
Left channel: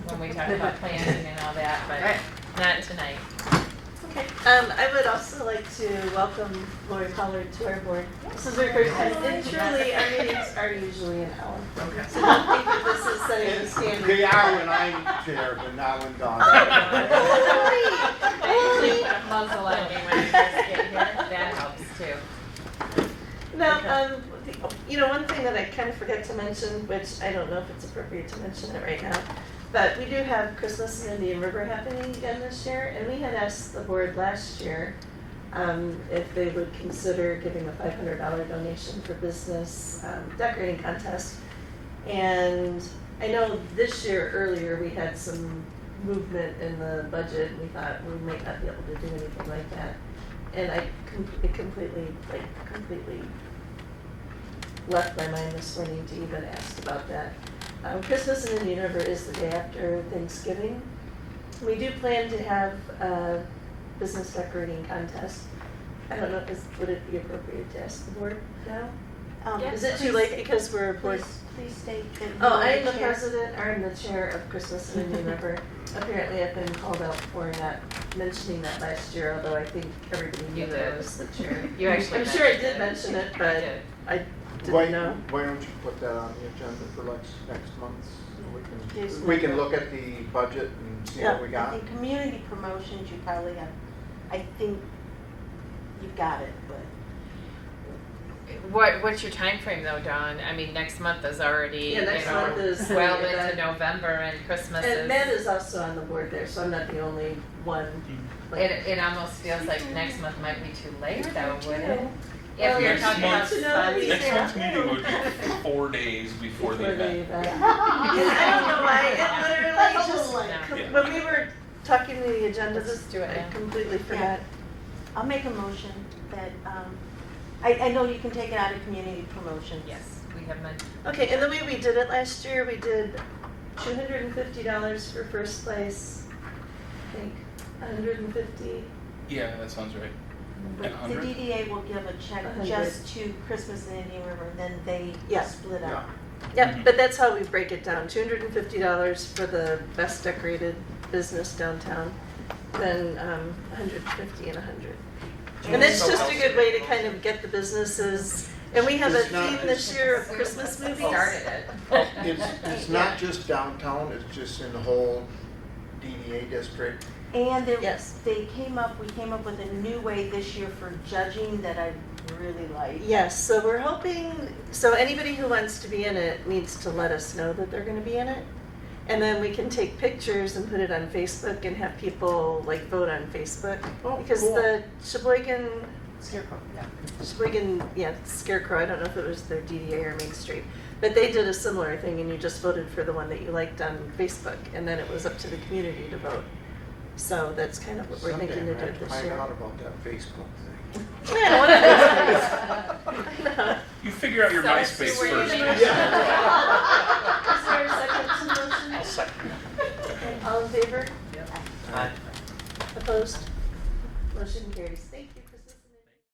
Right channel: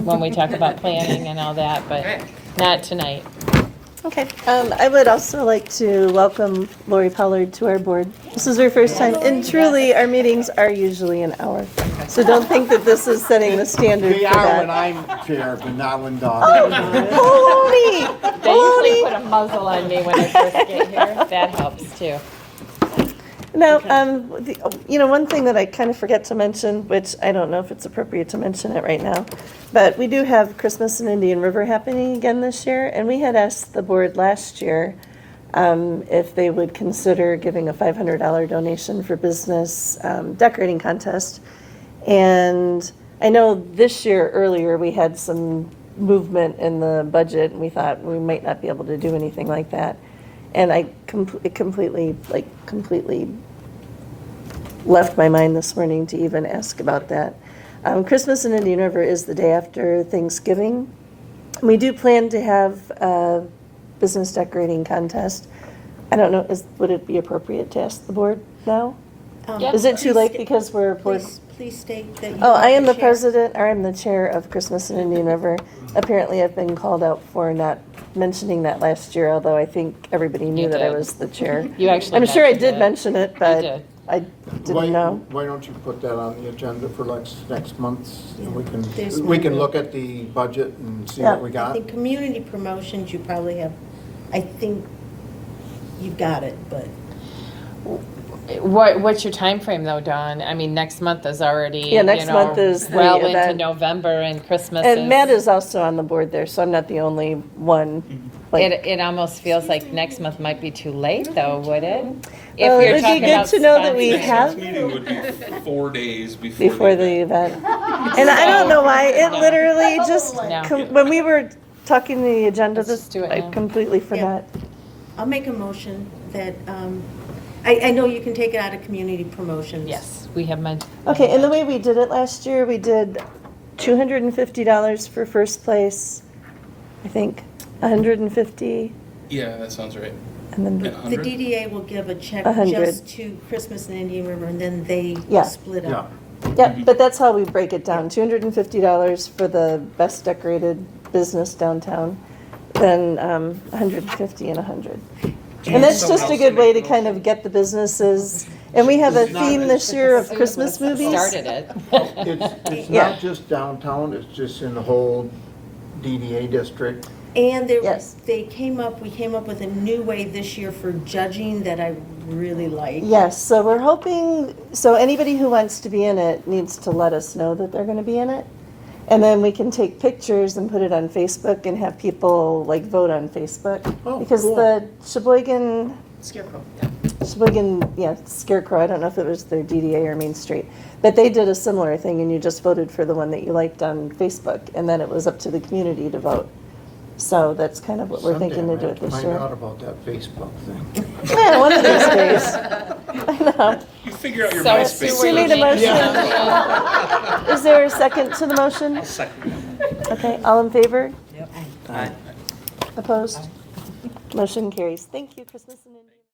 when we talk about planning and all that, but not tonight. Okay. I would also like to welcome Lori Pollard to our board. This is her first time, and truly, our meetings are usually an hour. So don't think that this is setting the standard They for are when that. I'm chair, but not when Dawn. Oh, Lori! They usually put a muzzle on me when I first get here. That helps too. No, one thing that I kind of forget to mention, which I don't know if it's appropriate to mention it right now, but we do have Christmas in Indian River happening again this year, and we had asked the board last year if they would consider giving a $500 donation for business decorating contest. And I know this year earlier we had some movement in the budget, and we thought we might not be able to do anything like that. And it completely left my mind this morning to even ask about that. Christmas in Indian River is the day after Thanksgiving. We do plan to have a business decorating contest. I don't know, would it be appropriate to ask the board now? Is it too late because we're... Please state that. Oh, I am the president, or I'm the chair of Christmas in Indian River. Apparently, I've been called out for not mentioning that last year, although I think everybody knew You that I did. was the chair. You actually I'm sure I mentioned did it. mention it, You but did. I didn't know. Why don't you put that on the agenda for next month, and There's- we can look at the budget and see Yeah. what we I got? think community promotions, you probably have, I think you've got it, but. What's your time frame though, Dawn? I mean, next month is already, Yeah, next month is the well into event. November, and Christmas And is. Matt is also on the board there, so I'm not the only one. But It almost feels like next month might be too late though, would it? If Well, you're it would be talking good about to know that we Next have month's meeting would be 4 days before before the event. And I don't know why, it No. literally just, No. when we were talking the agenda, Let's just do it I now. completely forgot. I'll make a motion that, I know you can take it out of community promotions. Yes, we have meant. Okay, and the way we did it last year, we did $250 for first place, I think, 150, Yeah, that sounds right. and then The 100? DDA will give a check 100. just to Christmas and Indian River, and then they Yeah. split Yeah. up. yeah, but that's how we break it down, $250 for the best decorated business downtown, then 150 and 100. And that's just a good way to kind of get the businesses, and we have a theme this year of Christmas movies. Started it. It's Yeah. not just downtown, it's just in the whole DDA district. And there, Yes. we came up with a new way this year for judging that I really like. Yes, so we're hoping, so anybody who wants to be in it needs to let us know that they're gonna be in it. And then we can take pictures and put it on Facebook and have people like vote on Facebook. Oh, Because cool. the Sheboygan, Scarecrow. yeah, Scarecrow, I don't know if it was their DDA or Main Street, but they did a similar thing and you just voted for the one that you liked on Facebook and then it was up to the community to vote. So that's kind of what we're thinking to do this Find out year. about that Facebook thing. Yeah, one of those days. I know. You figure out your So MySpace. Do we need a motion? Yeah. Is there a second to the motion? Second. Okay, all in favor? Aye. Opposed? Motion carries. Thank you, Christmas.